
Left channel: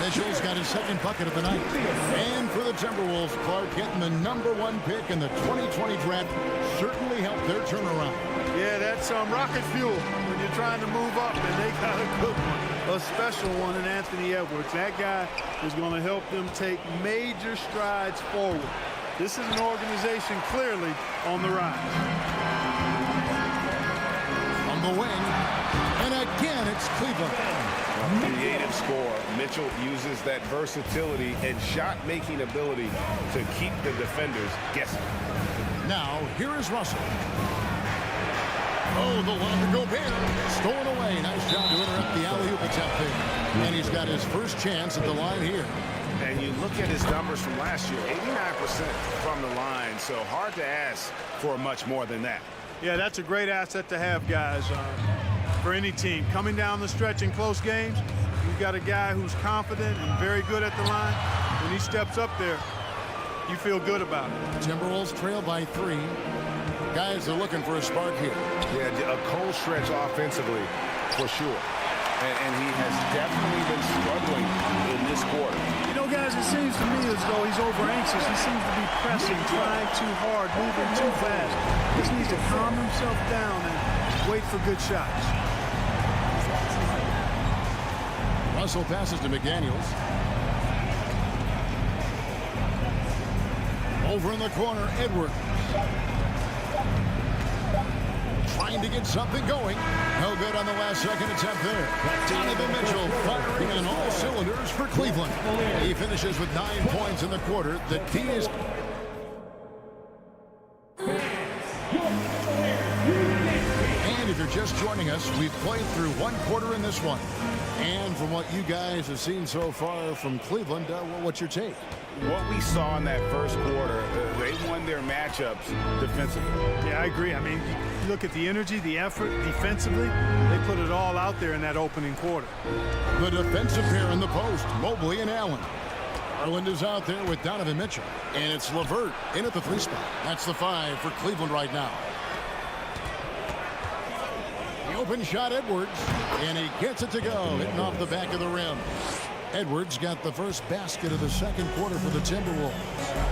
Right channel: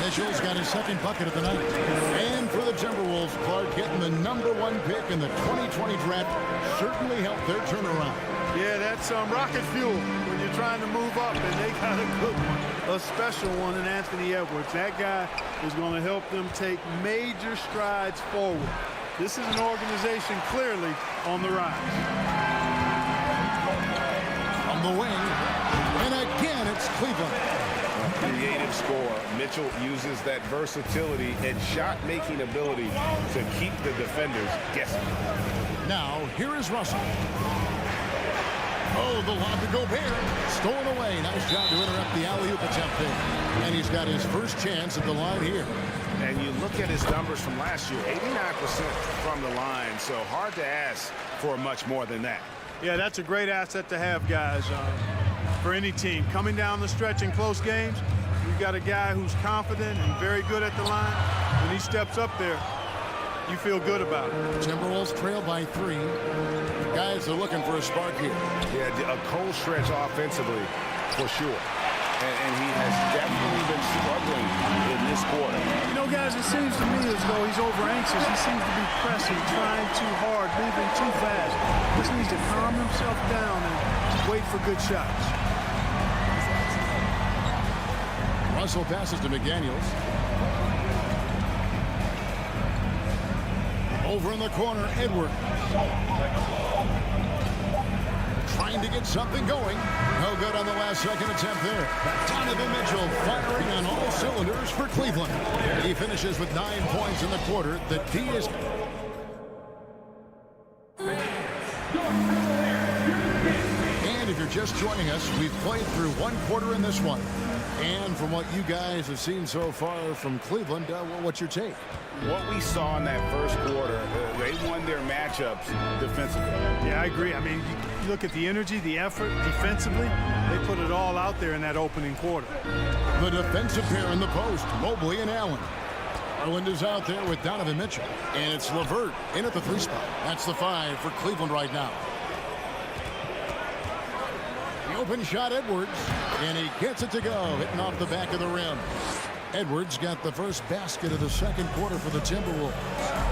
Mitchell's got his second bucket of the night. And for the Timberwolves, Clark getting the #1 pick in the 2020 draft certainly helped their turnaround. Yeah, that's rocket fuel when you're trying to move up, and they got a good one, a special one in Anthony Edwards. That guy is going to help them take major strides forward. This is an organization clearly on the rise. On the wing, and again it's Cleveland. A creative score. Mitchell uses that versatility and shot-making ability to keep the defenders guessing. Now, here is Russell. Oh, the lob to Gobert. Stolen away. Nice job to interrupt the alley-oop attempt there. And he's got his first chance at the line here. And you look at his numbers from last year, 89% from the line, so hard to ask for much more than that. Yeah, that's a great asset to have, guys, for any team. Coming down the stretch in close games, you've got a guy who's confident and very good at the line. When he steps up there, you feel good about it. Timberwolves trail by 3. Guys are looking for a spark here. Yeah, a cold stretch offensively, for sure. And he has definitely been struggling in this quarter. You know, guys, it seems to me as though he's over-anxious. He seems to be pressing, trying too hard, moving too fast. Just needs to calm himself down and wait for good shots. Russell passes to McDaniels. Over in the corner, Edwards. Trying to get something going. No good on the last second attempt there. Donovan Mitchell firing on all cylinders for Cleveland. He finishes with 9 points in the quarter. The D is... And if you're just joining us, we've played through 1 quarter in this one. And from what you guys have seen so far from Cleveland, what's your take? What we saw in that first quarter, they won their matchups defensively. Yeah, I agree. I mean, you look at the energy, the effort defensively, they put it all out there in that opening quarter. The defensive pair in the post, Mobley and Allen. Garland is out there with Donovan Mitchell. And it's LeVert in at the 3 spot. That's the 5 for Cleveland right now. The open shot, Edwards, and he gets it to go, hitting off the back of the rim. Edwards got the first basket of the second quarter for the Timberwolves.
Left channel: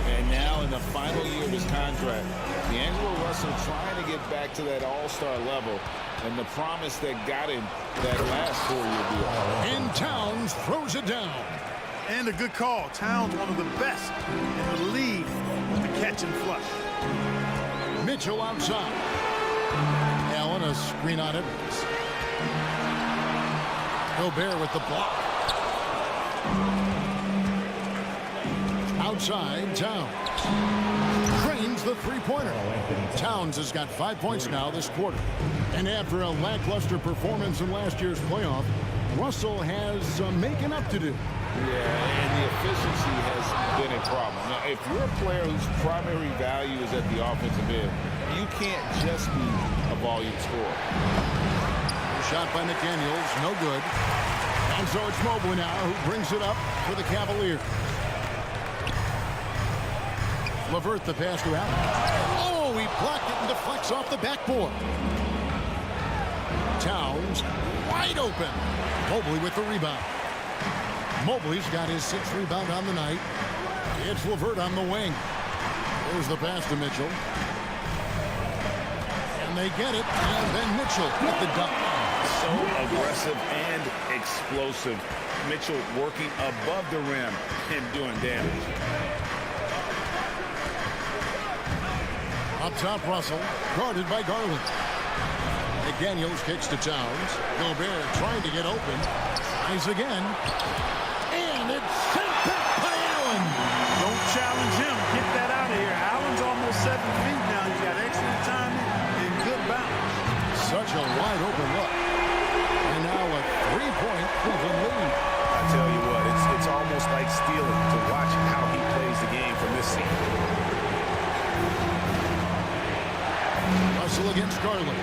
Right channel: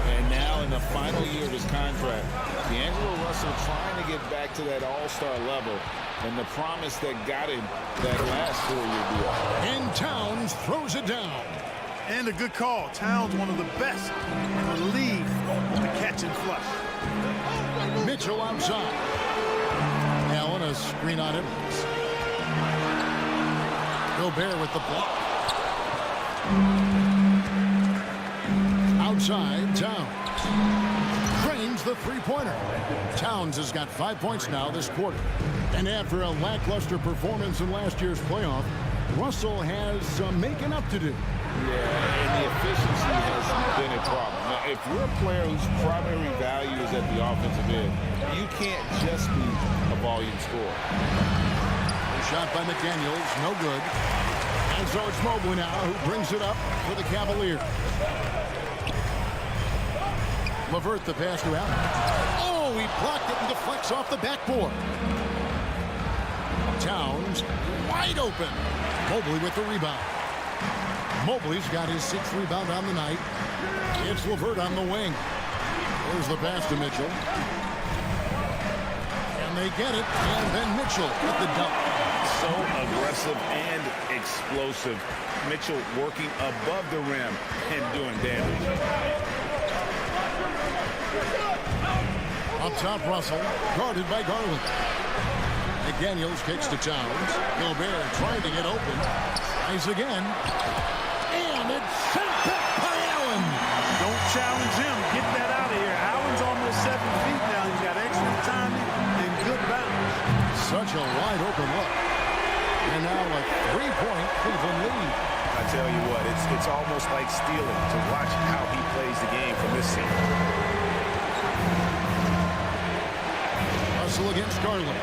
And now in the final year of his contract, D'Angelo Russell trying to get back to that all-star level and the promise that got him that last 4-year deal. And Towns throws it down. And a good call. Towns, one of the best in the league with the catch and flush. Mitchell outside. Allen, a screen on Edwards. Gobert with the block. Outside, Towns. Drains the 3-pointer. Towns has got 5 points now this quarter. And after a lackluster performance in last year's playoff, Russell has some making up to do. Yeah, and the efficiency has been a problem. Now, if you're a player whose primary value is at the offensive end, you can't just be a volume scorer. Shot by McDaniels, no good. And so it's Mobley now who brings it up for the Cavaliers. LeVert the pass to Allen. Oh, he blocked it and deflects off the backboard. Towns wide open. Mobley with the rebound. Mobley's got his 6th rebound on the night. It's LeVert on the wing. There's the pass to Mitchell. And they get it. And then Mitchell with the dunk. So aggressive and explosive. Mitchell working above the rim and doing damage. Up top, Russell, guarded by Garland. McDaniels kicks to Towns. Gobert trying to get open. Tries again. And it's sent back by Allen. Don't challenge him. Get that out of here. Allen's almost 7 feet now. He's got excellent timing and good bounce. Such a wide open look. And now a 3-point Cleveland lead. I tell you what, it's almost like stealing to watch how he plays the game from this scene. Russell against Garland.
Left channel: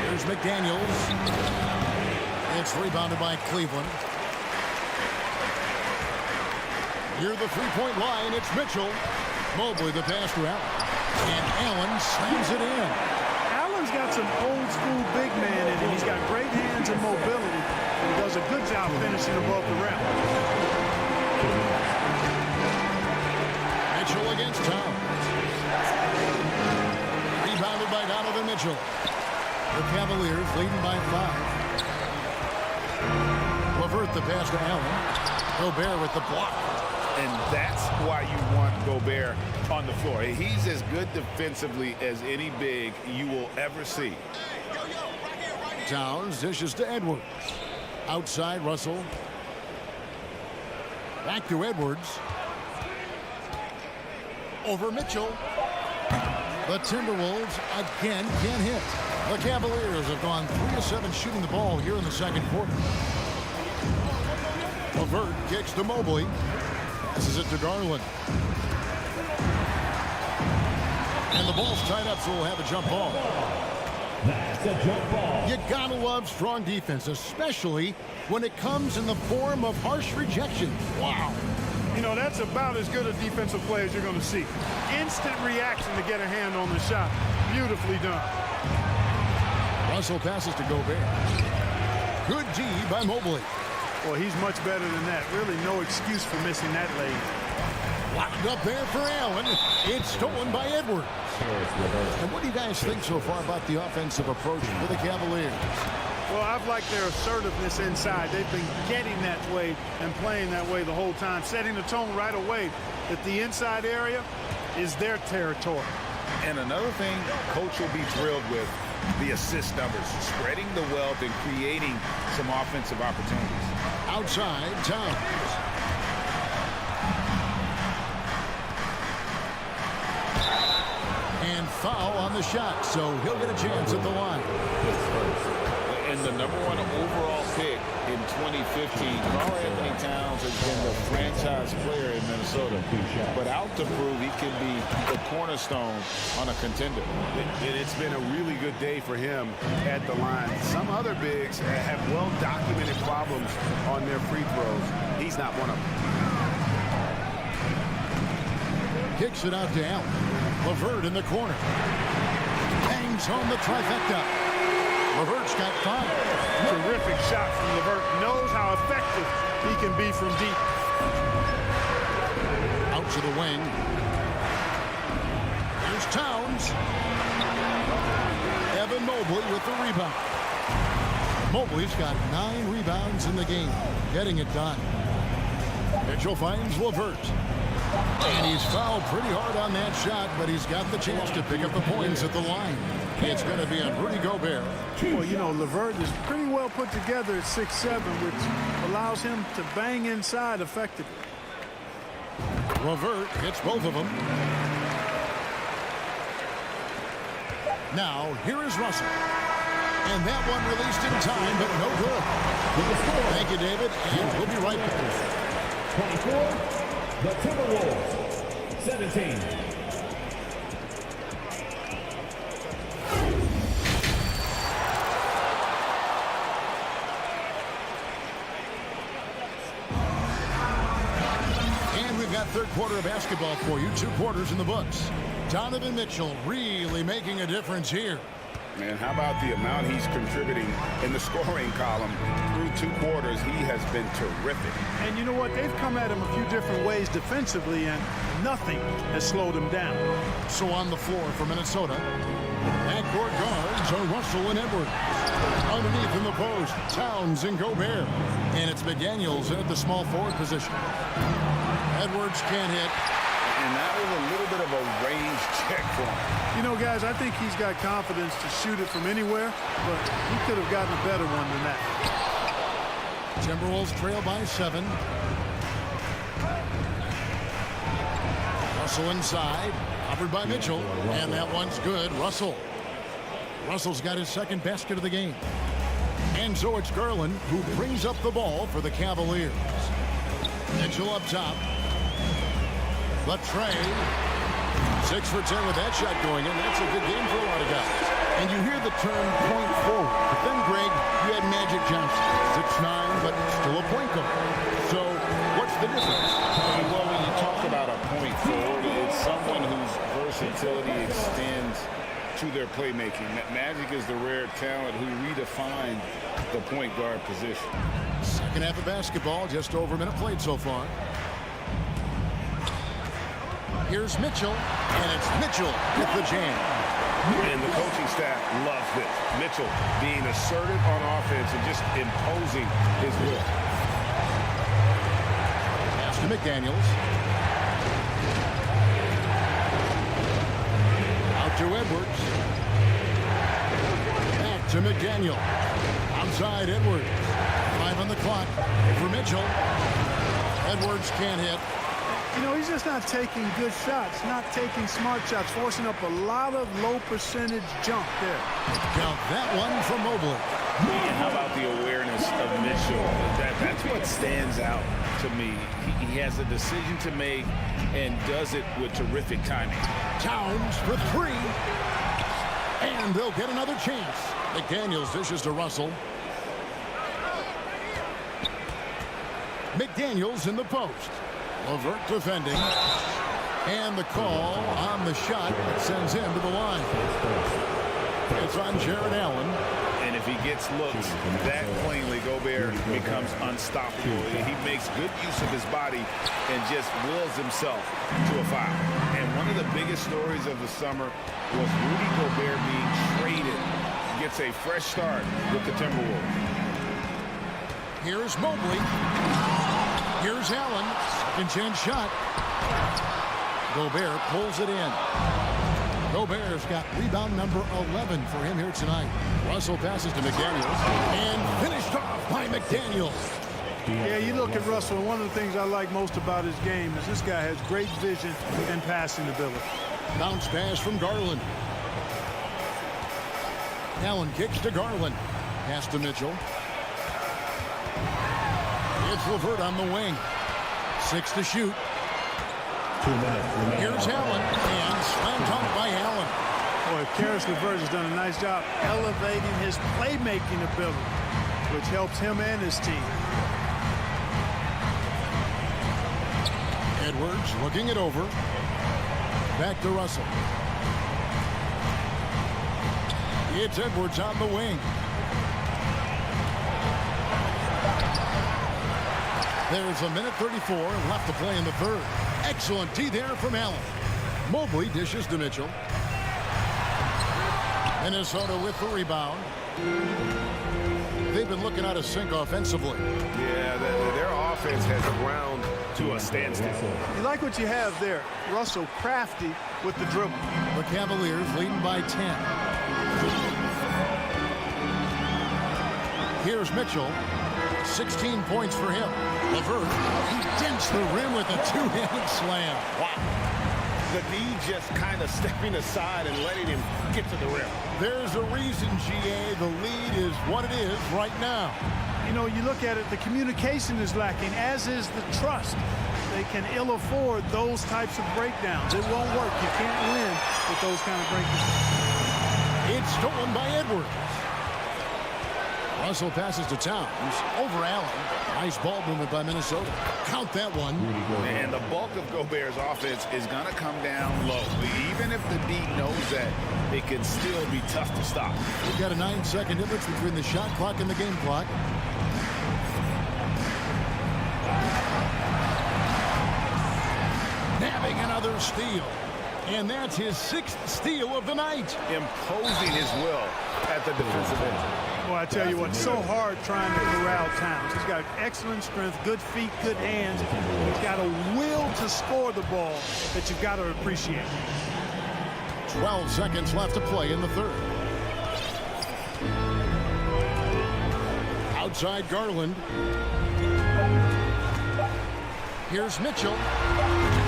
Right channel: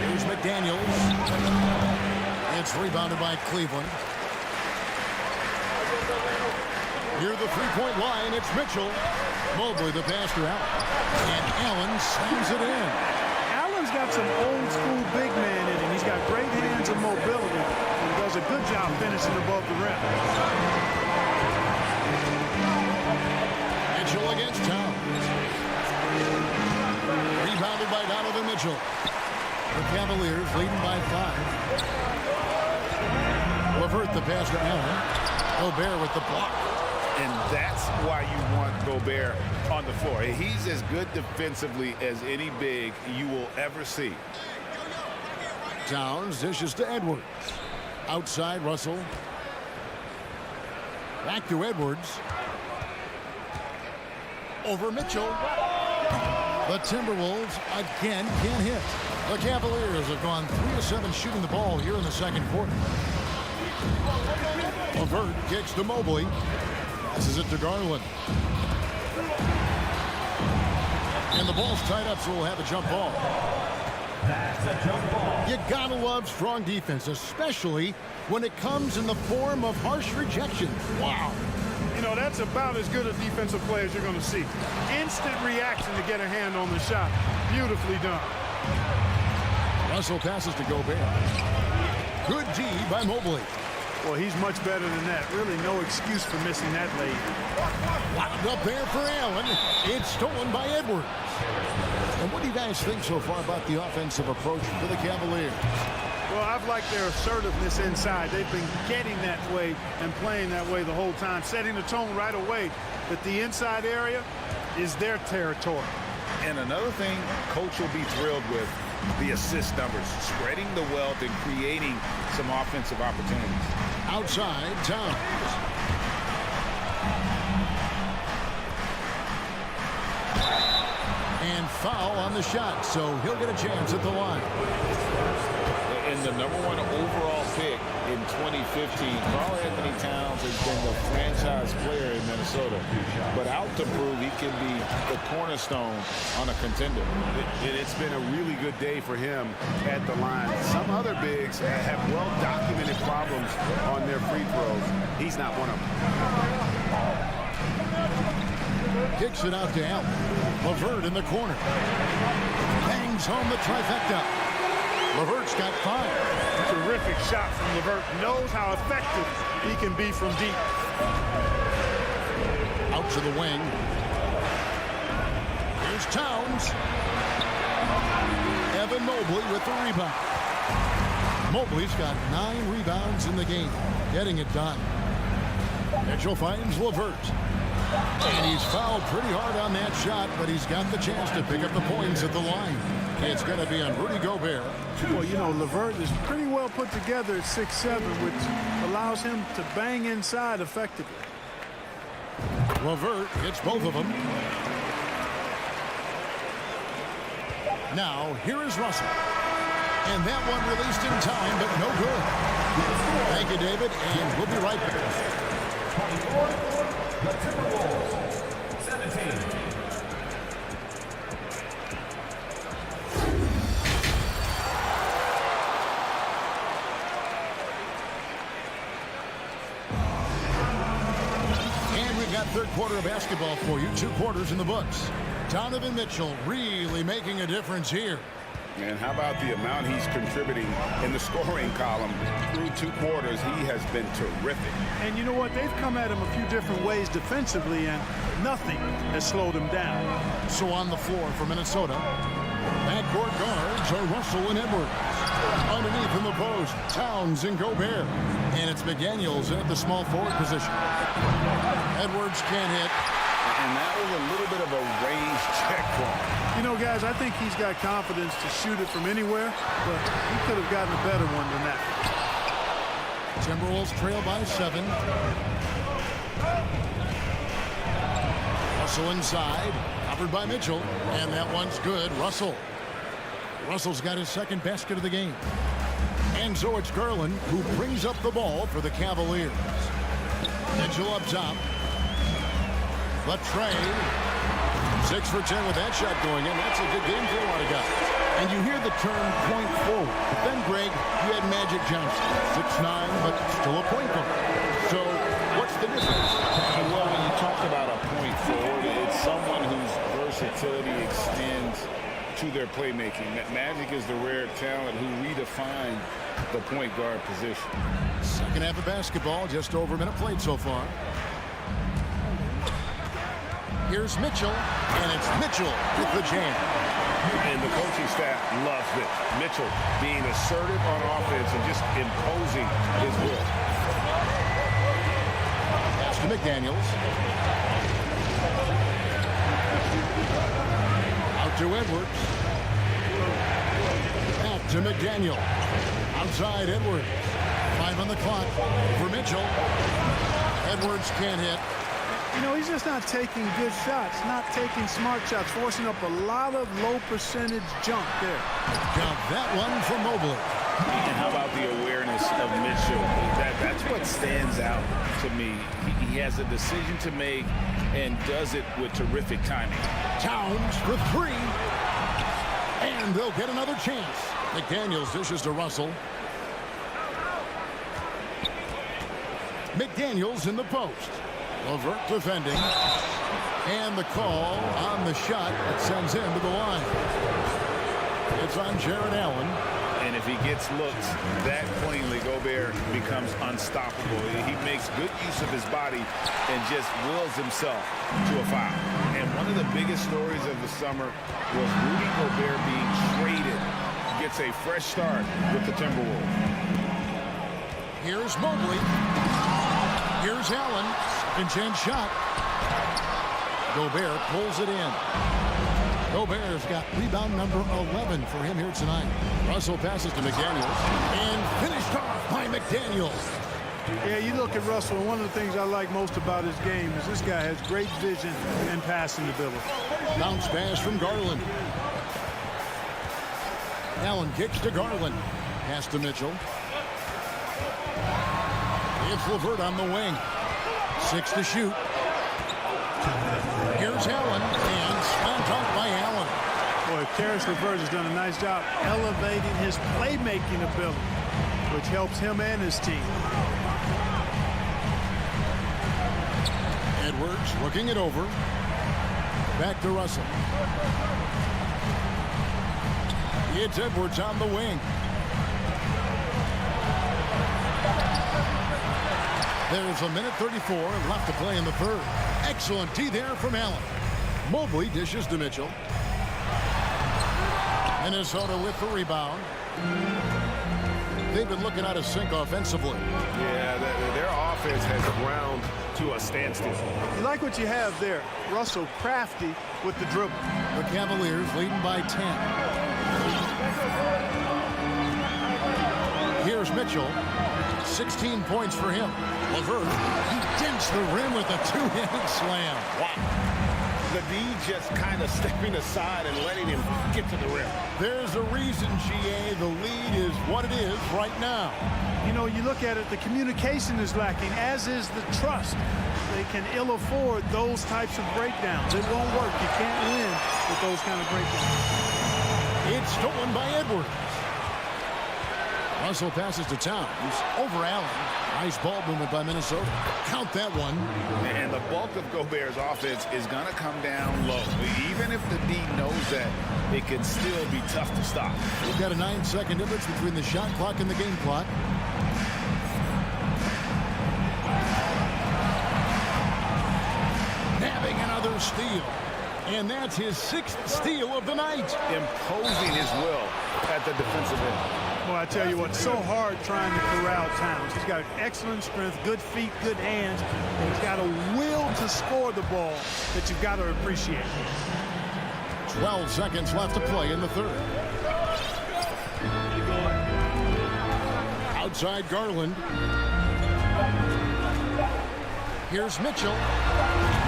Here's McDaniels. It's rebounded by Cleveland. Near the 3-point line, it's Mitchell. Mobley the pass to Allen. And Allen slams it in. Allen's got some old school big man in him. He's got great hands and mobility, and he does a good job finishing above the rim. Mitchell against Towns. Rebounded by Donovan Mitchell. The Cavaliers leading by 5. LeVert the pass to Allen. Gobert with the block. And that's why you want Gobert on the floor. He's as good defensively as any big you will ever see. Towns dishes to Edwards. Outside, Russell. Back to Edwards. Over Mitchell. The Timberwolves again can't hit. The Cavaliers have gone 3 of 7 shooting the ball here in the second quarter. LeVert kicks to Mobley. Passes it to Garland. And the ball's tied up, so we'll have a jump ball. That's a jump ball. You gotta love strong defense, especially when it comes in the form of harsh rejection. Wow. You know, that's about as good a defensive play as you're going to see. Instant reaction to get a hand on the shot. Beautifully done. Russell passes to Gobert. Good D by Mobley. Well, he's much better than that. Really no excuse for missing that lane. Locked up there for Allen. It's stolen by Edwards. And what do you guys think so far about the offensive approach for the Cavaliers? Well, I've liked their assertiveness inside. They've been getting that way and playing that way the whole time, setting the tone right away that the inside area is their territory. And another thing coach will be thrilled with, the assist numbers, spreading the wealth and creating some offensive opportunities. Outside, Towns. And foul on the shot, so he'll get a chance at the line. And the #1 overall pick in 2015, Karl Anthony Towns has been the franchise player in Minnesota. But out to prove he can be the cornerstone on a contender. It's been a really good day for him at the line. Some other bigs have well-documented problems on their free throws. He's not one of them. Kicks it out to Allen. LeVert in the corner. Bangs home the trifecta. LeVert's got 5. Terrific shot from LeVert. Knows how effective he can be from deep. Out to the wing. Here's Towns. Evan Mobley with the rebound. Mobley's got 9 rebounds in the game. Getting it done. Mitchell finds LeVert. And he's fouled pretty hard on that shot, but he's got the chance to pick up the points at the line. It's going to be on Rudy Gobert. Well, you know, LeVert is pretty well put together at 6'7", which allows him to bang inside effectively. LeVert hits both of them. Now, here is Russell. And that one released in time, but no good. Thank you, David, and we'll be right back. 24, the Timberwolves, 17. And we've got third quarter of basketball for you. 2 quarters in the books. Donovan Mitchell really making a difference here. Man, how about the amount he's contributing in the scoring column through 2 quarters? He has been terrific. And you know what? They've come at him a few different ways defensively, and nothing has slowed him down. So on the floor for Minnesota, backcourt guards are Russell and Edwards. Underneath in the post, Towns and Gobert. And it's McDaniels at the small forward position. Edwards can't hit. And that was a little bit of a range check for him. You know, guys, I think he's got confidence to shoot it from anywhere, but he could have gotten a better one than that. Timberwolves trail by 7. Russell inside, covered by Mitchell, and that one's good. Russell's got his second basket of the game. And so it's Garland who brings up the ball for the Cavaliers. Mitchell up top. Latre, 6 for 10 with that shot going in. That's a good game for a lot of guys. And you hear the term point forward. But then, Greg, you had Magic Johnson, 6'9", but still a point guard. So what's the difference? Well, when you talk about a point forward, it's someone whose versatility extends to their playmaking. Magic is the rare talent who redefined the point guard position. Second half of basketball, just over a minute played so far. Here's Mitchell, and it's Mitchell with the jam. And the coaching staff loves this. Mitchell being assertive on offense and just imposing his will. Pass to McDaniels. Out to Edwards. Back to McDaniel. Outside Edwards. 5 on the clock for Mitchell. Edwards can't hit. You know, he's just not taking good shots, not taking smart shots, forcing up a lot of low percentage jump there. Count that one for Mobley. And how about the awareness of Mitchell? That's what stands out to me. He has a decision to make and does it with terrific timing. Towns for three. And they'll get another chance. McDaniels dishes to Russell. McDaniels in the post. LeVert defending. And the call on the shot that sends him to the line. It's on Jared Allen. And if he gets looks that cleanly, Gobert becomes unstoppable. He makes good use of his body and just wills himself to a foul. And one of the biggest stories of the summer was Rudy Gobert being traded. Gets a fresh start with the Timberwolves. Here's Mobley. Here's Allen. Second chance shot. Gobert pulls it in. Gobert's got rebound number 11 for him here tonight. Russell passes to McDaniels and finished off by McDaniels. Yeah, you look at Russell, and one of the things I like most about his game is this guy has great vision and passing ability. Bounce pass from Garland. Allen kicks to Garland. Pass to Mitchell. It's LeVert on the wing. 6 to shoot. Here's Allen, and slam dunk by Allen. Boy, Karis LeVert has done a nice job elevating his playmaking ability, which helps him and his team. Edwards looking it over. Back to Russell. It's Edwards on the wing. There's a minute 34 left to play in the third. Excellent D there from Allen. Mobley dishes to Mitchell. Minnesota with the rebound. They've been looking out of sync offensively. Yeah, their offense has ground to a standstill. You like what you have there. Russell crafty with the dribble. The Cavaliers leading by 10. Here's Mitchell. 16 points for him. LeVert, he dents the rim with a two-handed slam. Wow. The D just kind of stepping aside and letting him get to the rim. There's a reason, GA, the lead is what it is right now. You know, you look at it, the communication is lacking, as is the trust. They can ill afford those types of breakdowns. It won't work. You can't win with those kind of breakdowns. It's stolen by Edwards. Russell passes to Towns over Allen. Nice ball movement by Minnesota. Count that one. And the bulk of Gobert's offense is going to come down low. Even if the D knows that, it can still be tough to stop. We've got a 9-second difference between the shot clock and the game clock. Nabbing another steal. And that's his 6th steal of the night. Imposing his will at the defensive end. Well, I tell you what, so hard trying to corral Towns. He's got excellent strength, good feet, good hands, and he's got a will to score the ball that you've got to appreciate. 12 seconds left to play in the third. Outside Garland. Here's Mitchell.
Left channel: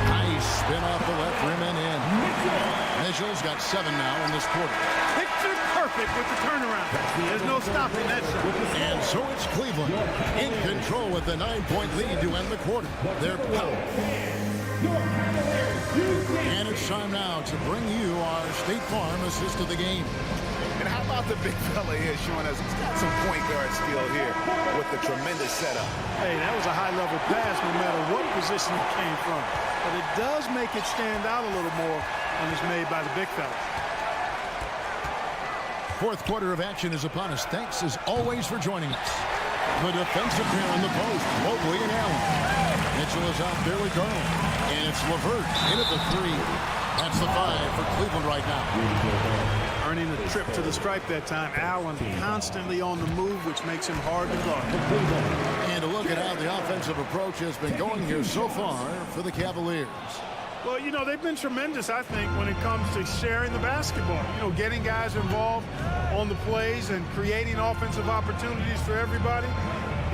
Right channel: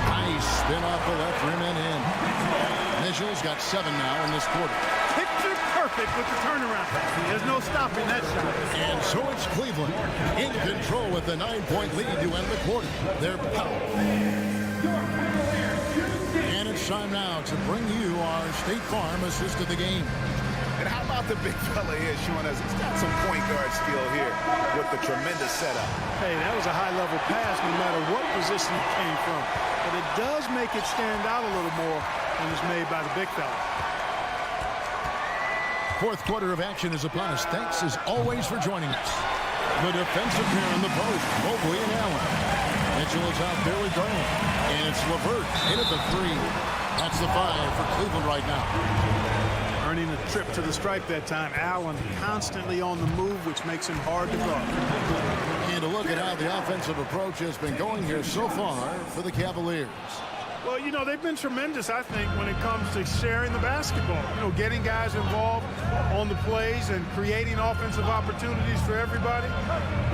Nice spin off the left rim and in. Mitchell's got 7 now in this quarter. Picture perfect with the turnaround. There's no stopping that shot. And so it's Cleveland in control with the 9-point lead to end the quarter. They're power. And it's time now to bring you our State Farm assist of the game. And how about the big fella here showing us he's got some point guard skill here with the tremendous setup. Hey, that was a high-level pass no matter what position it came from. But it does make it stand out a little more when it's made by the big fella. Fourth quarter of action is upon us. Thanks as always for joining us. The defensive pair in the post, Mobley and Allen. Mitchell is out there with Garland. And it's LeVert in at the 3. That's the 5 for Cleveland right now. Earning a trip to the stripe that time. Allen constantly on the move, which makes him hard to guard. And a look at how the offensive approach has been going here so far for the Cavaliers. Well, you know, they've been tremendous, I think, when it comes to sharing the basketball. You know, getting guys involved on the plays and creating offensive opportunities for everybody.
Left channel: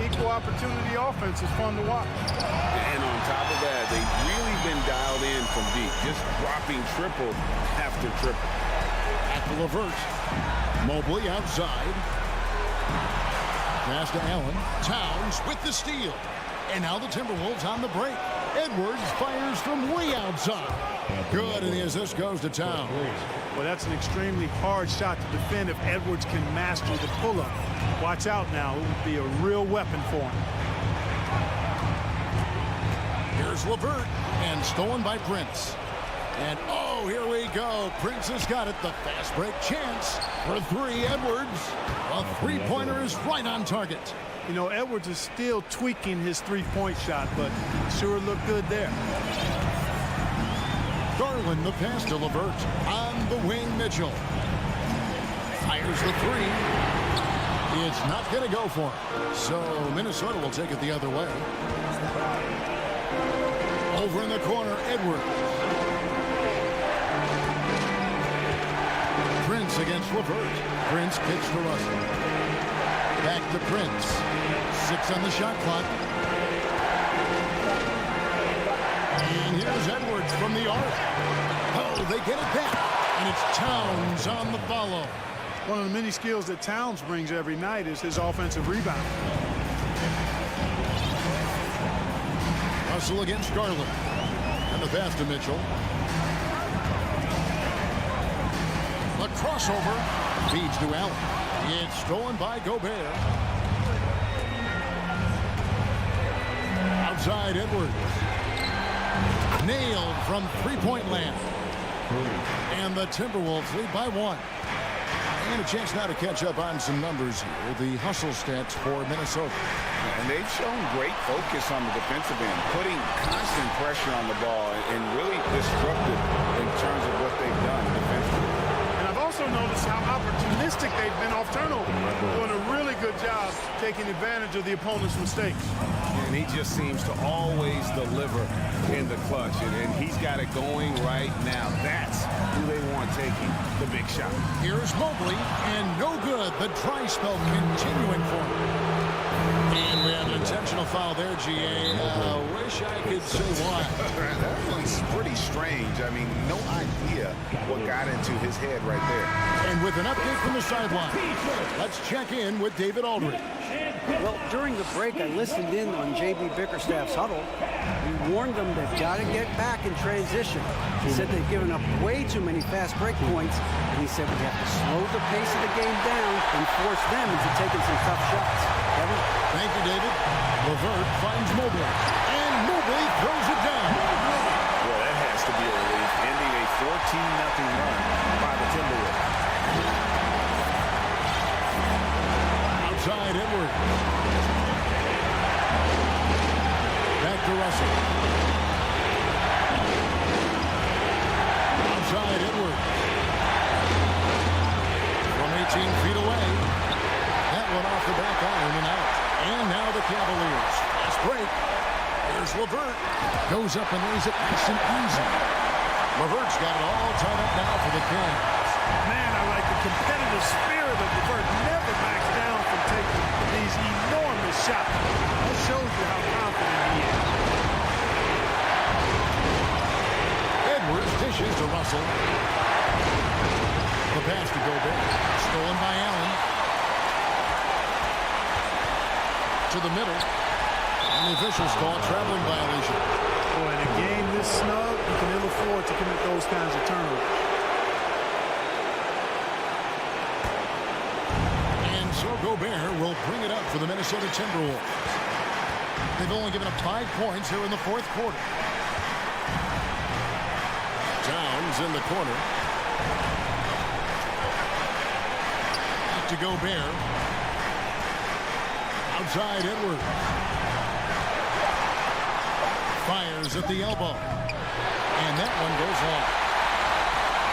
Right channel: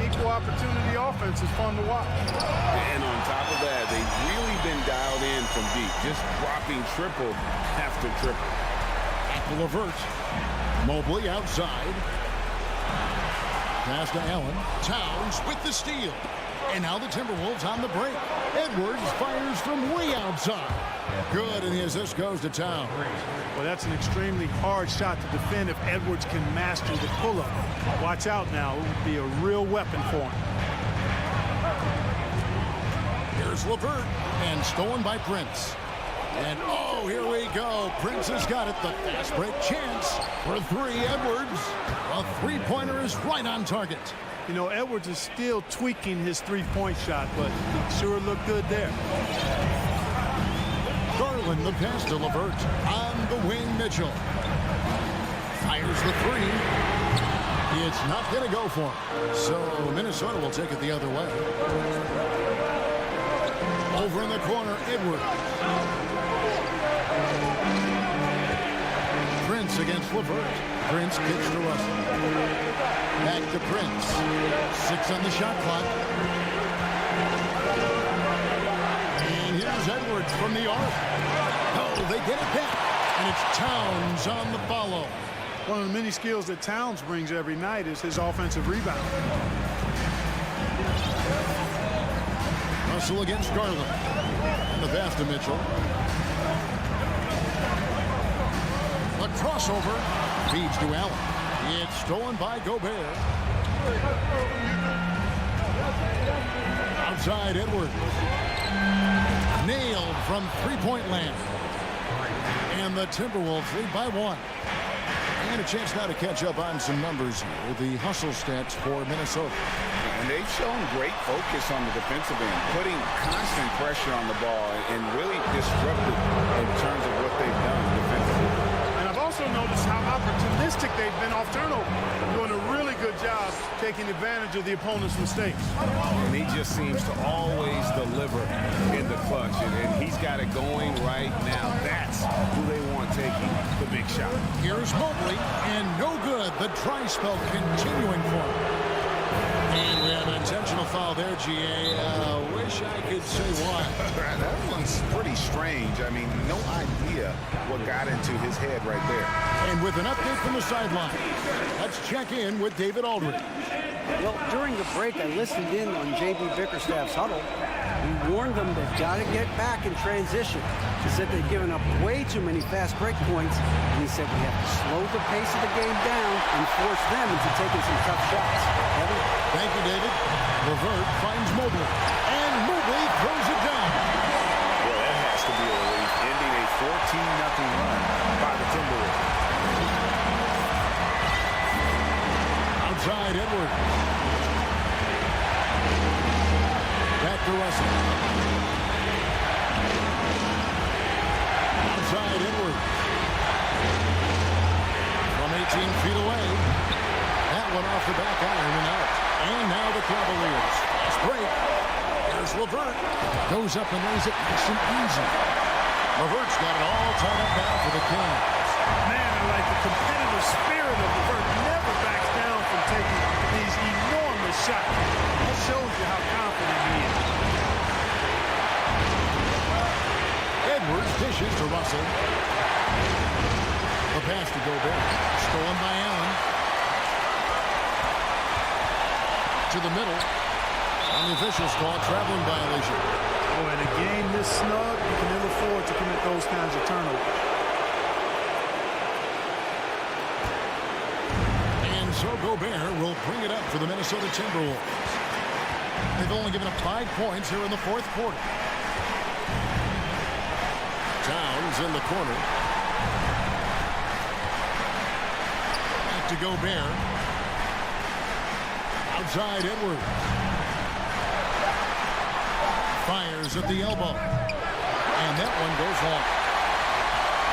Equal opportunity offense is fun to watch. And on top of that, they've really been dialed in from deep, just dropping triple after triple. Back to LeVert. Mobley outside. Pass to Allen. Towns with the steal. And now the Timberwolves on the break. Edwards fires from way outside. Good, and the assist goes to Towns. Well, that's an extremely hard shot to defend if Edwards can master the pull-up. Watch out now. It would be a real weapon for him. Here's LeVert, and stolen by Prince. And, oh, here we go. Prince has got it. The fast break chance for three. Edwards. A three-pointer is right on target. You know, Edwards is still tweaking his three-point shot, but it sure looked good there. Garland, the pass to LeVert. On the wing, Mitchell. Fires the three. It's not going to go for him. So Minnesota will take it the other way. Over in the corner, Edwards. Prince against LeVert. Prince kicks to Russell. Back to Prince. 6 on the shot clock. And here's Edwards from the arc. Oh, they get it back. And it's Towns on the follow. One of the many skills that Towns brings every night is his offensive rebound. Russell against Garland. And the pass to Mitchell. A crossover. Feeds to Allen. It's stolen by Gobert. Outside Edwards. Nailed from three-point land. And the Timberwolves lead by 1. And a chance now to catch up on some numbers here. The hustle stats for Minnesota. And they've shown great focus on the defensive end, putting constant pressure on the ball and really disruptive in terms of what they've done defensively. And I've also noticed how opportunistic they've been off turnover, doing a really good job taking advantage of the opponent's mistakes. And he just seems to always deliver in the clutch, and he's got it going right now. That's who they want taking the big shot. Here's Mobley, and no good. The dry spell continuing for him. And we have an intentional foul there, GA. Wish I could say why. That one's pretty strange. I mean, no idea what got into his head right there. And with an update from the sideline, let's check in with David Aldridge. Well, during the break, I listened in on J.B. Bickerstaff's huddle. He warned them they've got to get back in transition. He said they've given up way too many fast break points, and he said we have to slow the pace of the game down and force them into taking some tough shots. Kevin? Thank you, David. LeVert finds Mobley, and Mobley throws it down. Well, that has to be a relief, ending a 14-0 run by the Timberwolves. Outside Edwards. Back to Russell. Outside Edwards. From 18 feet away. That one off the back iron and out. And now the Cavaliers. Fast break. Here's LeVert. Goes up and lays it nice and easy. LeVert's got it all tied up now for the Cavs. Man, I like the competitive spirit of LeVert. Never backs down from taking these enormous shots. That shows you how confident he is. Edwards dishes to Russell. The pass to Gobert. Stolen by Allen. To the middle. And the officials call traveling violation. Boy, in a game this snug, you can ill afford to commit those kinds of turnovers. So Gobert will bring it up for the Minnesota Timberwolves. They've only given up 5 points here in the fourth quarter. Towns in the corner. Back to Gobert. Outside Edwards. Fires at the elbow. And that one goes long.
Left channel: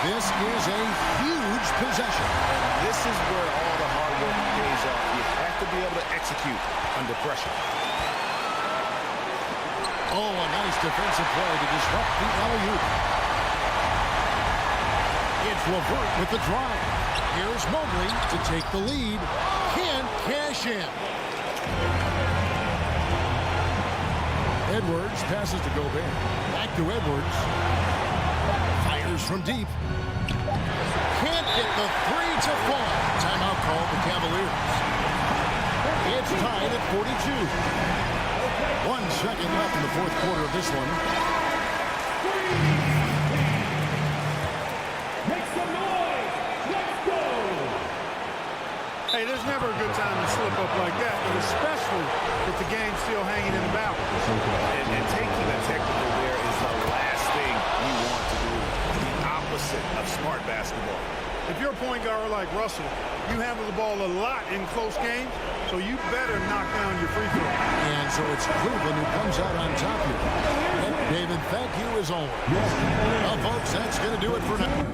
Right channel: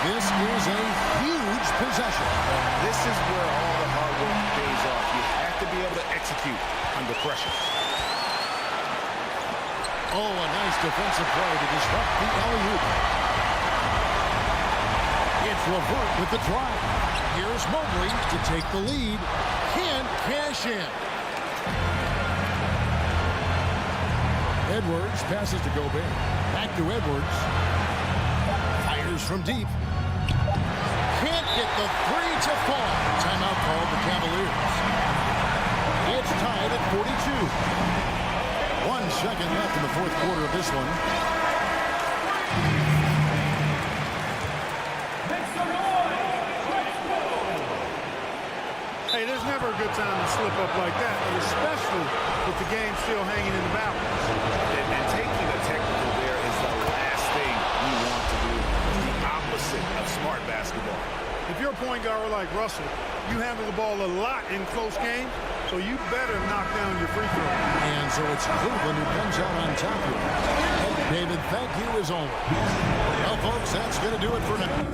This is a huge possession. And this is where all the hard work pays off. You have to be able to execute under pressure. Oh, a nice defensive play to disrupt the alley-oop. It's LeVert with the drive. Here's Mobley to take the lead. Can't cash in. Edwards passes to Gobert. Back to Edwards. Fires from deep. Can't get the three to fall. Timeout called the Cavaliers. It's tied at 42. 1 second left in the fourth quarter of this one. Hey, there's never a good time to slip up like that, but especially with the game still hanging in the balance. And taking a technical there is the last thing you want to do. The opposite of smart basketball. If you're a point guard like Russell, you handle the ball a lot in close games, so you better knock down your free throw. And so it's Cleveland who comes out on top here. And David, thank you as always. Well, folks, that's going to do it for now.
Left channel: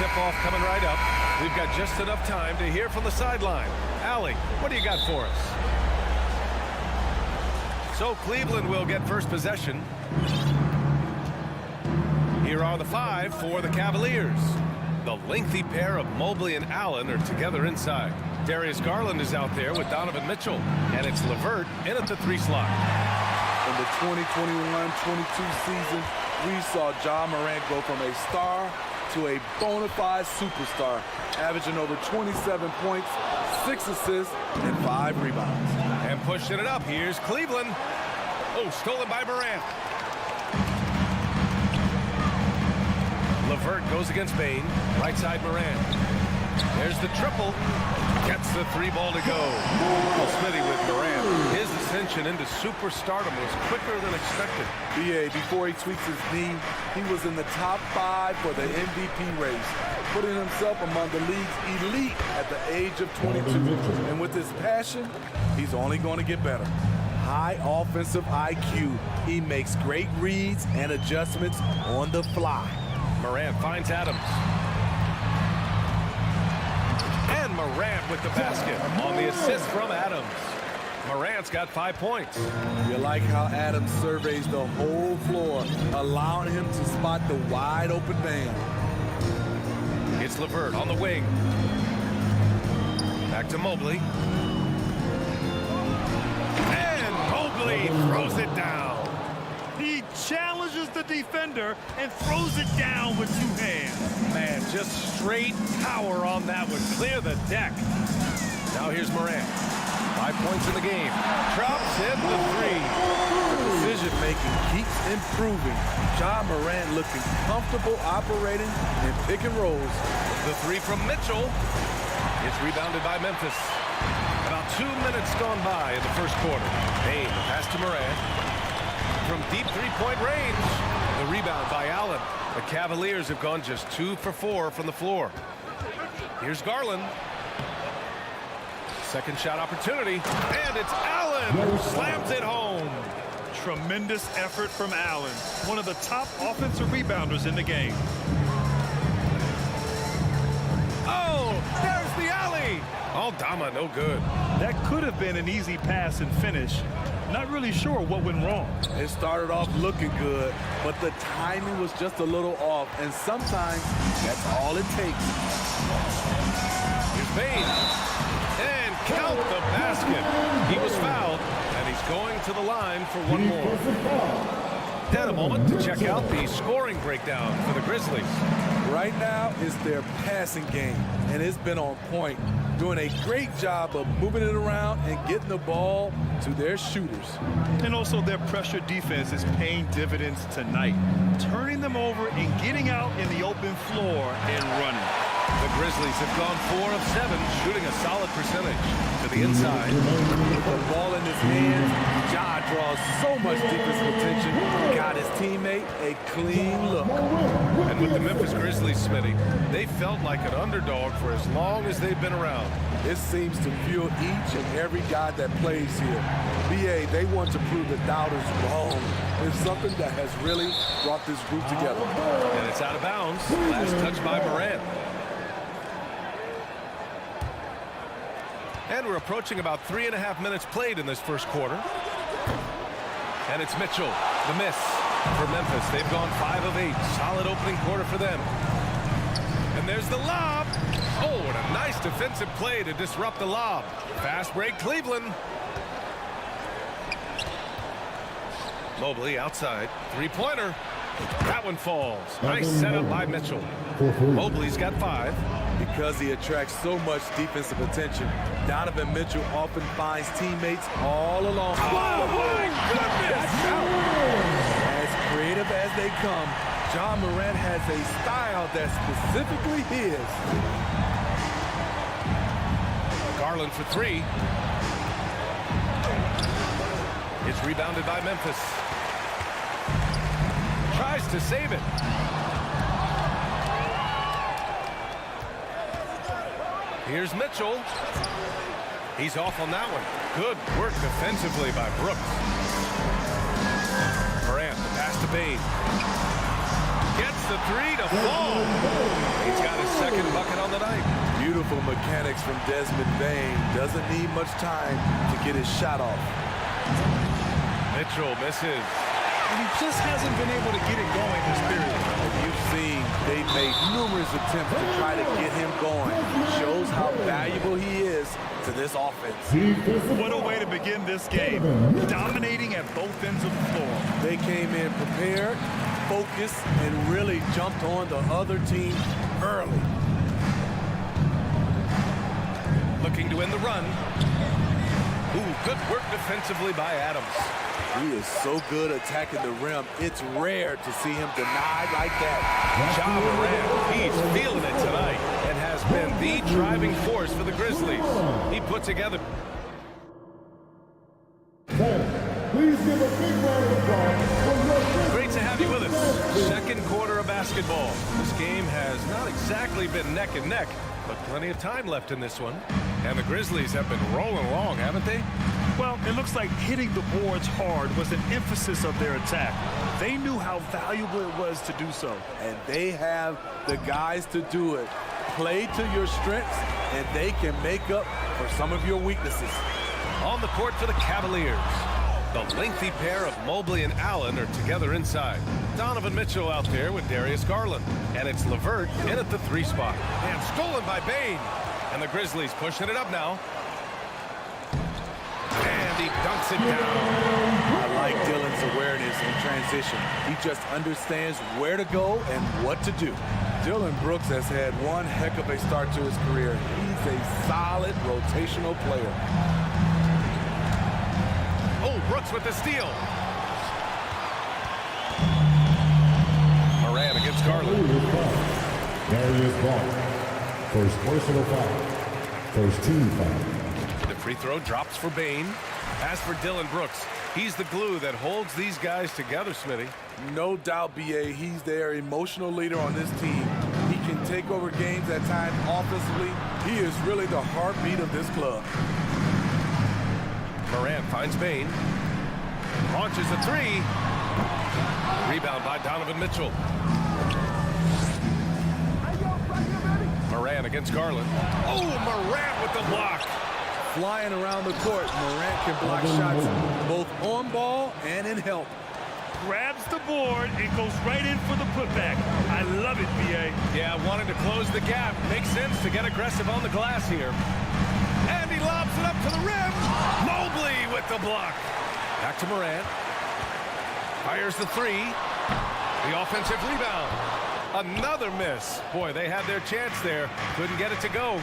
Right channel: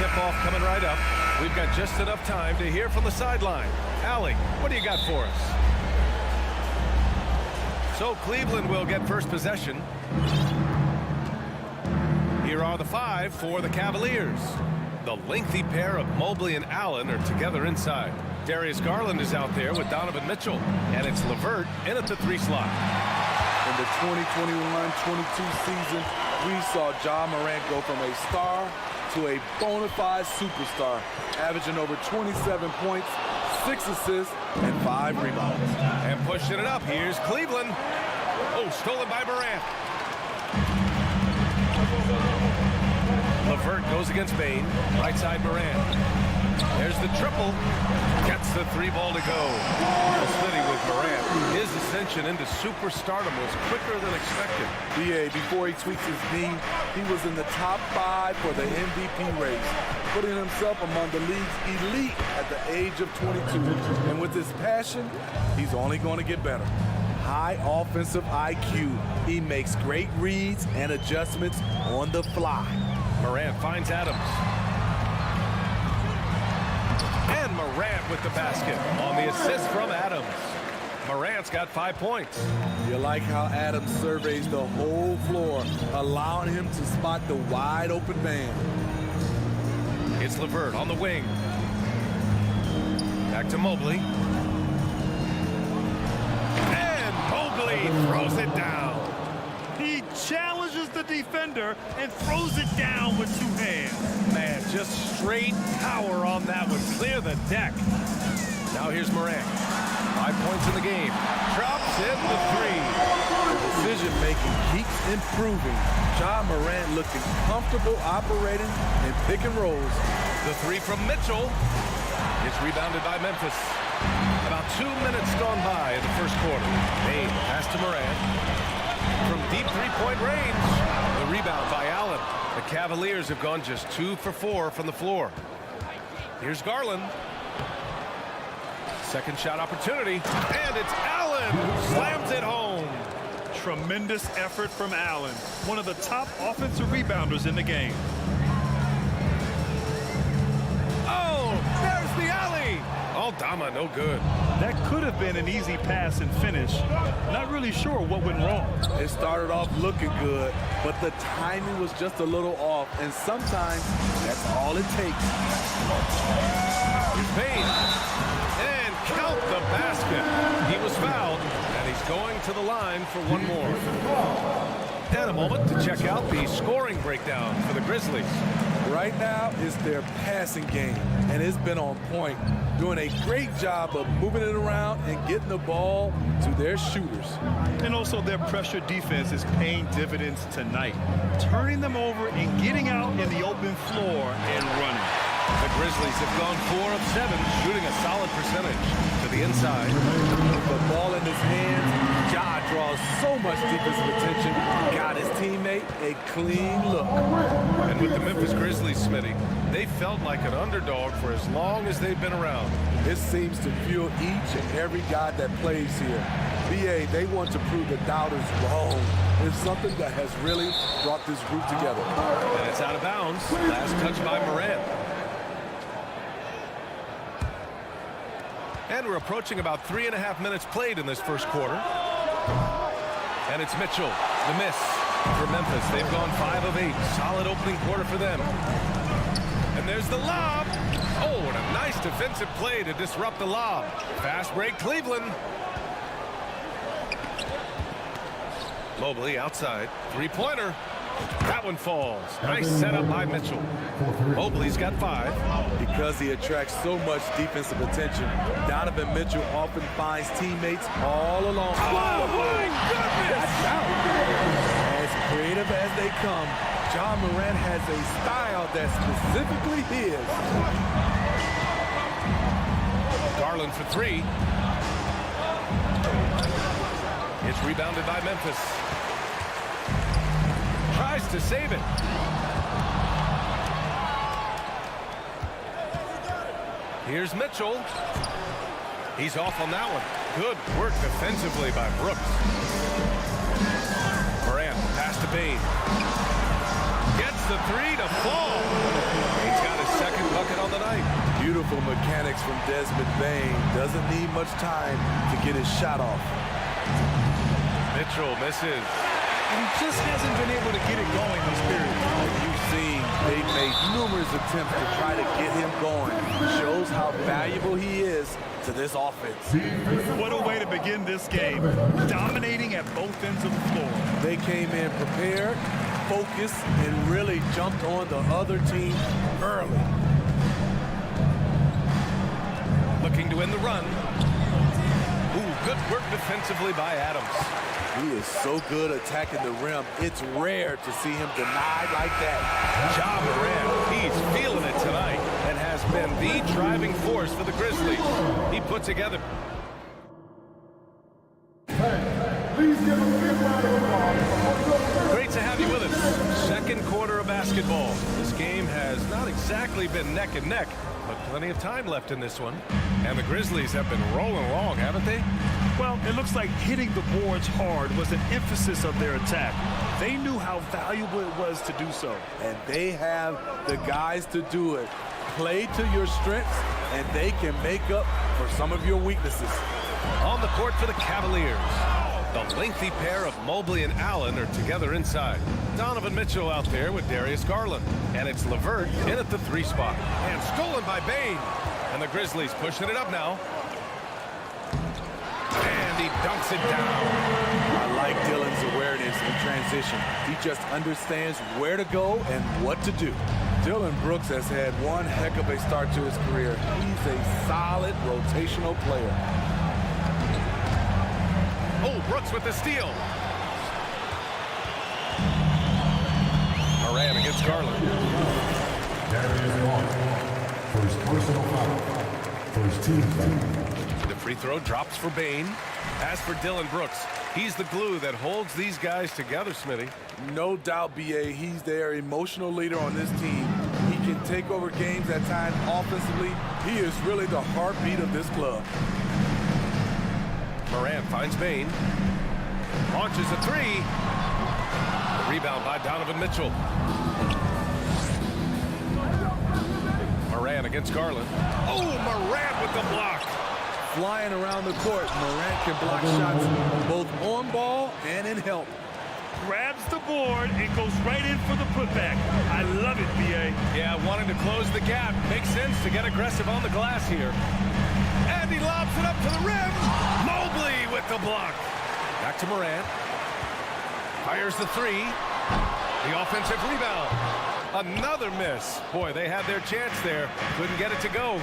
tip-off coming right up. We've got just enough time to hear from the sideline. Allie, what do you got for us? So Cleveland will get first possession. Here are the 5 for the Cavaliers. The lengthy pair of Mobley and Allen are together inside. Darius Garland is out there with Donovan Mitchell. And it's LeVert in at the 3 slot. In the 2021-22 season, we saw Ja Morant go from a star to a bona fide superstar, averaging over 27 points, 6 assists, and 5 rebounds. And pushing it up, here's Cleveland. Oh, stolen by Morant. LeVert goes against Bane. Right side Morant. There's the triple. Gets the 3 ball to go. Well, Smitty with Morant. His ascension into superstardom was quicker than expected. BA, before he tweaked his knee, he was in the top 5 for the MVP race, putting himself among the league's elite at the age of 22. And with his passion, he's only going to get better. High offensive IQ. He makes great reads and adjustments on the fly. Morant finds Adams. And Morant with the basket on the assist from Adams. Morant's got 5 points. You like how Adams surveys the whole floor, allowing him to spot the wide open man. It's LeVert on the wing. Back to Mobley. And Mobley throws it down. He challenges the defender and throws it down with 2 hands. Man, just straight power on that one. Clear the deck. Now here's Morant. 5 points in the game. Drops in the 3. The decision-making keeps improving. Ja Morant looking comfortable operating in pick and rolls. The 3 from Mitchell. It's rebounded by Memphis. About 2 minutes gone by in the first quarter. Bane, the pass to Morant. From deep 3-point range. The rebound by Allen. The Cavaliers have gone just 2 for 4 from the floor. Here's Garland. Second shot opportunity. And it's Allen who slams it home. Tremendous effort from Allen, one of the top offensive rebounders in the game. Oh, there's the alley. Aldama, no good. That could have been an easy pass and finish. Not really sure what went wrong. It started off looking good, but the timing was just a little off, and sometimes that's all it takes. Here's Bane. And count the basket. He was fouled, and he's going to the line for 1 more. And a moment to check out the scoring breakdown for the Grizzlies. Right now is their passing game, and it's been on point, doing a great job of moving it around and getting the ball to their shooters. And also their pressure defense is paying dividends tonight, turning them over and getting out in the open floor and running. The Grizzlies have gone 4 of 7, shooting a solid percentage. To the inside. With the ball in his hands, Ja draws so much defensive attention, got his teammate a clean look. And with the Memphis Grizzlies, Smitty, they felt like an underdog for as long as they've been around. It seems to fuel each and every guy that plays here. BA, they want to prove the doubters wrong. It's something that has really brought this group together. And it's out of bounds. Last touch by Morant. And we're approaching about 3.5 minutes played in this first quarter. And it's Mitchell, the miss for Memphis. They've gone 5 of 8. Solid opening quarter for them. And there's the lob. Oh, and a nice defensive play to disrupt the lob. Fast break, Cleveland. Mobley outside. 3-pointer. That one falls. Nice setup by Mitchell. Mobley's got 5. Because he attracts so much defensive attention, Donovan Mitchell often finds teammates all along. Oh, my goodness! As creative as they come, Ja Morant has a style that's specifically his. Garland for 3. It's rebounded by Memphis. Tries to save it. Here's Mitchell. He's off on that one. Good work defensively by Brooks. Morant, pass to Bane. gets the three to fall. He's got his second bucket on the night. Beautiful mechanics from Desmond Bain. Doesn't need much time to get his shot off. Mitchell misses. And he just hasn't been able to get it going this period. As you've seen, they've made numerous attempts to try to get him going. Shows how valuable he is to this offense. What a way to begin this game. Dominating at both ends of the floor. They came in prepared, focused, and really jumped on the other team early. Looking to win the run. Ooh, good work defensively by Adams. He is so good attacking the rim. It's rare to see him denied like that. Ja Morant, he's feeling it tonight and has been the driving force for the Grizzlies. He put together. Please give a big round of applause. Great to have you with us. Second quarter of basketball. This game has not exactly been neck and neck, but plenty of time left in this one. And the Grizzlies have been rolling along, haven't they? Well, it looks like hitting the boards hard was an emphasis of their attack. They knew how valuable it was to do so. And they have the guys to do it. Play to your strengths, and they can make up for some of your weaknesses. On the court for the Cavaliers. The lengthy pair of Mobley and Allen are together inside. Donovan Mitchell out there with Darius Garland. And it's LeVert in at the 3 spot. And stolen by Bain. And the Grizzlies pushing it up now. And he dunks it down. I like Dillon's awareness in transition. He just understands where to go and what to do. Dillon Brooks has had one heck of a start to his career. He's a solid rotational player. Oh, Brooks with the steal. Moran against Garland. Darius Garland. First personal foul. First team foul. The free throw drops for Bain. As for Dillon Brooks, he's the glue that holds these guys together, Smitty. No doubt, B.A., he's their emotional leader on this team. He can take over games at times offensively. He is really the heartbeat of this club. Moran finds Bain. Launches a 3. The rebound by Donovan Mitchell. Moran against Garland. Oh, Moran with the block. Flying around the court, Morant can block shots both on ball and in help. Grabs the board and goes right in for the putback. I love it, B.A. Yeah, wanting to close the gap. Makes sense to get aggressive on the glass here. And he lobs it up to the rim. Mobley with the block. Back to Morant. Fires the 3. The offensive rebound. Another miss. Boy, they had their chance there. Couldn't get it to go.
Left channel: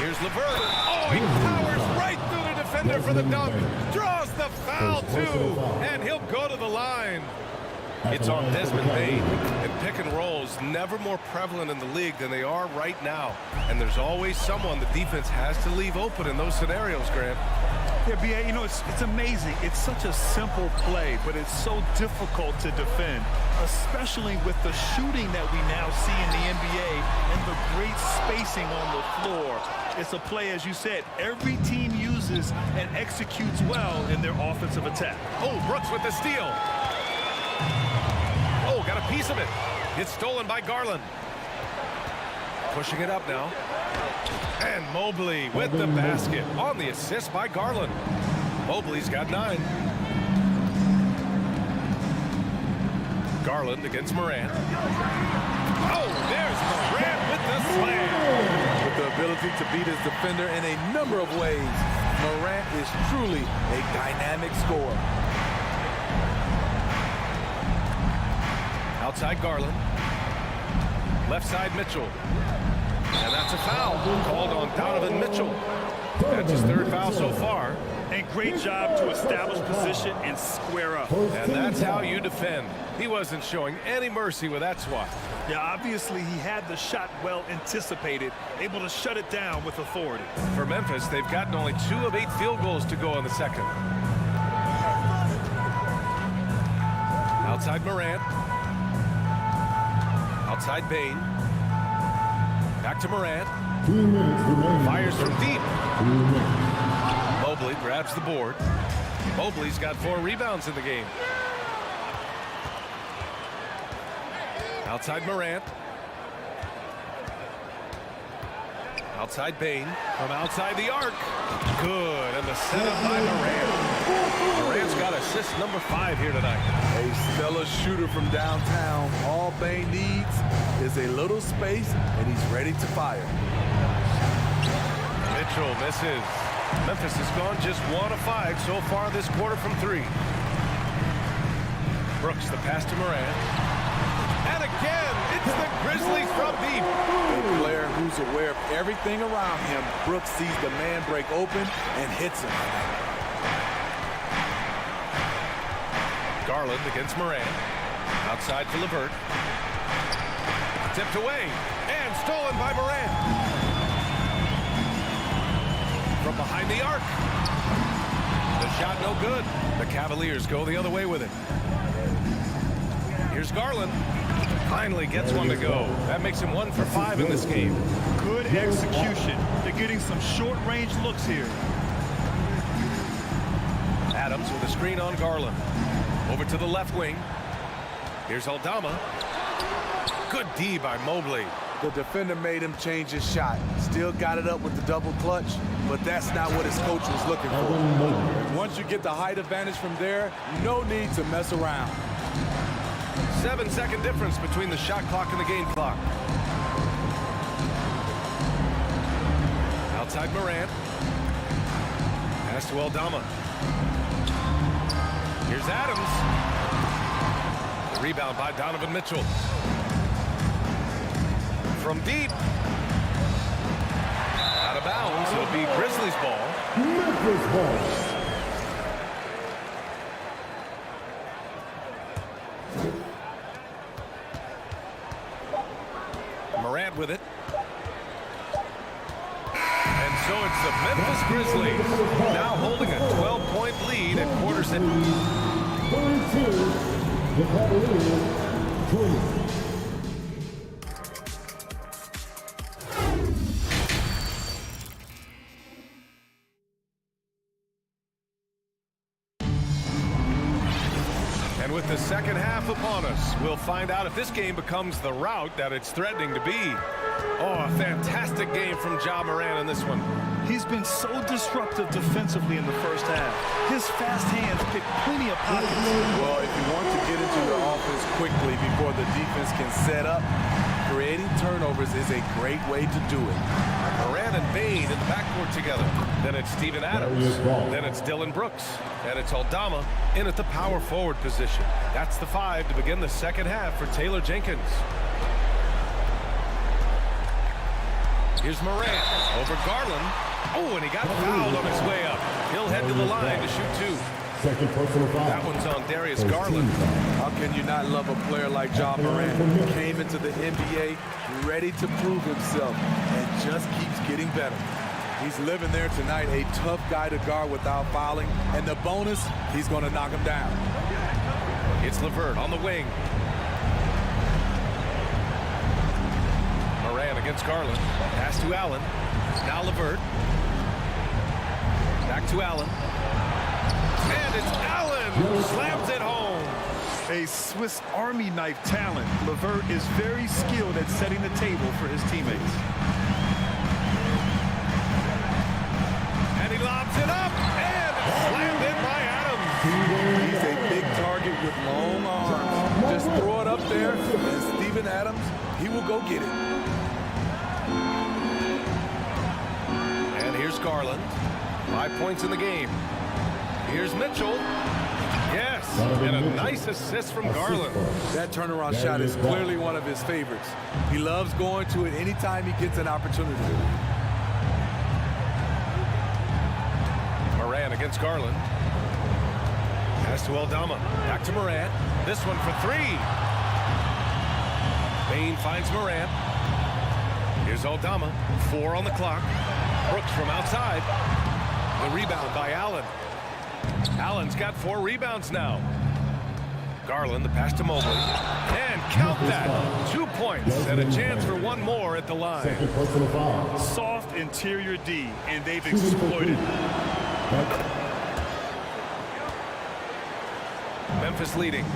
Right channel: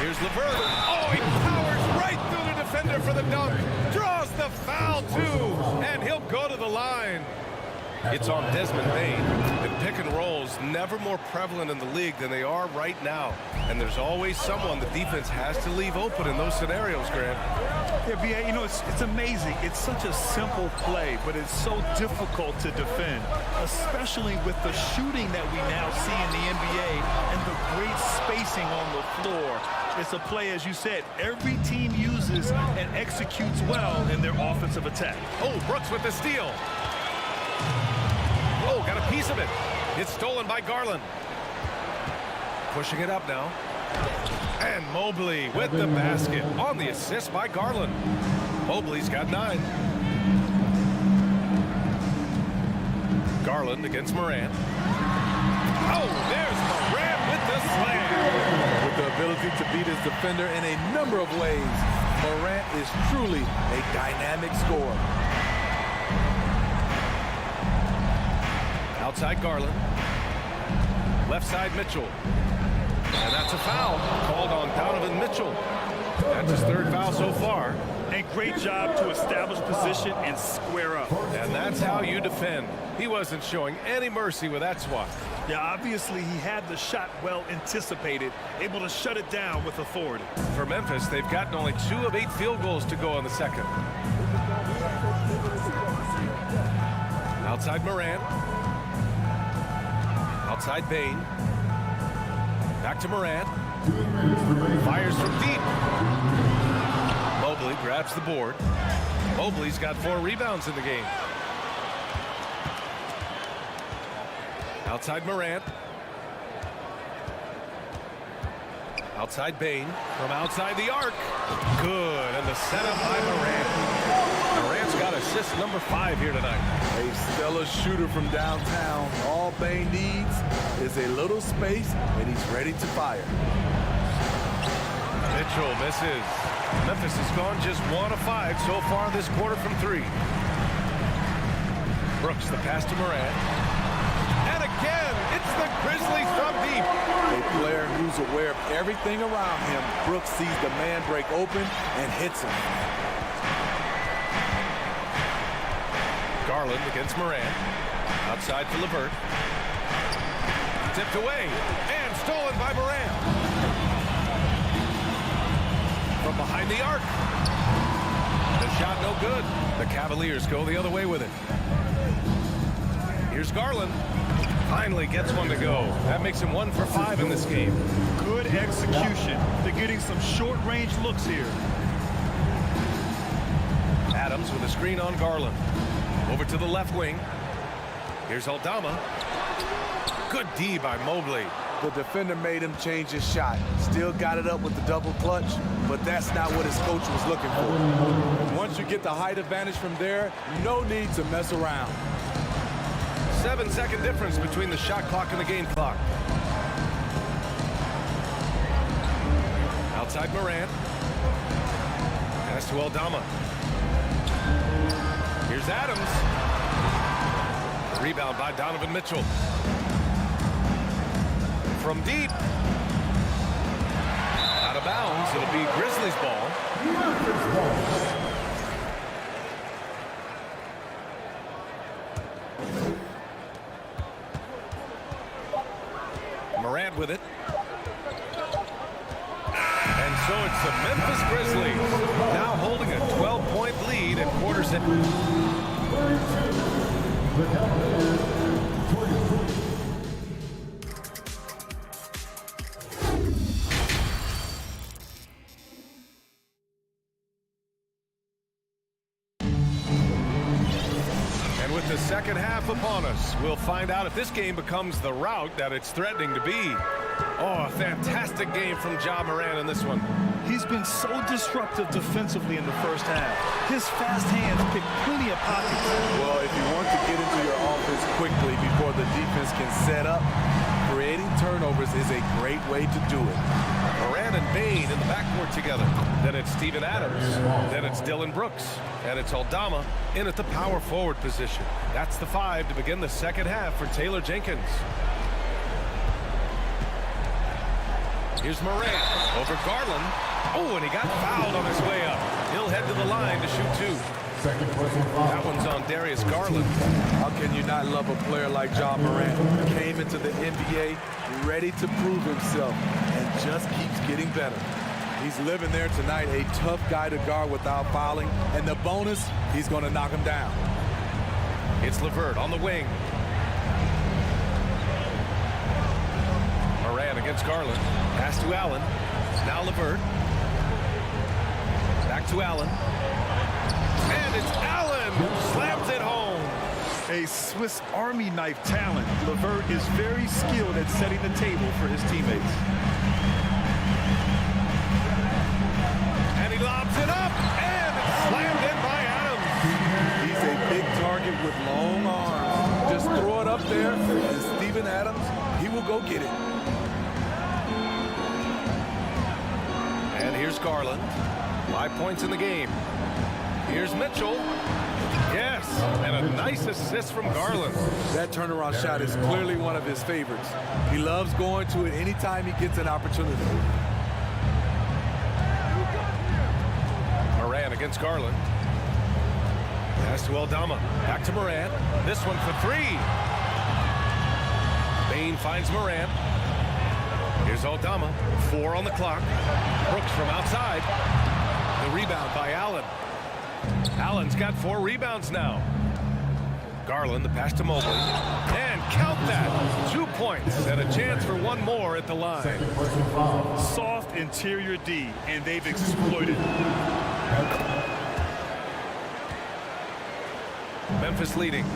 Here's LeVert. Oh, he powers right through the defender for the dunk. Draws the foul, too. And he'll go to the line. It's on Desmond Bain. And pick and rolls never more prevalent in the league than they are right now. And there's always someone the defense has to leave open in those scenarios, Grant. Yeah, B.A., you know, it's amazing. It's such a simple play, but it's so difficult to defend, especially with the shooting that we now see in the NBA and the great spacing on the floor. It's a play, as you said, every team uses and executes well in their offensive attack. Oh, Brooks with the steal. Oh, got a piece of it. It's stolen by Garland. Pushing it up now. And Mobley with the basket on the assist by Garland. Mobley's got 9. Garland against Morant. Oh, there's Morant with the slam. With the ability to beat his defender in a number of ways, Morant is truly a dynamic scorer. Outside Garland. Left side Mitchell. And that's a foul called on Donovan Mitchell. That's his 3rd foul so far. And great job to establish position and square up. And that's how you defend. He wasn't showing any mercy with that swat. Yeah, obviously he had the shot well anticipated, able to shut it down with authority. For Memphis, they've gotten only 2 of 8 field goals to go in the second. Outside Morant. Outside Bain. Back to Morant. 2 minutes remaining. Fires from deep. Mobley grabs the board. Mobley's got 4 rebounds in the game. Outside Morant. Outside Bain. From outside the arc. Good. And the setup by Morant. Morant's got assist number 5 here tonight. A stellar shooter from downtown. All Bain needs is a little space, and he's ready to fire. Mitchell misses. Memphis has gone just 1 of 5 so far this quarter from 3. Brooks, the pass to Morant. And again, it's the Grizzlies from deep. A player who's aware of everything around him. Brooks sees the man break open and hits him. Garland against Morant. Outside for LeVert. Tipped away and stolen by Morant. From behind the arc. The shot no good. The Cavaliers go the other way with it. Here's Garland. Finally gets one to go. That makes him 1 for 5 in this game. Good execution. They're getting some short-range looks here. Adams with a screen on Garland. Over to the left wing. Here's Aldama. Good D by Mobley. The defender made him change his shot. Still got it up with the double clutch, but that's not what his coach was looking for. And once you get the height advantage from there, no need to mess around. 7-second difference between the shot clock and the game clock. Outside Morant. Pass to Aldama. Here's Adams. The rebound by Donovan Mitchell. From deep. Out of bounds. It'll be Grizzlies ball. Memphis ball. Morant with it. And so it's the Memphis Grizzlies now holding a 12-point lead at quarters in. 32. The Cavaliers 3. And with the second half upon us, we'll find out if this game becomes the rout that it's threatening to be. Oh, a fantastic game from Ja Morant in this one. He's been so disruptive defensively in the first half. His fast hands pick plenty of pockets. Well, if you want to get into your offense quickly before the defense can set up, creating turnovers is a great way to do it. Morant and Bain in the backcourt together. Then it's Steven Adams. Then it's Dylan Brooks. And it's Aldama in at the power forward position. That's the 5 to begin the second half for Taylor Jenkins. Here's Morant over Garland. Oh, and he got fouled on his way up. He'll head to the line to shoot 2. Second personal foul. That one's on Darius Garland. How can you not love a player like Ja Morant? Came into the NBA ready to prove himself and just keeps getting better. He's living there tonight, a tough guy to guard without fouling. And the bonus, he's going to knock him down. It's LeVert on the wing. Morant against Garland. Pass to Allen. Now LeVert. Back to Allen. And it's Allen who slams it home. A Swiss Army knife talent. LeVert is very skilled at setting the table for his teammates. And he lobs it up, and it's slammed in by Adams. He's a big target with long arms. Just throw it up there, and Steven Adams, he will go get it. And here's Garland. 5 points in the game. Here's Mitchell. Yes, and a nice assist from Garland. That turnaround shot is clearly one of his favorites. He loves going to it anytime he gets an opportunity. Morant against Garland. Pass to Aldama. Back to Morant. This one for 3. Bain finds Morant. Here's Aldama. 4 on the clock. Brooks from outside. The rebound by Allen. Allen's got 4 rebounds now. Garland, the pass to Mobley. And count that. 2 points and a chance for 1 more at the line. Second personal foul. Soft interior D, and they've exploited. Memphis leading.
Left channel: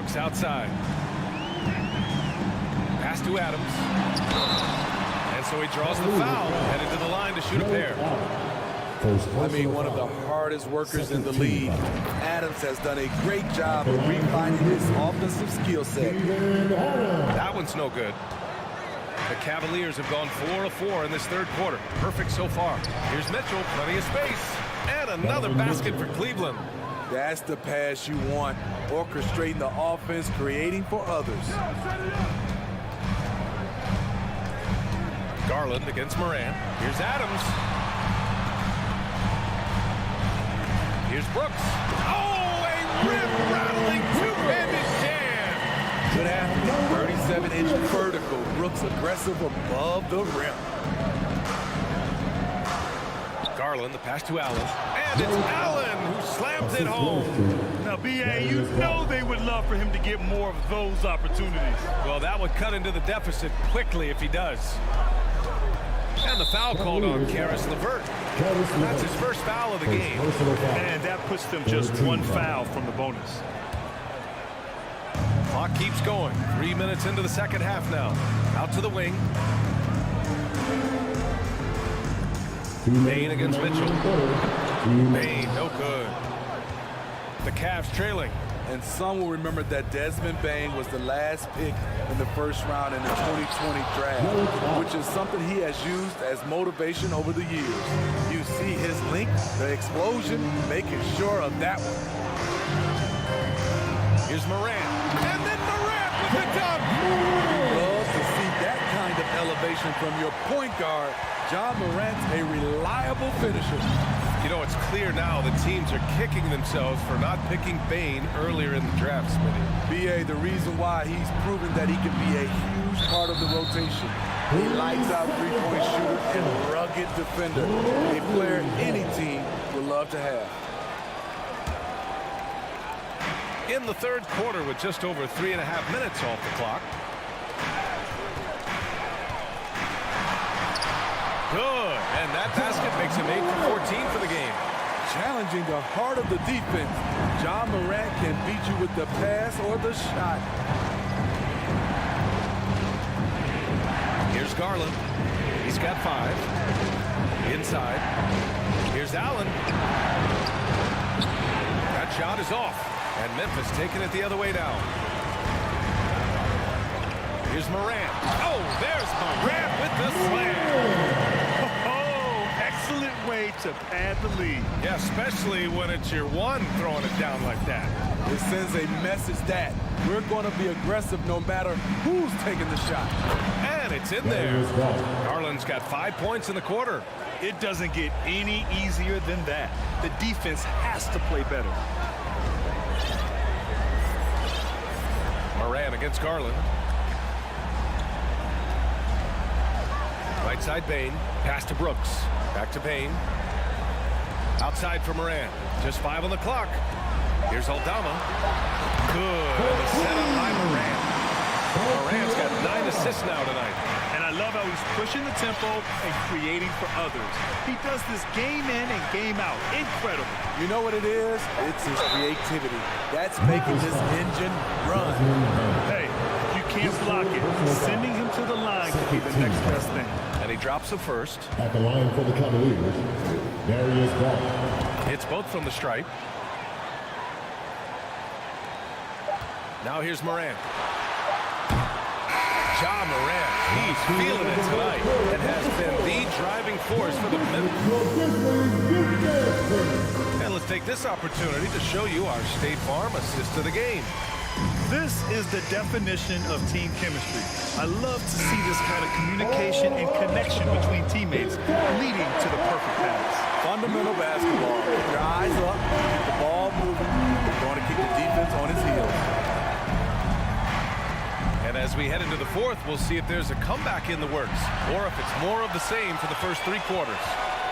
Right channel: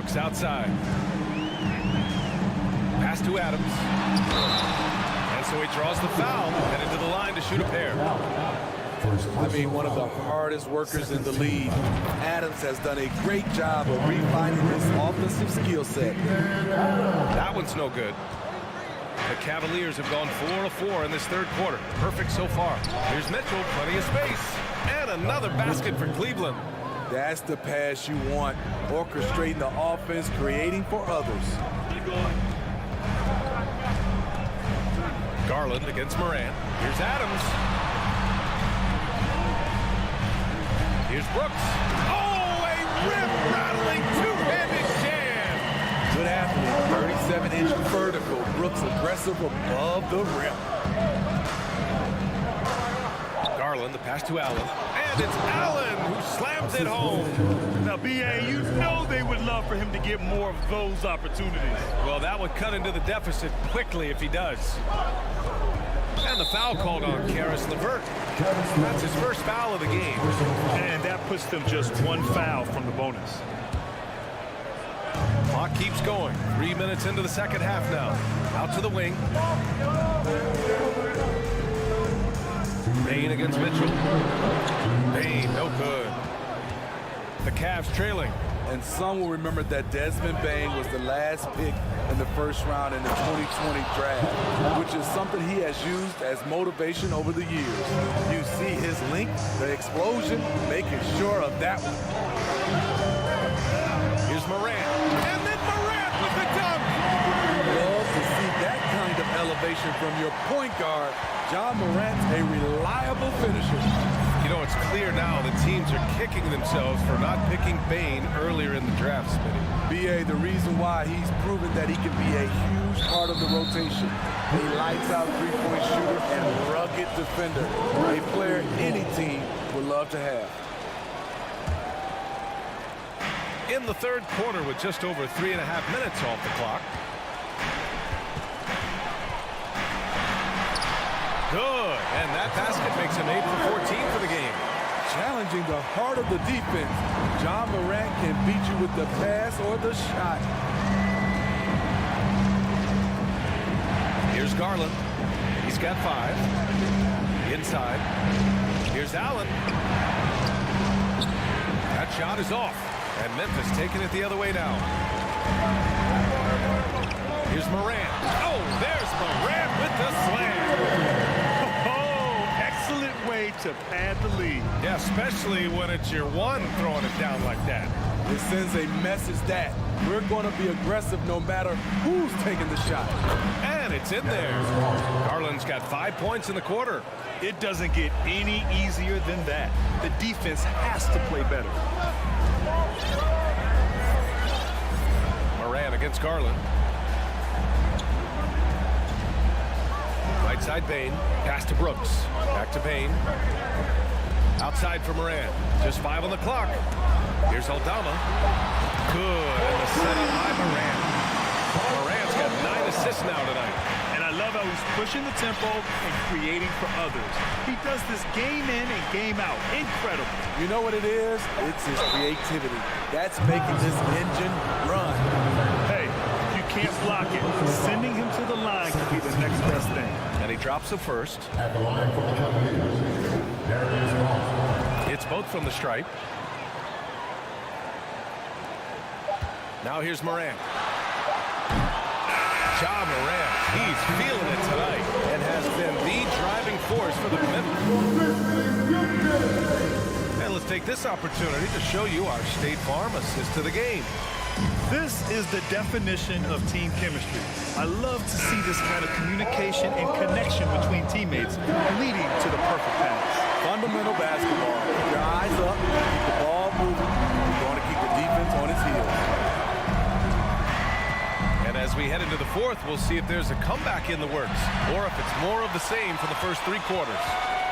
Brooks outside. Pass to Adams. And so he draws the foul, headed to the line to shoot a pair. I mean, one of the hardest workers in the league. Adams has done a great job of refining his offensive skill set. That one's no good. The Cavaliers have gone 4 of 4 in this third quarter. Perfect so far. Here's Mitchell, plenty of space. And another basket for Cleveland. That's the pass you want. Orchestrating the offense, creating for others. Garland against Morant. Here's Adams. Here's Brooks. Oh, a rim-rattling two-handed jam. Good athlete, 37-inch vertical. Brooks aggressive above the rim. Garland, the pass to Allen. And it's Allen who slams it home. Now, B.A., you know they would love for him to get more of those opportunities. Well, that would cut into the deficit quickly if he does. And the foul called on Karis LeVert. That's his first foul of the game. And that puts them just one foul from the bonus. Clock keeps going. 3 minutes into the second half now. Out to the wing. Bain against Mitchell. Bain, no good. The Cavs trailing. And some will remember that Desmond Bain was the last pick in the first round in the 2020 draft, which is something he has used as motivation over the years. You see his length, the explosion, making sure of that one. Here's Morant. And then Morant with the dunk. Love to see that kind of elevation from your point guard. John Morant's a reliable finisher. You know, it's clear now that teams are kicking themselves for not picking Bain earlier in the draft, Smitty. B.A., the reason why he's proven that he can be a huge part of the rotation. He lights out three-point shooter and rugged defender. A player any team would love to have. In the third quarter with just over 3.5 minutes off the clock. Good, and that basket makes him 8 for 14 for the game. Challenging the heart of the defense. John Morant can beat you with the pass or the shot. Here's Garland. He's got 5. Inside. Here's Allen. That shot is off, and Memphis taking it the other way now. Here's Morant. Oh, there's Morant with the slam. Oh, excellent way to pad the lead. Yeah, especially when it's your one throwing it down like that. It sends a message that we're going to be aggressive no matter who's taking the shot. And it's in there. Garland's got 5 points in the quarter. It doesn't get any easier than that. The defense has to play better. Morant against Garland. Right side Bain. Pass to Brooks. Back to Bain. Outside for Morant. Just 5 on the clock. Here's Aldama. Good. And the setup by Morant. Morant's got 9 assists now tonight. And I love how he's pushing the tempo and creating for others. He does this game in and game out. Incredible. You know what it is? It's his creativity. That's making this engine run. Hey, if you can't block it, sending him to the line could be the next best thing. And he drops the first. At the line for the Cavaliers, Darius Garland. Hits both from the stripe. Now here's Morant. Ja Morant, he's feeling it tonight and has been the driving force for the Memphis. And let's take this opportunity to show you our State Farm assist of the game. This is the definition of team chemistry. I love to see this kind of communication and connection between teammates leading to the perfect pass. Fundamental basketball. Keep your eyes up, keep the ball moving. We're going to keep the defense on its heels. And as we head into the fourth, we'll see if there's a comeback in the works or if it's more of the same for the first 3 quarters.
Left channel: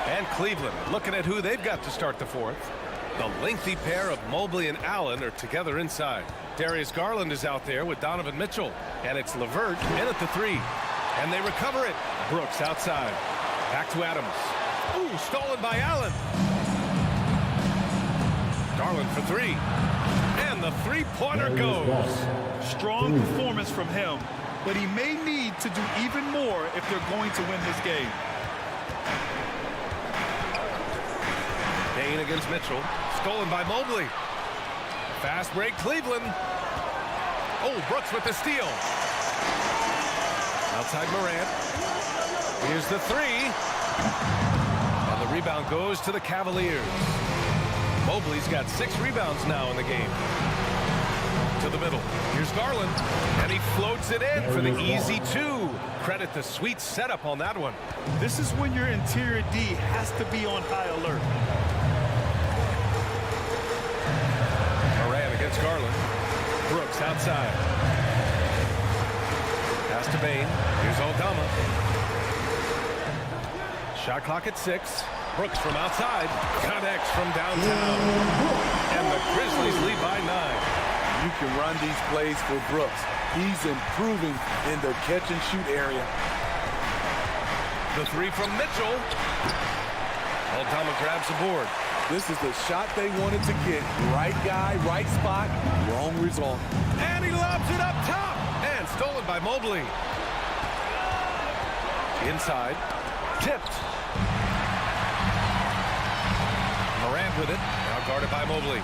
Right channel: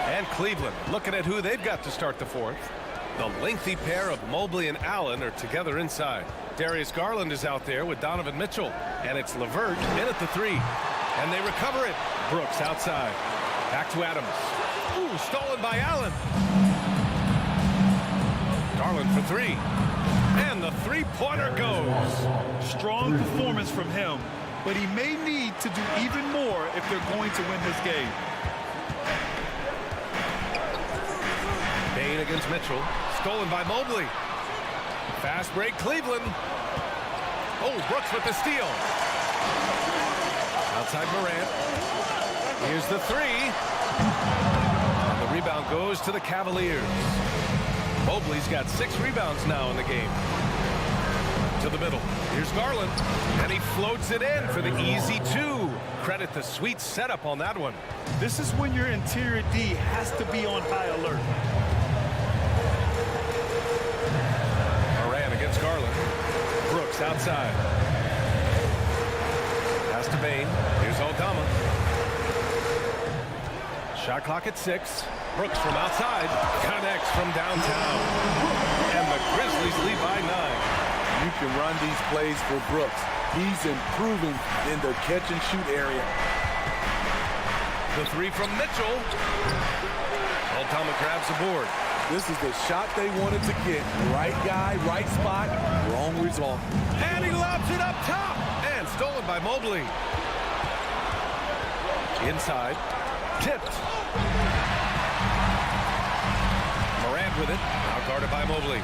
And Cleveland looking at who they've got to start the fourth. The lengthy pair of Mobley and Allen are together inside. Darius Garland is out there with Donovan Mitchell. And it's LeVert in at the 3. And they recover it. Brooks outside. Back to Adams. Ooh, stolen by Allen. Garland for 3. And the three-pointer goes. Strong performance from him, but he may need to do even more if they're going to win this game. Bain against Mitchell. Stolen by Mobley. Fast break, Cleveland. Oh, Brooks with the steal. Outside Morant. Here's the three. And the rebound goes to the Cavaliers. Mobley's got 6 rebounds now in the game. To the middle. Here's Garland. And he floats it in for the easy 2. Credit the sweet setup on that one. This is when your interior D has to be on high alert. Morant against Garland. Brooks outside. Pass to Bain. Here's Aldama. Shot clock at 6. Brooks from outside. Connects from downtown. And the Grizzlies lead by 9. You can run these plays for Brooks. He's improving in the catch-and-shoot area. The three from Mitchell. Aldama grabs the board. This is the shot they wanted to get. Right guy, right spot, wrong result. And he lobs it up top. And stolen by Mobley. Inside. Tipped. Morant with it. Now guarded by Mobley.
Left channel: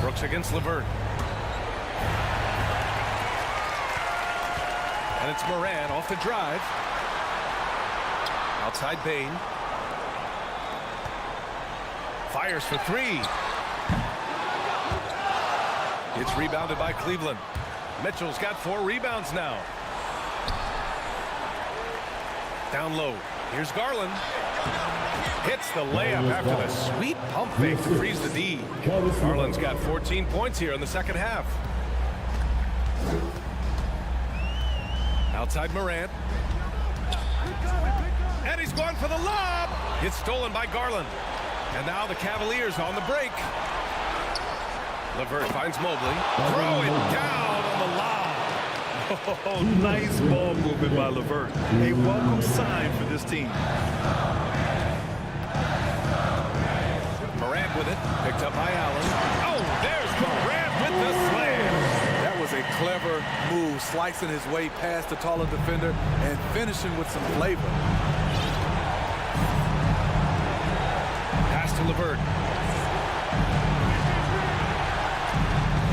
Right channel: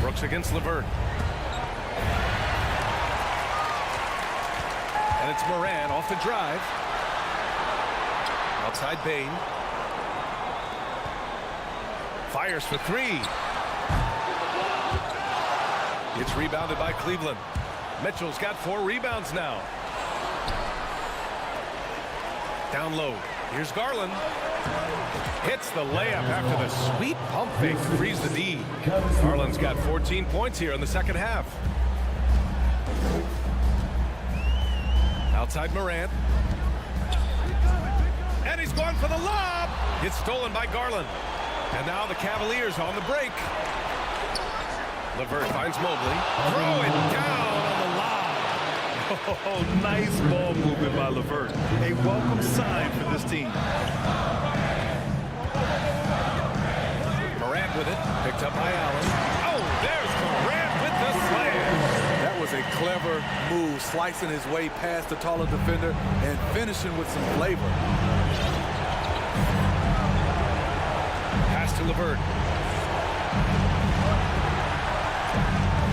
Brooks against LeVert. And it's Morant off the drive. Outside Bain. Fires for 3. It's rebounded by Cleveland. Mitchell's got 4 rebounds now. Down low. Here's Garland. Hits the layup after the sweet pump fake to freeze the D. Garland's got 14 points here in the second half. Outside Morant. And he's going for the lob. It's stolen by Garland. And now the Cavaliers on the break. LeVert finds Mobley. Throw it down on the lob. Oh, nice ball movement by LeVert. A welcome sign for this team. Morant with it. Picked up by Allen. Oh, there's Morant with the slam. That was a clever move, slicing his way past the taller defender and finishing with some flavor. Pass to LeVert.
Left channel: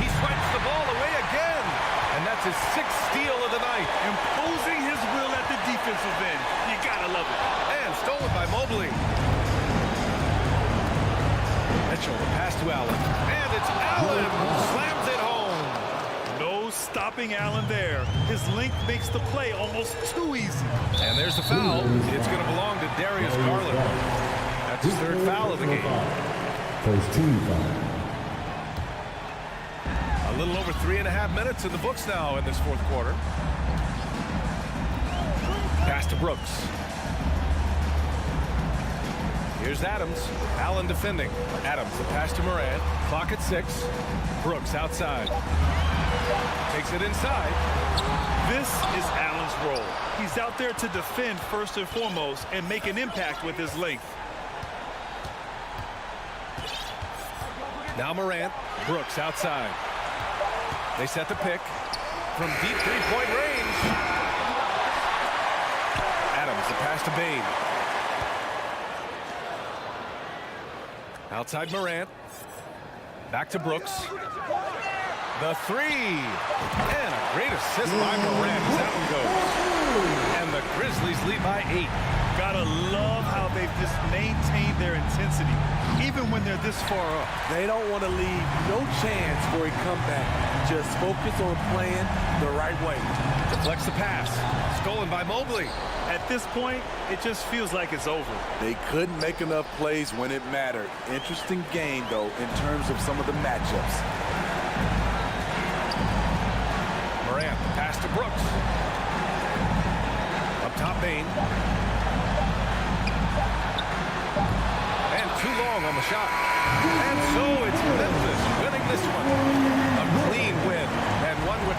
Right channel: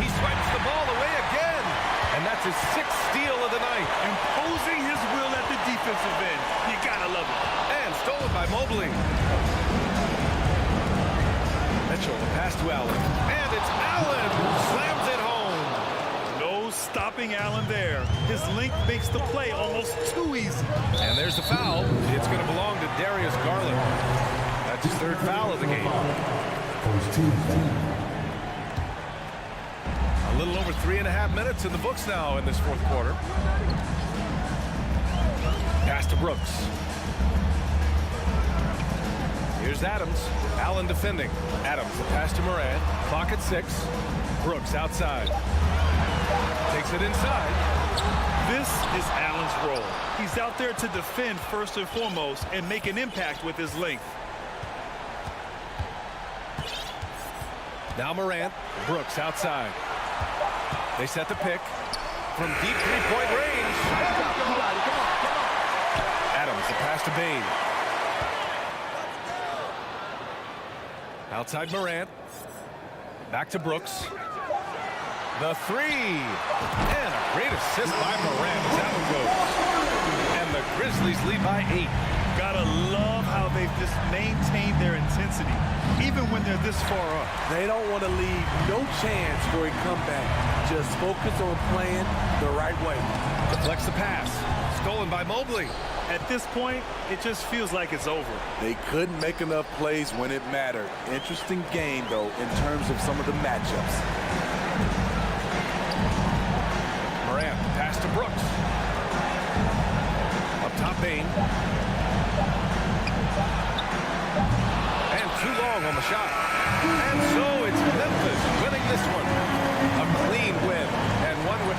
He swipes the ball away again. And that's his 6th steal of the night. Imposing his will at the defensive end. You gotta love it. And stolen by Mobley. Mitchell, the pass to Allen. And it's Allen who slams it home. No stopping Allen there. His length makes the play almost too easy. And there's the foul. It's going to belong to Darius Garland. That's his 3rd foul of the game. First team foul. A little over 3.5 minutes in the books now in this 4th quarter. Pass to Brooks. Here's Adams. Allen defending. Adams, the pass to Morant. Clock at 6. Brooks outside. Takes it inside. This is Allen's role. He's out there to defend first and foremost and make an impact with his length. Now Morant. Brooks outside. They set the pick from deep 3-point range. Adams, the pass to Bain. Outside Morant. Back to Brooks. The 3. And a great assist by Morant as that one goes. And the Grizzlies lead by 8. Gotta love how they've just maintained their intensity, even when they're this far up. They don't want to leave no chance for a comeback. Just focus on playing the right way. Deflects the pass. Stolen by Mobley. At this point, it just feels like it's over. They couldn't make enough plays when it mattered. Interesting game, though, in terms of some of the matchups. Morant, the pass to Brooks. Up top, Bain. And too long on the shot. And so it's Memphis winning this one. A clean win and one with...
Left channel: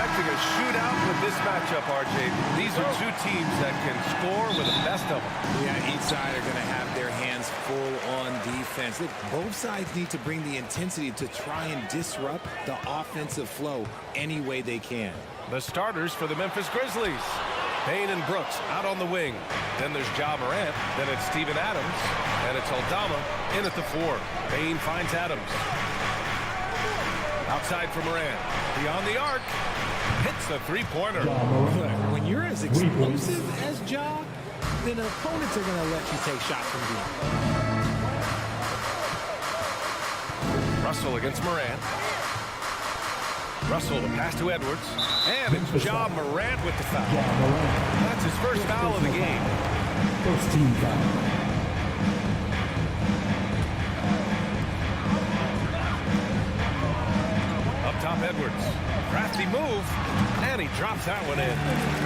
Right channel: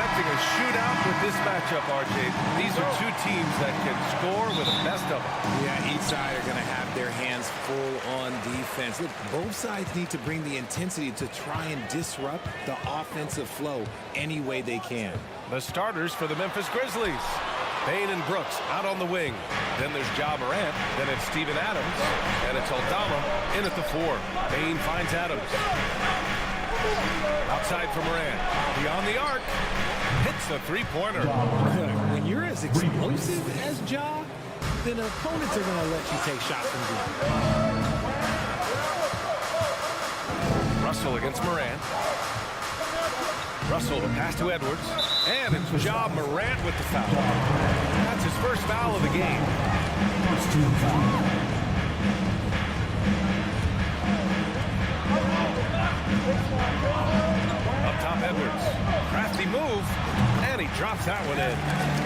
expecting a shootout with this matchup, RJ. These are two teams that can score with the best of them. Yeah, each side are going to have their hands full on defense. Look, both sides need to bring the intensity to try and disrupt the offensive flow any way they can. The starters for the Memphis Grizzlies. Payne and Brooks out on the wing. Then there's Ja Morant. Then it's Steven Adams. And it's Aldama in at the 4. Payne finds Adams. Outside for Morant. Beyond the arc. Hits the three-pointer. When you're as explosive as Ja, then opponents are going to let you take shots from deep. Russell against Morant. Russell, the pass to Edwards. And it's Ja Morant with the foul. That's his first foul of the game. First team foul. Up top, Edwards. Crafty move. And he drops that one in.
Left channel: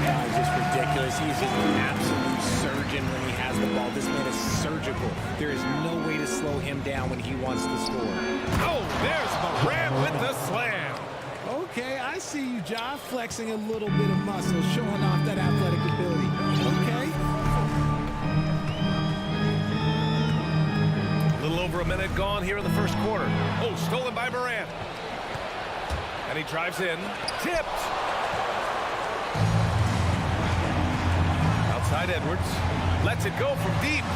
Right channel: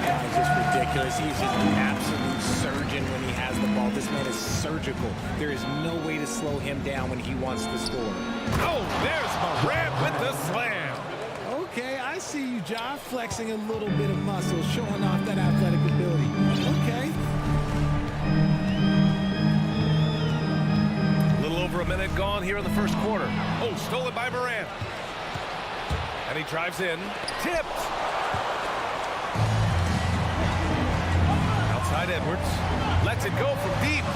Guy's just ridiculous. He's just an absolute surgeon when he has the ball. This man is surgical. There is no way to slow him down when he wants to score. Oh, there's Morant with the slam. Okay, I see you, Ja, flexing a little bit of muscle, showing off that athletic ability. Okay. A little over a minute gone here in the first quarter. Oh, stolen by Morant. And he drives in. Tipped. Outside Edwards. Lets it go from deep.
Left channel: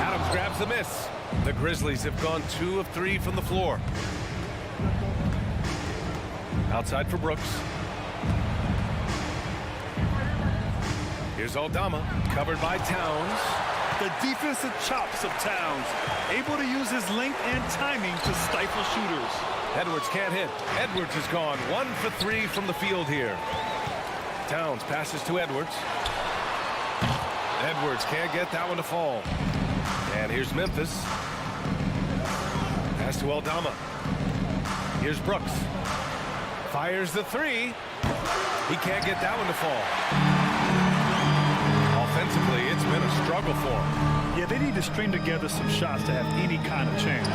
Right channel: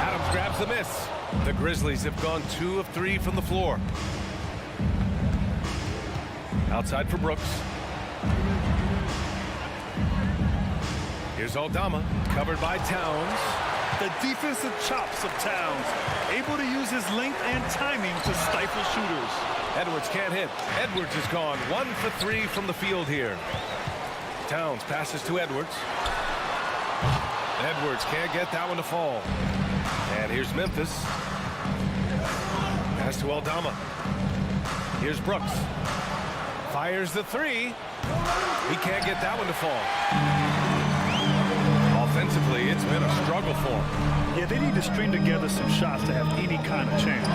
Adams grabs the miss. The Grizzlies have gone 2 of 3 from the floor. Outside for Brooks. Here's Aldama, covered by Towns. The defensive chops of Towns, able to use his length and timing to stifle shooters. Edwards can't hit. Edwards is gone 1 for 3 from the field here. Towns passes to Edwards. Edwards can't get that one to fall. And here's Memphis. Pass to Aldama. Here's Brooks. Fires the 3. He can't get that one to fall. Offensively, it's been a struggle for him. Yeah, they need to string together some shots to have any kind of chance.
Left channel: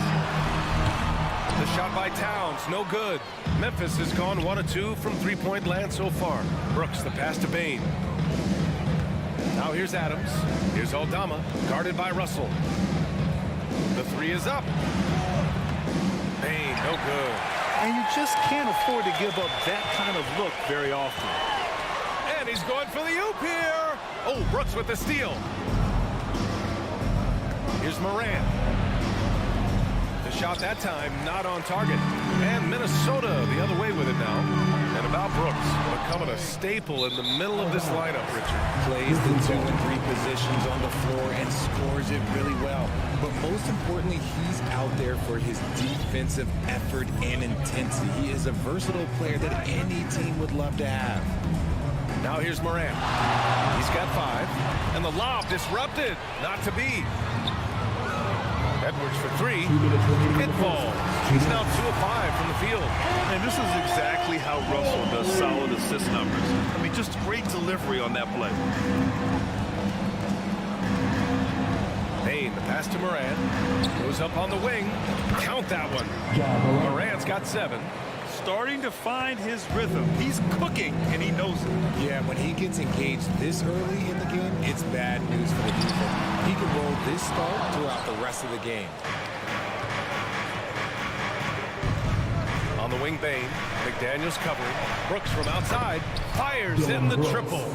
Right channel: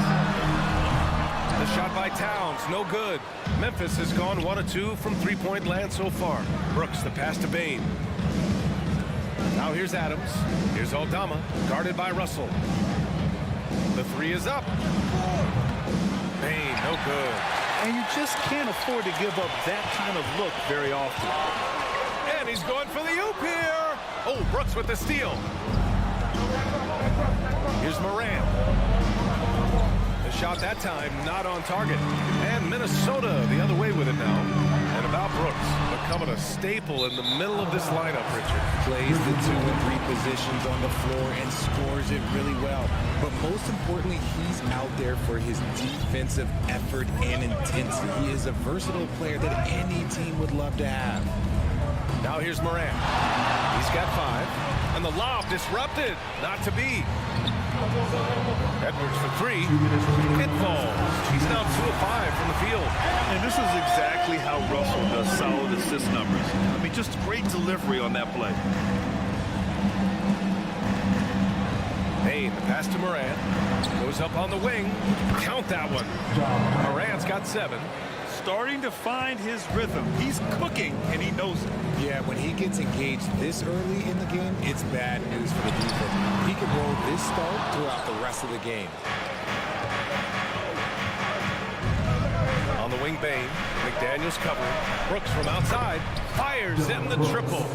The shot by Towns, no good. Memphis has gone 1 of 2 from three-point land so far. Brooks, the pass to Payne. Now here's Adams. Here's Aldama, guarded by Russell. The 3 is up. Payne, no good. And you just can't afford to give up that kind of look very often. And he's going for the oop here. Oh, Brooks with the steal. Here's Morant. The shot that time not on target. And Minnesota the other way with it now. And about Brooks becoming a staple in the middle of this lineup, Richard. Plays the 2 and 3 positions on the floor and scores it really well. But most importantly, he's out there for his defensive effort and intensity. He is a versatile player that any team would love to have. Now here's Morant. He's got 5. And the lob disrupted. Not to be. Edwards for 3. It falls. He's now 2 of 5 from the field. And this is exactly how Russell does solid assist numbers. I mean, just great delivery on that play. Payne, the pass to Morant. Goes up on the wing. Count that one. Morant's got 7. Starting to find his rhythm. He's cooking, and he knows it. Yeah, when he gets engaged this early in the game, it's bad news for the defense. He can roll this start throughout the rest of the game. On the wing, Payne. McDaniels covering. Brooks from outside. Fires in the triple.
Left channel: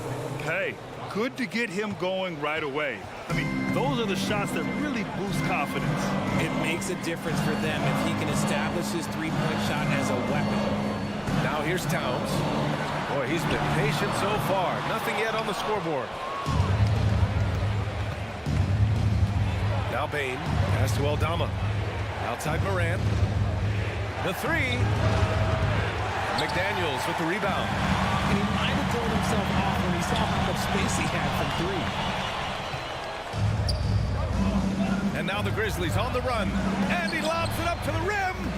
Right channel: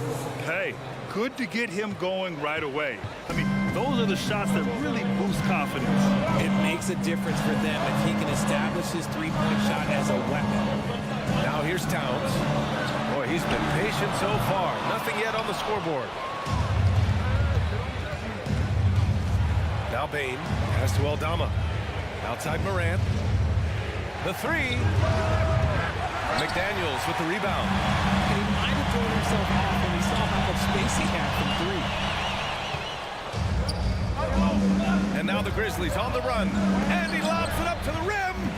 Hey, good to get him going right away. I mean, those are the shots that really boost confidence. It makes a difference for them if he can establish his three-point shot as a weapon. Now here's Towns. Boy, he's been patient so far. Nothing yet on the scoreboard. Now Payne pass to Aldama. Outside Morant. The 3. McDaniels with the rebound. And he might have thrown himself off when he saw how much space he had from 3. And now the Grizzlies on the run. And he lobs it up to the rim.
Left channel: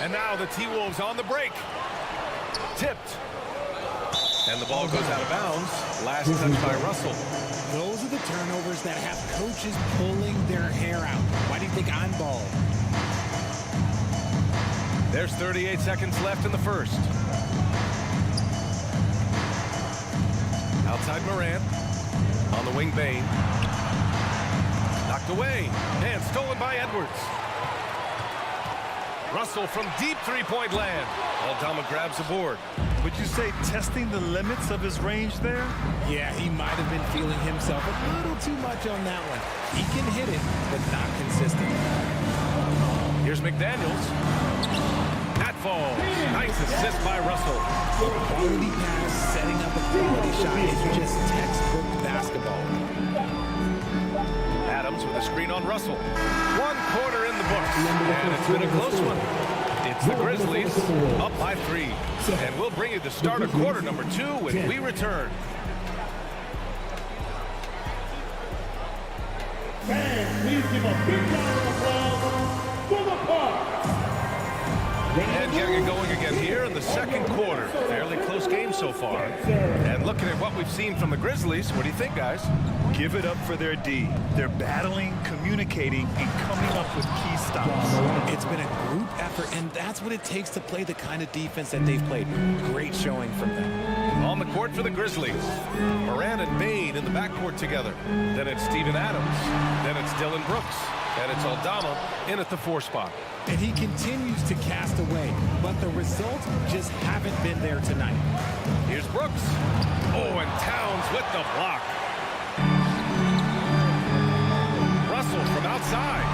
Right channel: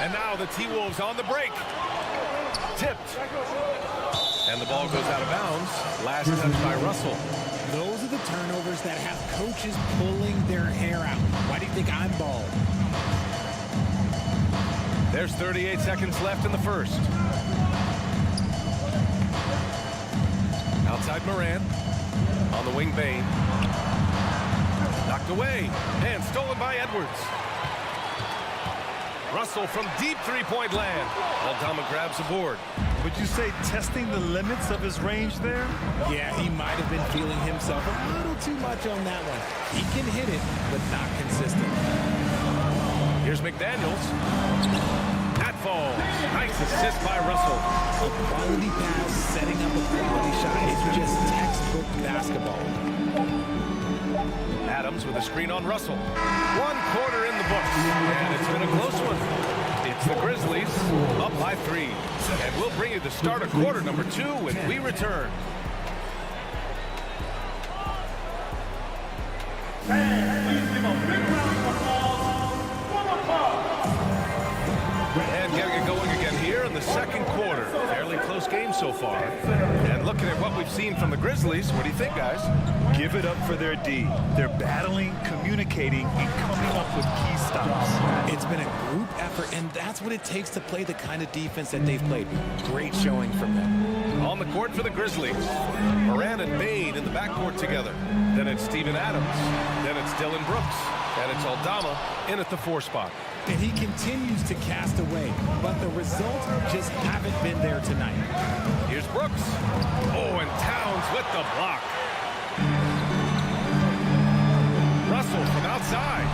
And now the T-Wolves on the break. Tipped. And the ball goes out of bounds. Last touch by Russell. Those are the turnovers that have coaches pulling their hair out. Why do you think I'm bald? There's 38 seconds left in the first. Outside Morant. On the wing, Bain. Knocked away. And stolen by Edwards. Russell from deep three-point land. Aldama grabs the board. Would you say testing the limits of his range there? Yeah, he might have been feeling himself a little too much on that one. He can hit it, but not consistent. Here's McDaniels. That falls. Nice assist by Russell. A quality pass, setting up a quality shot. It's just textbook basketball. Adams with a screen on Russell. 1 quarter in the books, and it's been a close one. It's the Grizzlies up by 3. And we'll bring you the start of quarter number 2 when we return. Fans, please give a big round of applause for the Park. And getting it going again here in the second quarter. Fairly close game so far. And looking at what we've seen from the Grizzlies, what do you think, guys? Give it up for their D. They're battling, communicating, and coming up with key stops. It's been a group effort, and that's what it takes to play the kind of defense that they've played. Great showing from them. On the court for the Grizzlies, Moran and Bain in the backcourt together. Then it's Steven Adams. Then it's Dylan Brooks. And it's Aldama in at the 4 spot. And he continues to cast away, but the results just haven't been there tonight. Here's Brooks. Oh, and Towns with the block. Russell from outside.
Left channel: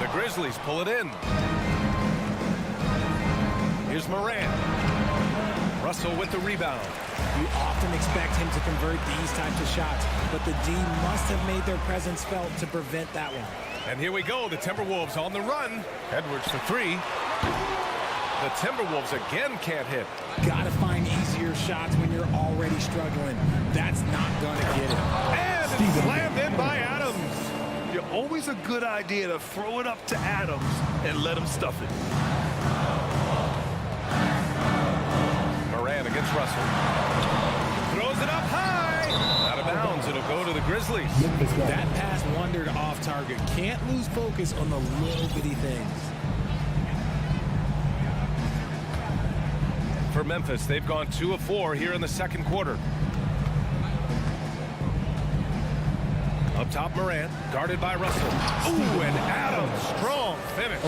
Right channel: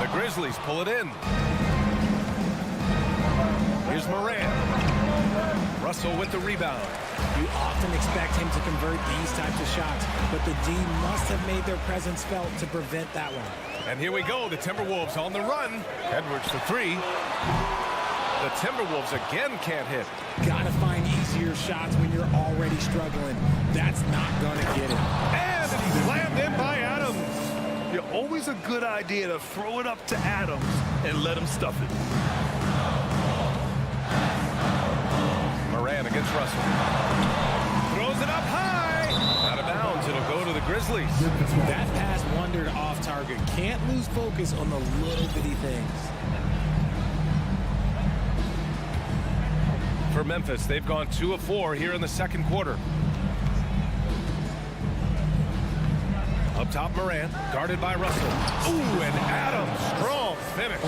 The Grizzlies pull it in. Here's Moran. Russell with the rebound. You often expect him to convert these types of shots, but the D must have made their presence felt to prevent that one. And here we go, the Timberwolves on the run. Edwards for 3. The Timberwolves again can't hit. Gotta find easier shots when you're already struggling. That's not gonna get it. And it's slammed in by Adams. You're always a good idea to throw it up to Adams and let him stuff it. Moran against Russell. Throws it up high. Out of bounds, it'll go to the Grizzlies. That pass wandered off target. Can't lose focus on the little bitty things. For Memphis, they've gone 2 of 4 here in the second quarter. Up top, Moran, guarded by Russell. Ooh, and Adams, strong finish.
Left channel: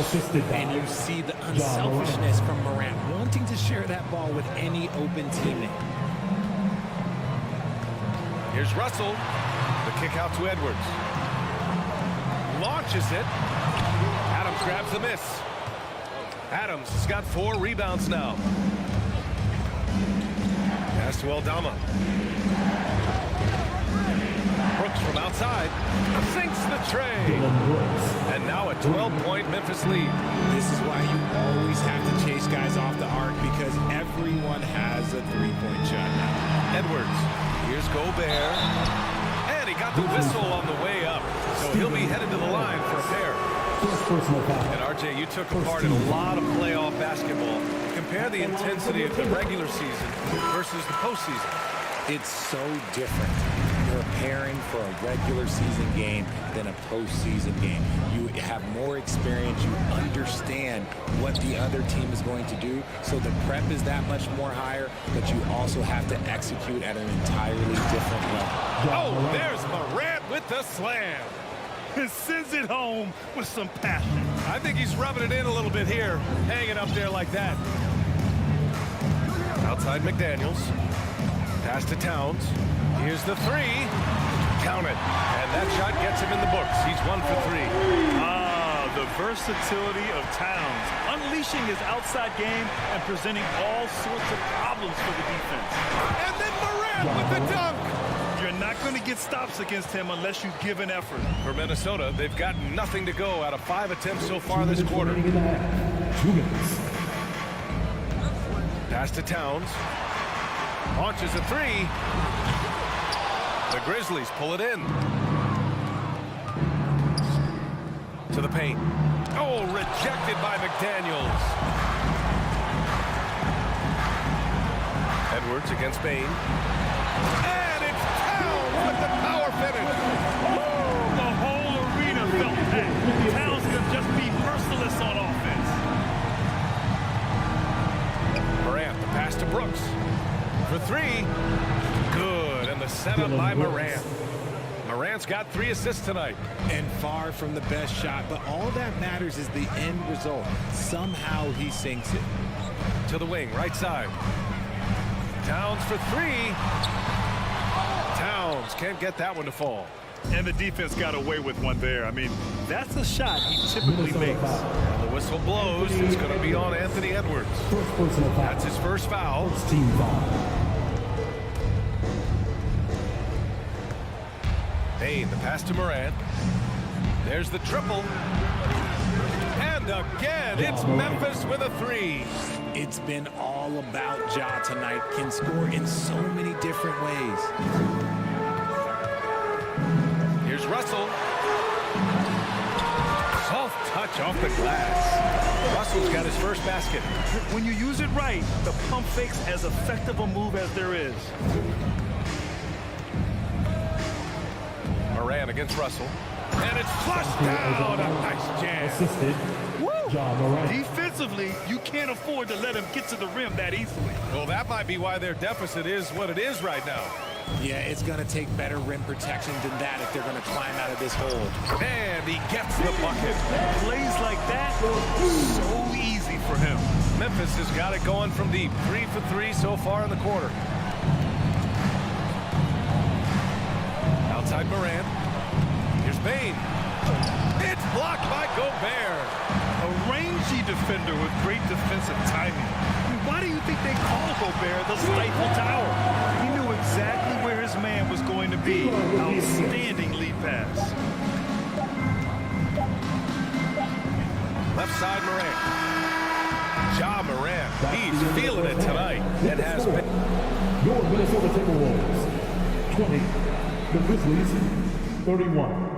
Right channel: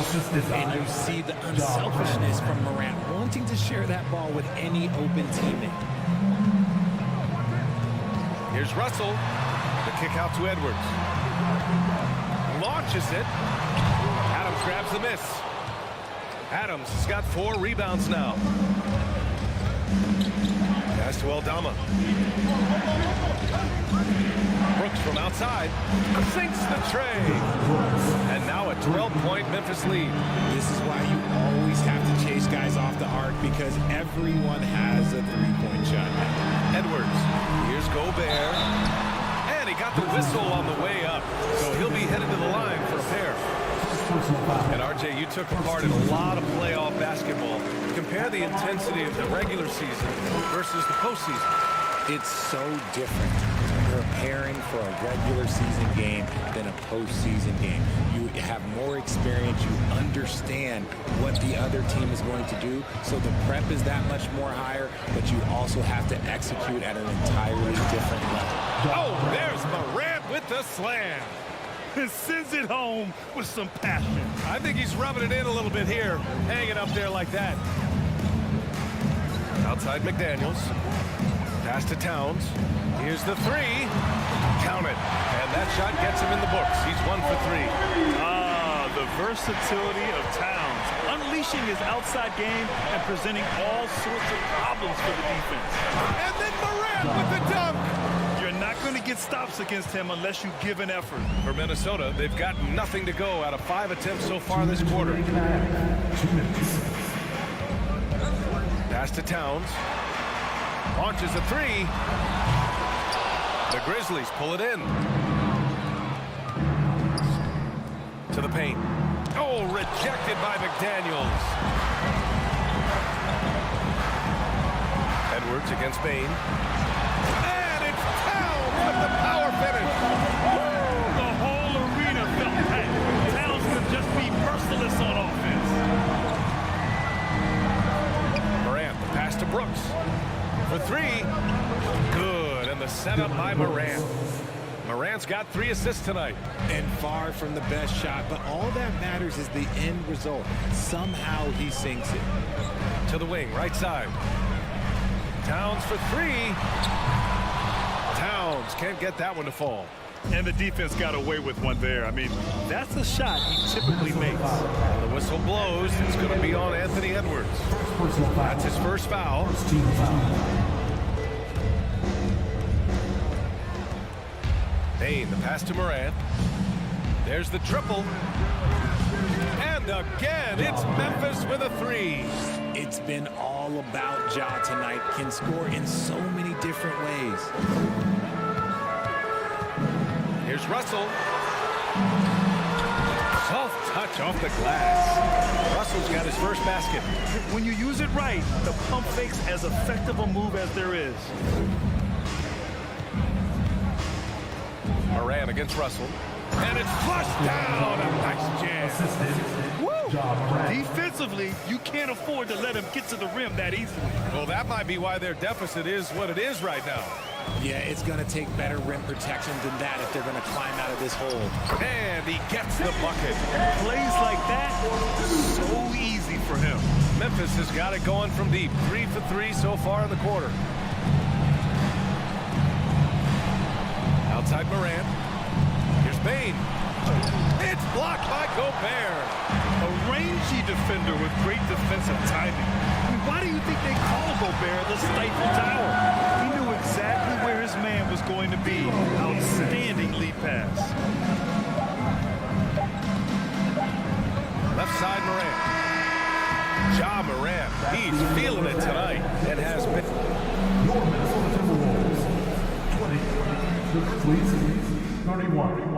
And you see the unselfishness from Morant, wanting to share that ball with any open teammate. Here's Russell. The kick out to Edwards. Launches it. Adams grabs the miss. Adams has got 4 rebounds now. Pass to Aldama. Brooks from outside sinks the tray. And now a 12-point Memphis lead. This is why you always have to chase guys off the arc, because everyone has a three-point shot now. Edwards. Here's Gobert. And he got the whistle on the way up. So he'll be headed to the line for a pair. And RJ, you took a part in a lot of playoff basketball. Compare the intensity of the regular season versus the postseason. It's so different preparing for a regular season game than a postseason game. You have more experience. You understand what the other team is going to do. So the prep is that much more higher, but you also have to execute at an entirely different level. Oh, there's Morant with the slam. Sends it home with some passion. I think he's rubbing it in a little bit here, hanging up there like that. Outside McDaniels. Pass to Towns. Here's the 3. Count it. And that shot gets him in the books. He's 1 for 3. Ah, the versatility of Towns. Unleashing his outside game and presenting all sorts of problems for the defense. And then Morant with the dunk. You're not going to get stops against him unless you give an effort. For Minnesota, they've got nothing to go out of 5 attempts so far this quarter. 2 minutes. Pass to Towns. Launches a 3. The Grizzlies pull it in. To the paint. Oh, rejected by McDaniels. Edwards against Bain. And it's Towns with the power finish. Woo, the whole arena felt packed. Towns can just be merciless on offense. Morant, the pass to Brooks. For 3. Good. the setup by Morant. Morant's got 3 assists tonight. And far from the best shot, but all that matters is the end result. Somehow he sinks it. To the wing, right side. Towns for 3. Towns can't get that one to fall. And the defense got away with one there. I mean, that's a shot he typically makes. And the whistle blows. It's going to be on Anthony Edwards. That's his first foul. Team foul. Payne, the pass to Morant. There's the triple. And again, it's Memphis with a 3. It's been all about Ja tonight. Can score in so many different ways. Here's Russell. Soft touch off the glass. Russell's got his first basket. When you use it right, the pump fake's as effective a move as there is. Morant against Russell. And it's flushed down. A nice jam. Assisted. Woo! Ja Morant. Defensively, you can't afford to let him get to the rim that easily. Well, that might be why their deficit is what it is right now. Yeah, it's going to take better rim protection than that if they're going to climb out of this hole. And he gets the bucket. Plays like that, so easy for him. Memphis has got it going from deep. 3 for 3 so far in the quarter. Outside Morant. Here's Payne. It's blocked by Gobert. A rangy defender with great defensive timing. I mean, why do you think they call Gobert the Stifle Tower? He knew exactly where his man was going to be. Outstanding lead pass. Left side Morant. Ja Morant. He's feeling it tonight. And has been. Your Minnesota Timberwolves. 20. The Grizzlies. 31.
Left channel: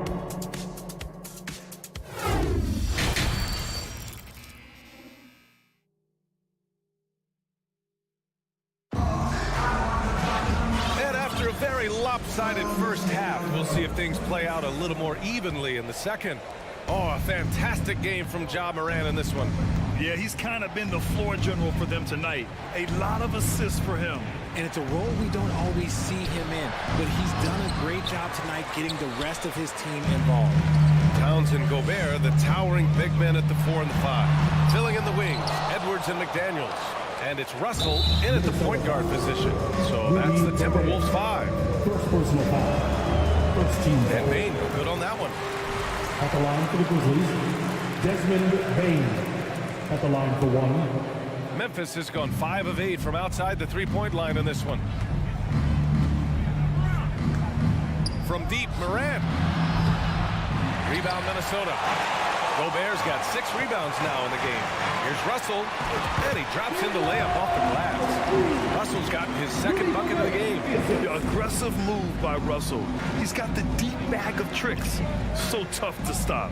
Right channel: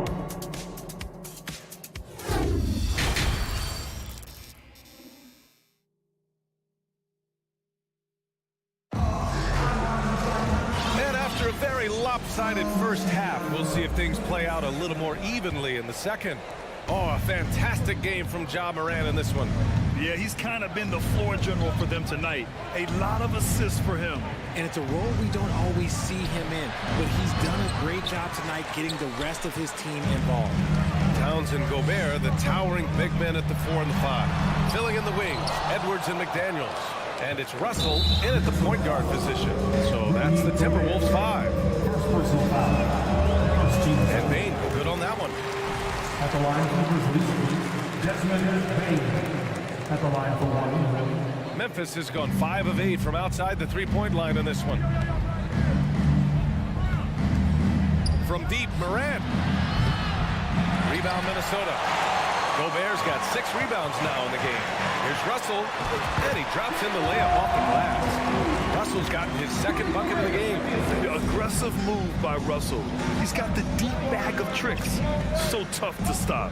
After a very lopsided first half, we'll see if things play out a little more evenly in the second. Oh, a fantastic game from Ja Morant in this one. Yeah, he's kind of been the floor general for them tonight. A lot of assists for him. And it's a role we don't always see him in, but he's done a great job tonight getting the rest of his team involved. Towns and Gobert, the towering big men at the 4 and the 5. Filling in the wings, Edwards and McDaniels. And it's Russell in at the point guard position. So that's the Timberwolves 5. First personal foul. First team foul. And Payne go good on that one. At the line for the Grizzlies, Desmond Bain. At the line for 1. Memphis has gone 5 of 8 from outside the three-point line in this one. From deep, Morant. Rebound, Minnesota. Gobert's got 6 rebounds now in the game. Here's Russell, and he drops in the layup off the glass. Russell's gotten his second bucket of the game. Aggressive move by Russell. He's got the deep bag of tricks. So tough to stop.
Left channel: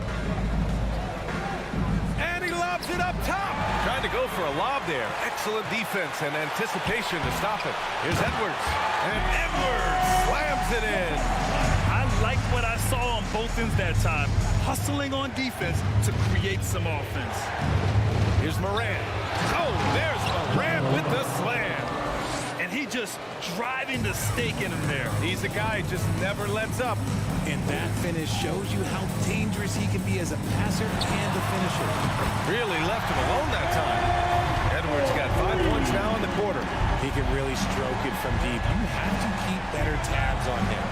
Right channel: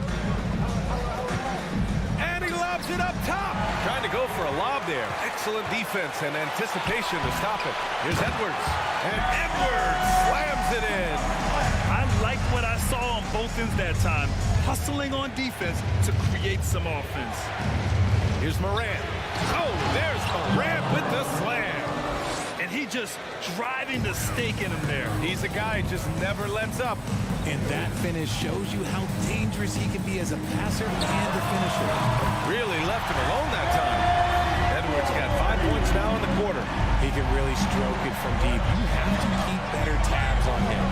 And he lobs it up top. Trying to go for a lob there. Excellent defense and anticipation to stop it. Here's Edwards. And Edwards slams it in. I like what I saw on both ends that time. Hustling on defense to create some offense. Here's Morant. Oh, there's Morant with the slam. And he just driving the stake in him there. He's a guy who just never lets up. And that finish shows you how dangerous he can be as a passer and a finisher. Really left him alone that time. Edwards got 5 points now in the quarter. He can really stroke it from deep. You have to keep better tabs on him.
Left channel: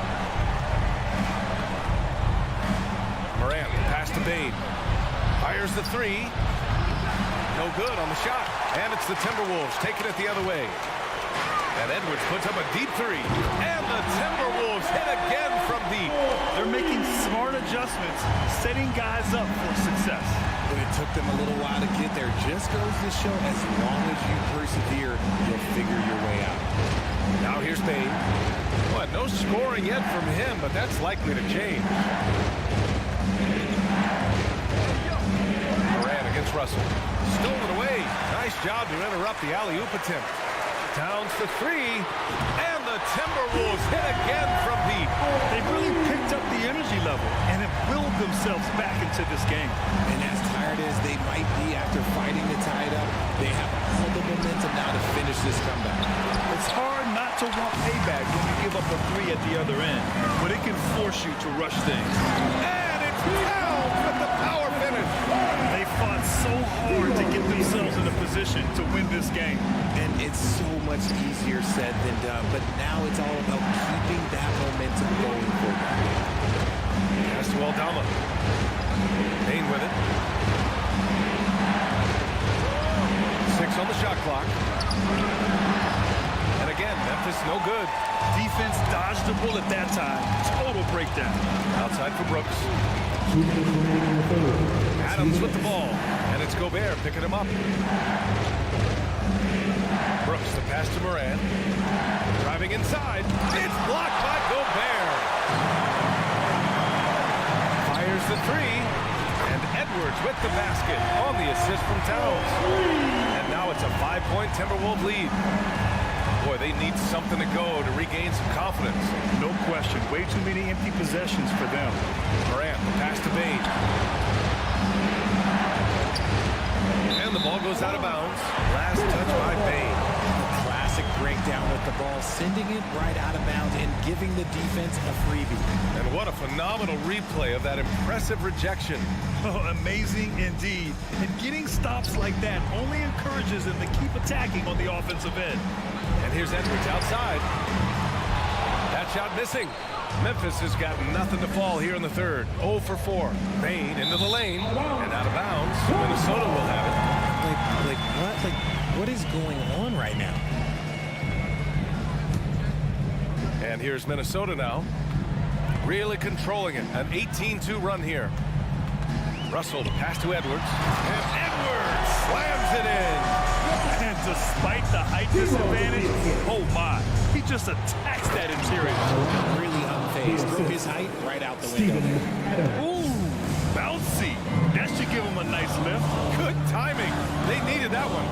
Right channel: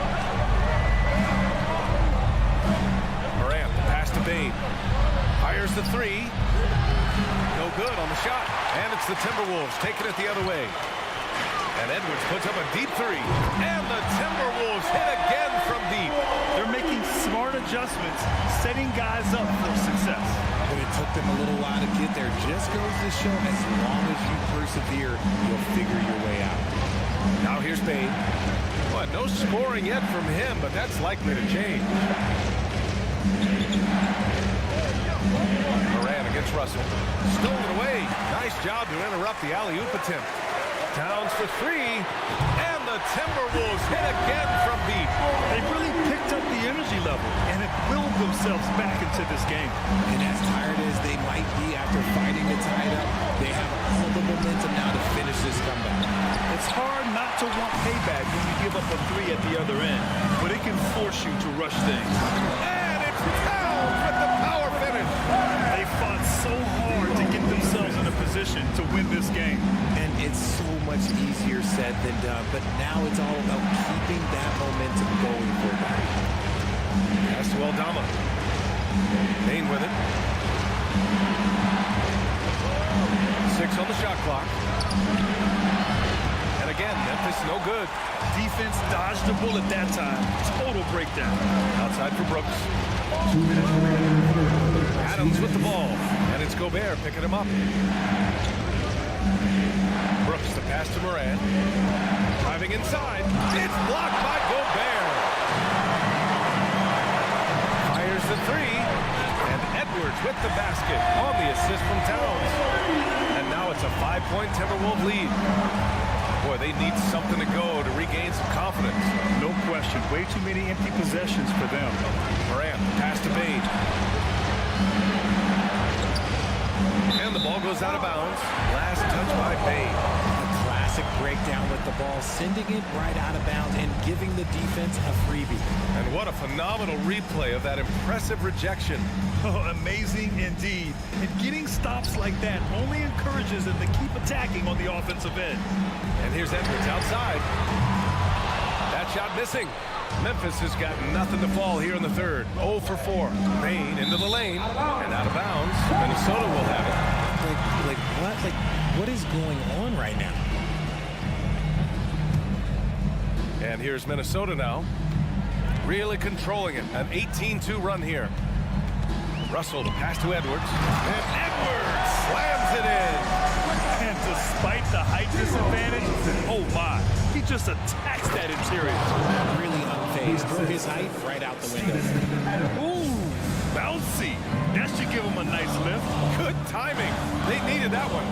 Morant, pass to Bain. Fires the 3. No good on the shot. And it's the Timberwolves taking it the other way. And Edwards puts up a deep 3. And the Timberwolves hit again from deep. They're making smart adjustments, setting guys up for success. But it took them a little while to get there. Just goes to show as long as you persevere, you'll figure your way out. Now here's Bain. What, no scoring yet from him, but that's likely to change. Morant against Russell. Stolen away. Nice job to interrupt the alley-oop attempt. Towns for three. And the Timberwolves hit again from deep. They've really picked up the energy level and have willed themselves back into this game. And as tired as they might be after fighting to tie it up, they have all the momentum now to finish this comeback. It's hard not to want payback when you give up a three at the other end, but it can force you to rush things. And it's Towns with the power finish. They fought so hard to get themselves in a position to win this game. And it's so much easier said than done, but now it's all about keeping that momentum going for them. Pass to Aldama. Payne with it. 6 on the shot clock. And again, Memphis no good. Defense dodged the bullet that time. Total breakdown. Outside for Brooks. 2 minutes remaining in the third. Adams with the ball. And it's Gobert picking him up. Brooks, the pass to Morant. Driving inside. It's blocked by Gobert. Fires the three. And Edwards with the basket on the assist from Towns. And now it's a 5-point Timberwolves lead. Boy, they need something to go to regain some confidence. No question. Way too many empty possessions for them. Morant, the pass to Bane. And the ball goes out of bounds. Last touch by Bane. A classic breakdown with the ball, sending it right out of bounds and giving the defense a freebie. And what a phenomenal replay of that impressive rejection. Oh, amazing indeed. And getting stops like that only encourages them to keep attacking on the offensive end. And here's Edwards outside. That shot missing. Memphis has got nothing to fall here in the third. 0 for 4. Bane into the lane and out of bounds. Minnesota will have it. What is going on right now? And here's Minnesota now. Really controlling it. An 18-2 run here. Russell, the pass to Edwards. And Edwards slams it in. And despite the height disadvantage, oh my, he just attacks that interior. Really unfazed. Throw his height right out the window there. Ooh, bouncy. That should give him a nice lift. Good timing. They needed that one.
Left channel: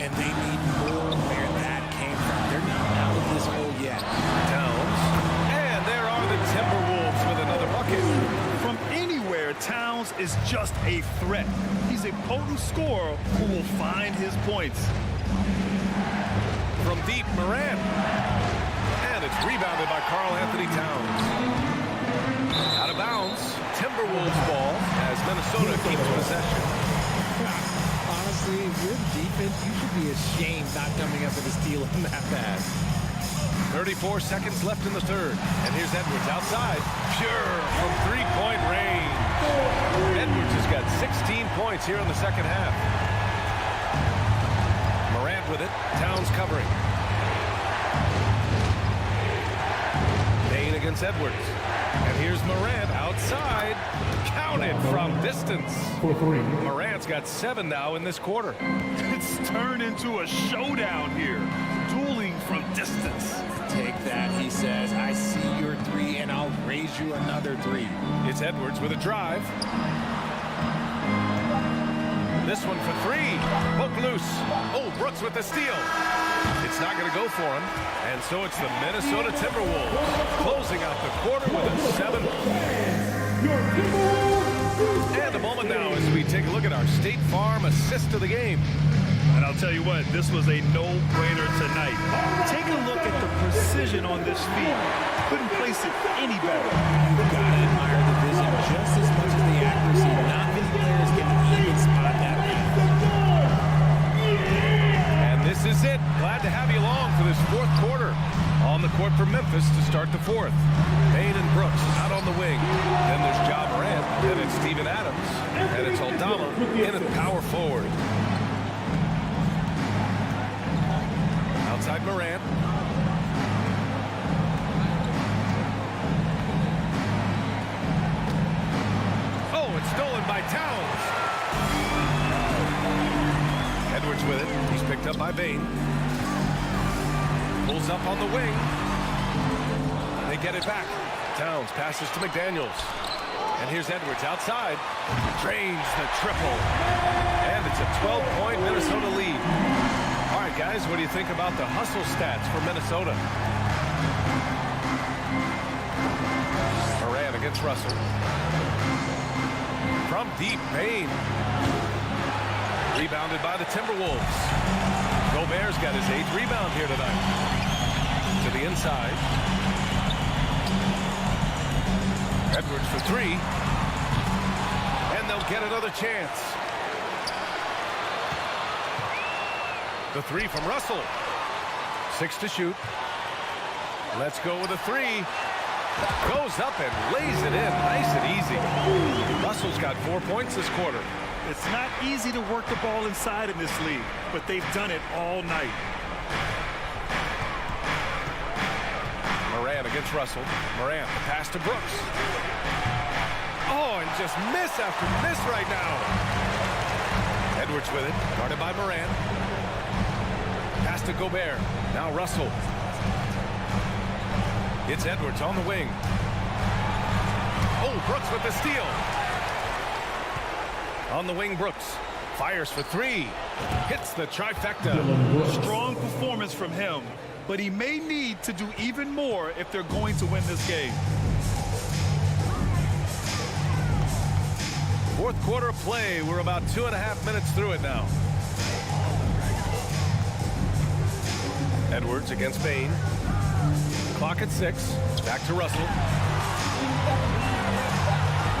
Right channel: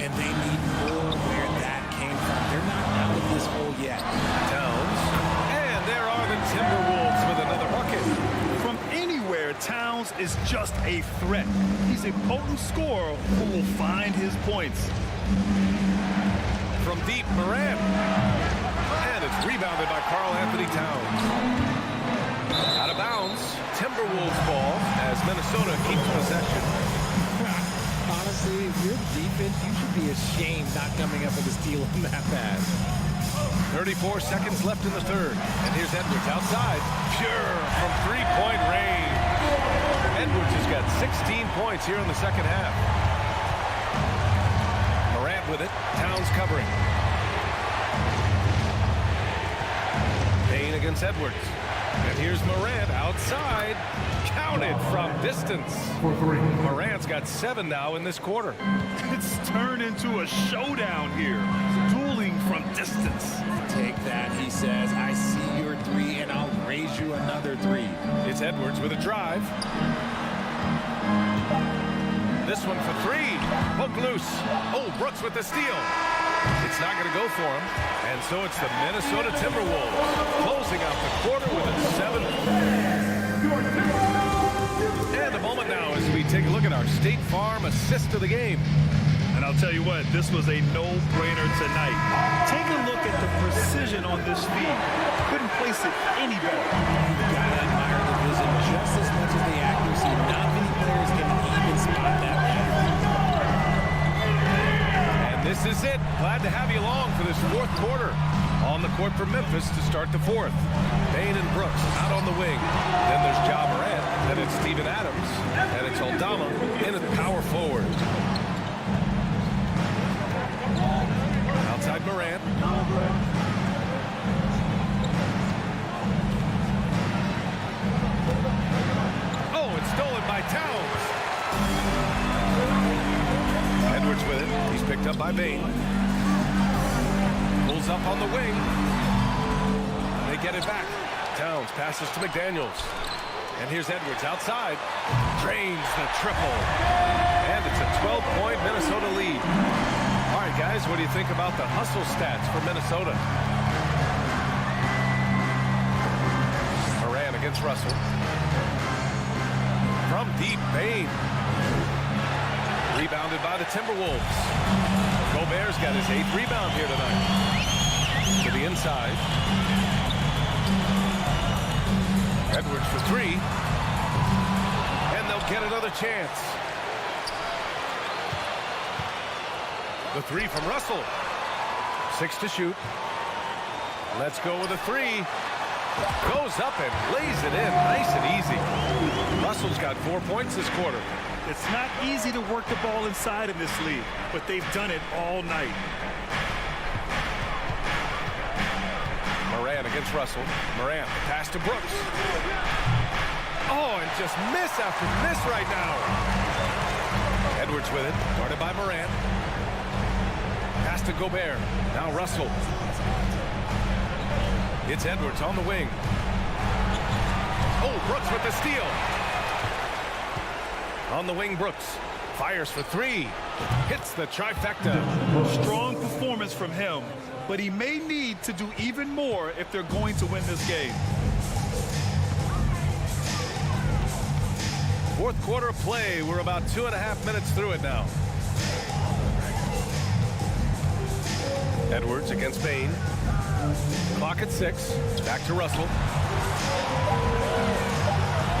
And they need more where that came from. They're not out of this hole yet. Towns. And there are the Timberwolves with another bucket. From anywhere, Towns is just a threat. He's a potent scorer who will find his points. From deep, Morant. And it's rebounded by Karl Anthony Towns. Out of bounds, Timberwolves ball as Minnesota keeps possession. Honestly, if you're the defense, you should be ashamed not coming up with a steal in that pass. 34 seconds left in the third. And here's Edwards outside. Pure from three-point range. Edwards has got 16 points here in the second half. Morant with it. Towns covering. Bane against Edwards. And here's Morant outside. Counted from distance. Morant's got 7 now in this quarter. It's turned into a showdown here. Dueling from distance. Take that, he says. I see your three, and I'll raise you another 3. It's Edwards with a drive. This one for 3. Poke loose. Oh, Brooks with the steal. It's not going to go for him. And so it's the Minnesota Timberwolves closing out the quarter with a 7. And a moment now as we take a look at our State Farm assist of the game. And I'll tell you what, this was a no-brainer tonight. Take a look at the precision on this feed. Couldn't place it any better. You've got to admire the vision just as much as the accuracy. Not many players can even spot that pass. And this is it. Glad to have you along for this fourth quarter. On the court for Memphis to start the fourth. Bane and Brooks out on the wing. Then there's Ja Morant. Then it's Steven Adams. And it's Aldama in at power forward. Outside Morant. Oh, it's stolen by Towns. Edwards with it. He's picked up by Bane. Pulls up on the wing. They get it back. Towns passes to McDaniels. And here's Edwards outside. Drains the triple. And it's a 12-point Minnesota lead. All right, guys, what do you think about the hustle stats for Minnesota? Moran against Russell. From deep, Bain. Rebounded by the Timberwolves. Gobert's got his 8th rebound here tonight. To the inside. Edwards for 3. And they'll get another chance. The 3 from Russell. 6 to shoot. Let's go with a 3. Goes up and lays it in nice and easy. Russell's got 4 points this quarter. It's not easy to work the ball inside in this league, but they've done it all night. Moran against Russell. Moran, the pass to Brooks. Oh, and just miss after miss right now. Edwards with it, guarded by Moran. Pass to Gobert. Now Russell. It's Edwards on the wing. Oh, Brooks with the steal. On the wing, Brooks. Fires for 3. Hits the trifecta. Strong performance from him, but he may need to do even more if they're going to win this game. Fourth quarter of play. We're about 2.5 minutes through it now. Edwards against Bain. Clock at 6. Back to Russell.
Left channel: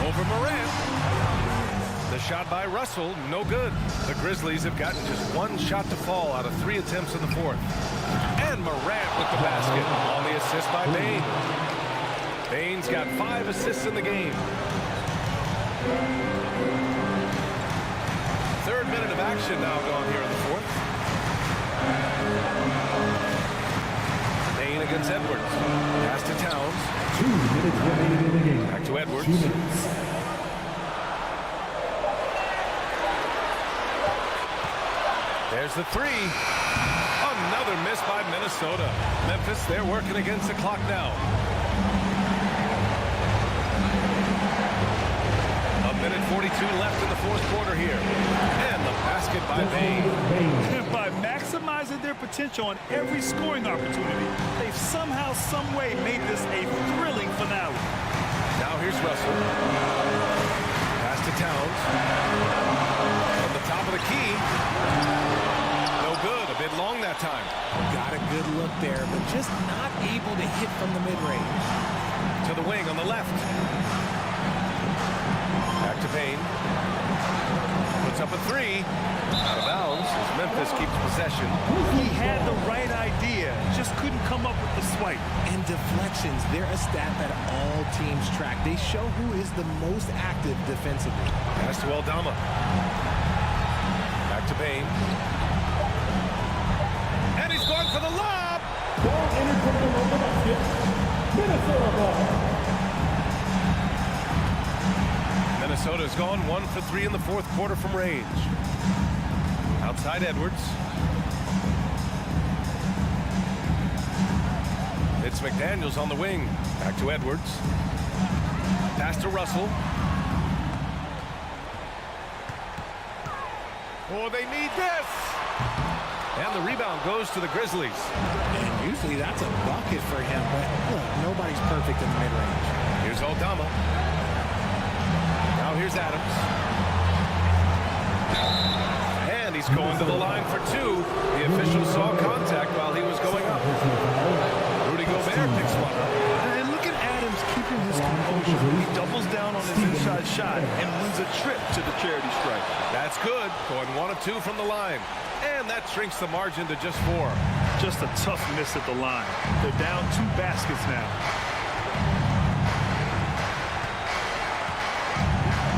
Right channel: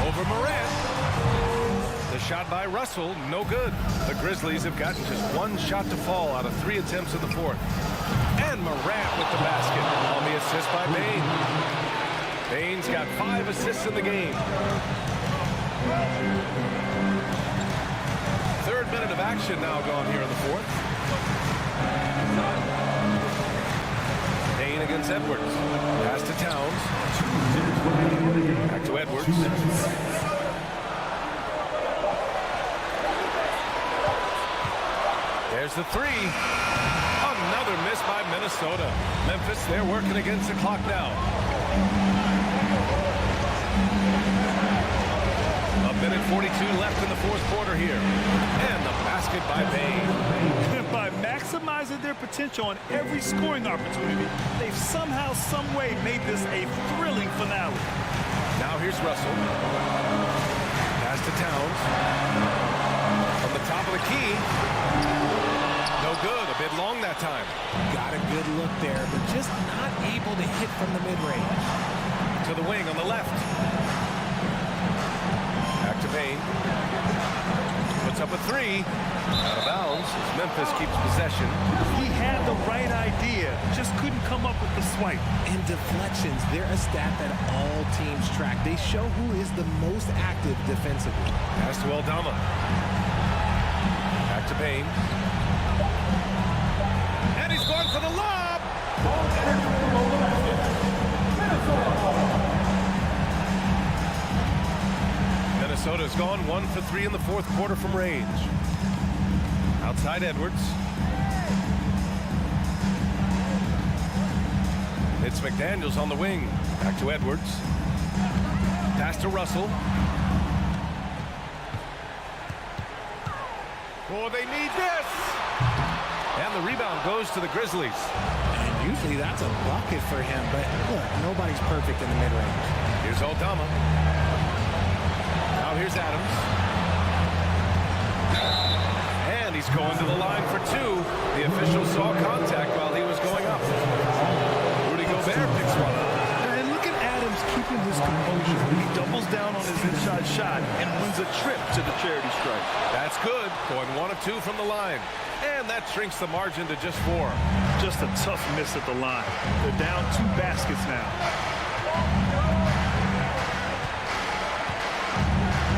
Over Moran. The shot by Russell, no good. The Grizzlies have gotten just 1 shot to fall out of 3 attempts in the 4th. And Morant with the basket on the assist by Bain. Bain's got 5 assists in the game. 3rd minute of action now gone here in the 4th. Bain against Edwards. Pass to Towns. 2 minutes remaining in the game. Back to Edwards. 2 minutes. There's the 3. Another miss by Minnesota. Memphis, they're working against the clock now. 1:42 left in the 4th quarter here. And the basket by Bain. By maximizing their potential on every scoring opportunity, they've somehow, some way made this a thrilling finale. Now here's Russell. Pass to Towns. From the top of the key. No good. A bit long that time. Got a good look there, but just not able to hit from the mid-range. To the wing on the left. Back to Bain. Puts up a 3. Out of bounds as Memphis keeps possession. He had the right idea, just couldn't come up with the swipe. And deflections, they're a stat that all teams track. They show who is the most active defensively. Pass to Aldama. Back to Bain. And he's going for the lob. Ball entered from the basket. Minnesota ball. Minnesota's gone 1 for 3 in the 4th quarter from range. Outside Edwards. It's McDaniels on the wing. Back to Edwards. Pass to Russell. Oh, they need this. And the rebound goes to the Grizzlies. And usually that's a bucket for him, but look, nobody's perfect in the mid-range. Here's Aldama. Now here's Adams. And he's going to the line for 2. The official saw contact while he was going up. Rudy Gobert picks one up. And look at Adams keeping his composure. He doubles down on his inside shot and wins a trip to the charity stripe. That's good. Going 1 of 2 from the line. And that shrinks the margin to just 4. Just a tough miss at the line. They're down 2 baskets now.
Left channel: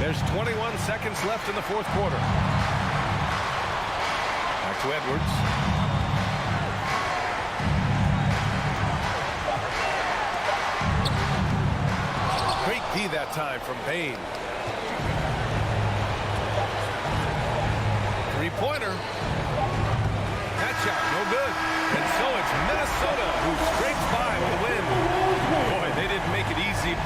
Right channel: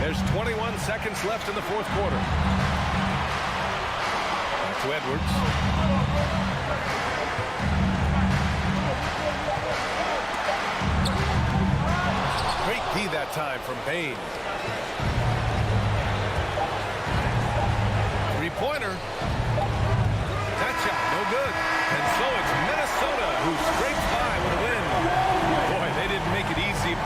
There's 21 seconds left in the 4th quarter. Back to Edwards. Great D that time from Bain. 3-pointer. That shot, no good. And so it's Minnesota who scrapes by with a win. Boy, they didn't make it easy.